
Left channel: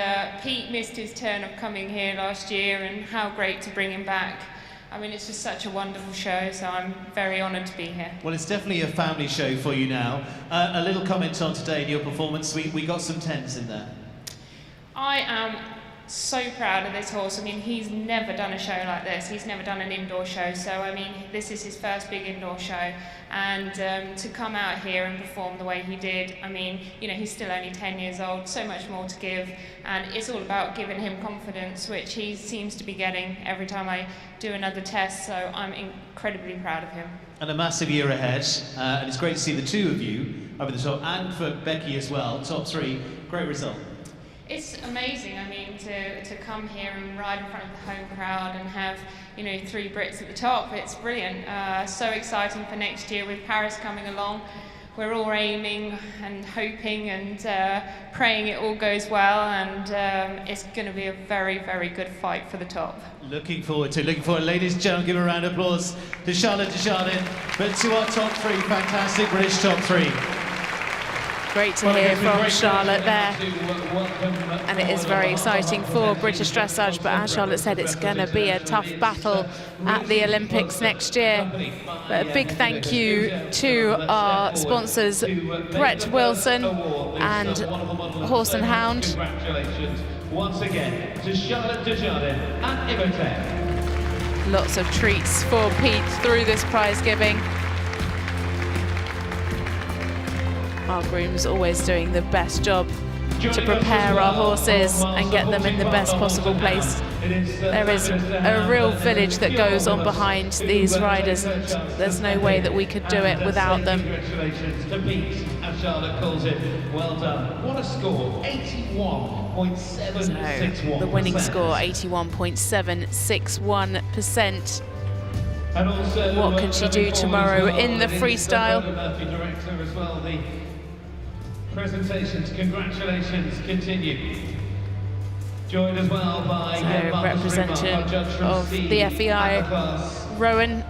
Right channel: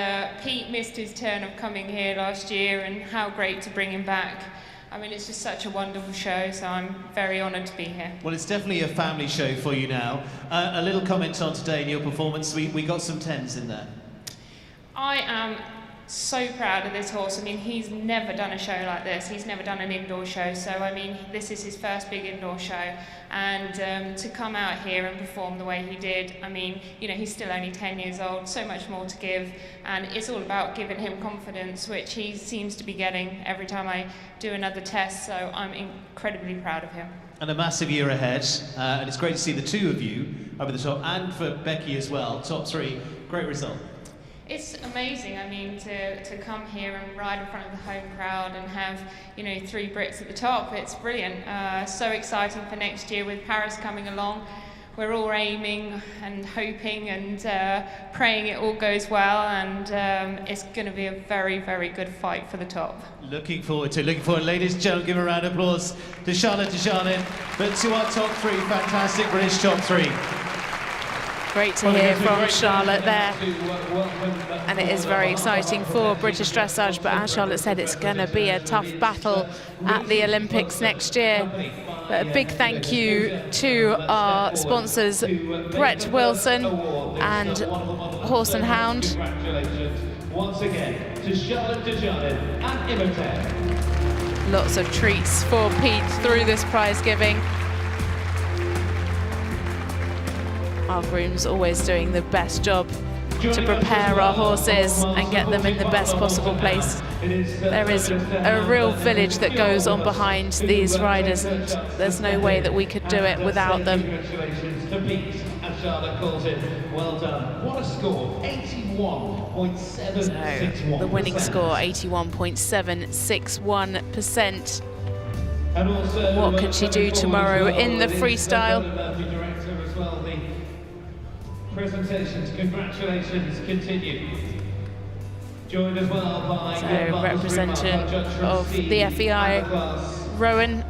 Pete missed his turn of coming here last year, and how great to bring him back. I mean, it's just such a wonderful show, so I'm very honoured to be here. Well, it's definitely a family show for you now. A little comment on today in your performance. We got some 10s in there. I am so proud of this horse. I mean, he's never done a show like this. He's never done an indoor show. So, I mean, this is his first big indoor show. And to come out here and perform the way he did, I mean, you know, he's still only 10 years old, so much more to give. And it's all about giving him confidence, which he seems to be getting every time I do another test. So I'm incredibly proud of him. And a massive year ahead. And it's great to see the two of you over the top, and for Becky as well. Top 3, great result. It's amazing. I mean, to come here and ride in front of the home crowd and have, you know, 3 Brits at the top, it's brilliant. So exciting for next year with Paris coming along. We're all aiming and hoping and praying it all goes well, and it's going to be a very, very good fight for the top. Looking forward. Ladies and gentlemen, give a round of applause to Charlotte Dujardin, but to our top 3, fantastic British top 3. Great to hear from Charlotte there. And it is very exciting for British dressage, but as Charlotte said, it's going to be a tough battle at the Olympics next year. But a big thank you to our sponsors, Brett Wilson and Horse and Hound. Lots of treats for Pete through this prize giving. Our grooms always doing the best job to prepare our horses and get them in the best possible place. There is a real village that goes on behind these riders, and there's no way that we could do it without them. So the winning score, 81.761%. What can she do tomorrow in the freestyle? So representative of the FEI, Rowan.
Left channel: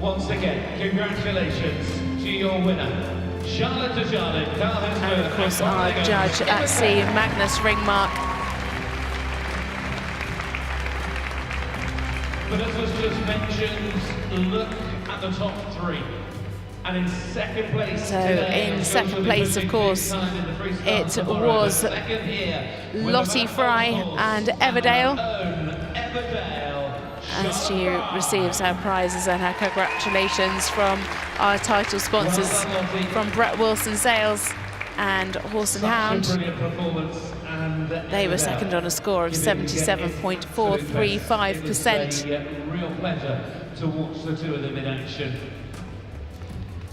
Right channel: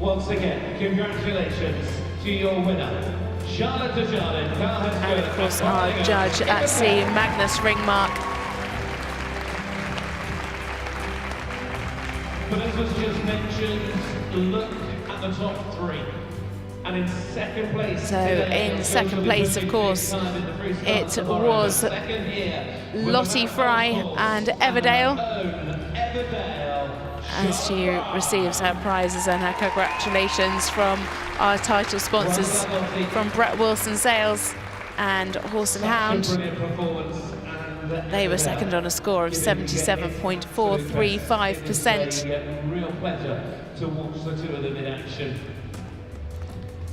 Once again, congratulations to your winner, Charlotte Dujardin. And of course our judge at sea, Magnus Ringmark. But as was just mentioned, look at the top 3. So in second place, of course, it was Lottie Fry and Everdale, as she receives her prizes and her congratulations from our title sponsors, from Brett Wilson Sales and Horse and Hound. They were second on a score of 77.435%. Real pleasure to watch the two of them in action.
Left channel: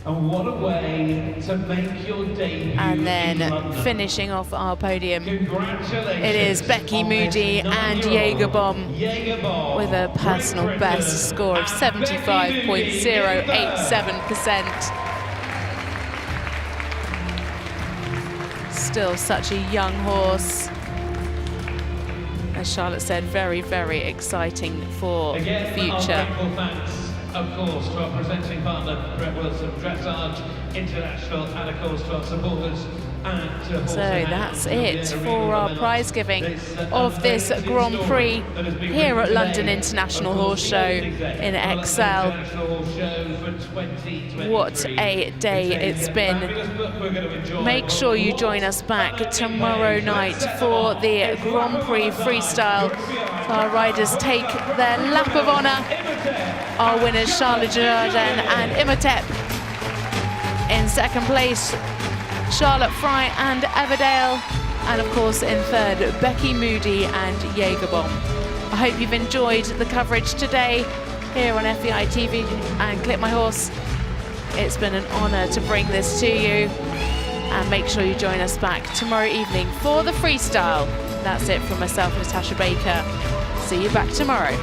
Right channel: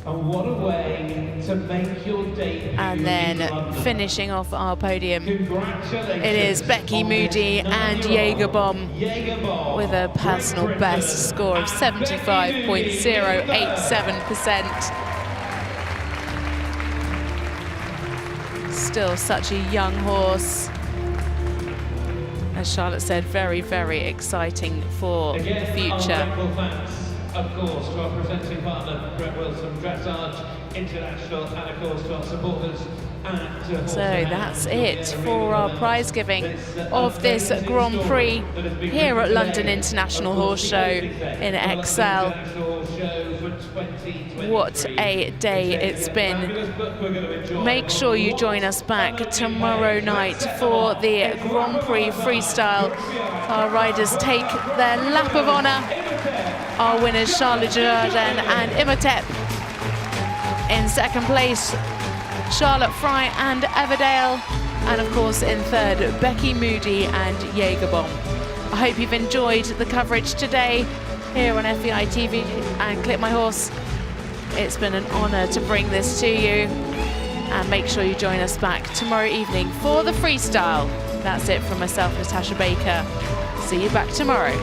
And what a way to make your debut. And then finishing off our podium, it is Becky Moody and Jägerbomb with a personal best score of 75.087%. Still such a young horse. As Charlotte said, very, very exciting for the future. Of course, to our presenting partner, Brett Wilson Dressage International, and of course to our supporters. So that's it for our prize giving of this Grand Prix here at London International Horse Show in Excel. What a day it's been. Make sure you join us back tomorrow night for the Grand Prix Freestyle. Our riders take their lap of honour. Our winners, Charlotte Dujardin and Imhotep. In second place, Charlotte Fry and Everdale. And of course in third, Becky Moody and Jägerbomb. I hope you've enjoyed the coverage today here on FEI TV and Clip My Horse. It's been an honour to bring this to you. And make sure you join us back tomorrow evening for the freestyle. That's it from myself, Natasha Baker. See you back tomorrow.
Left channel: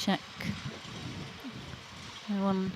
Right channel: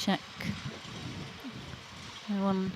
check. No one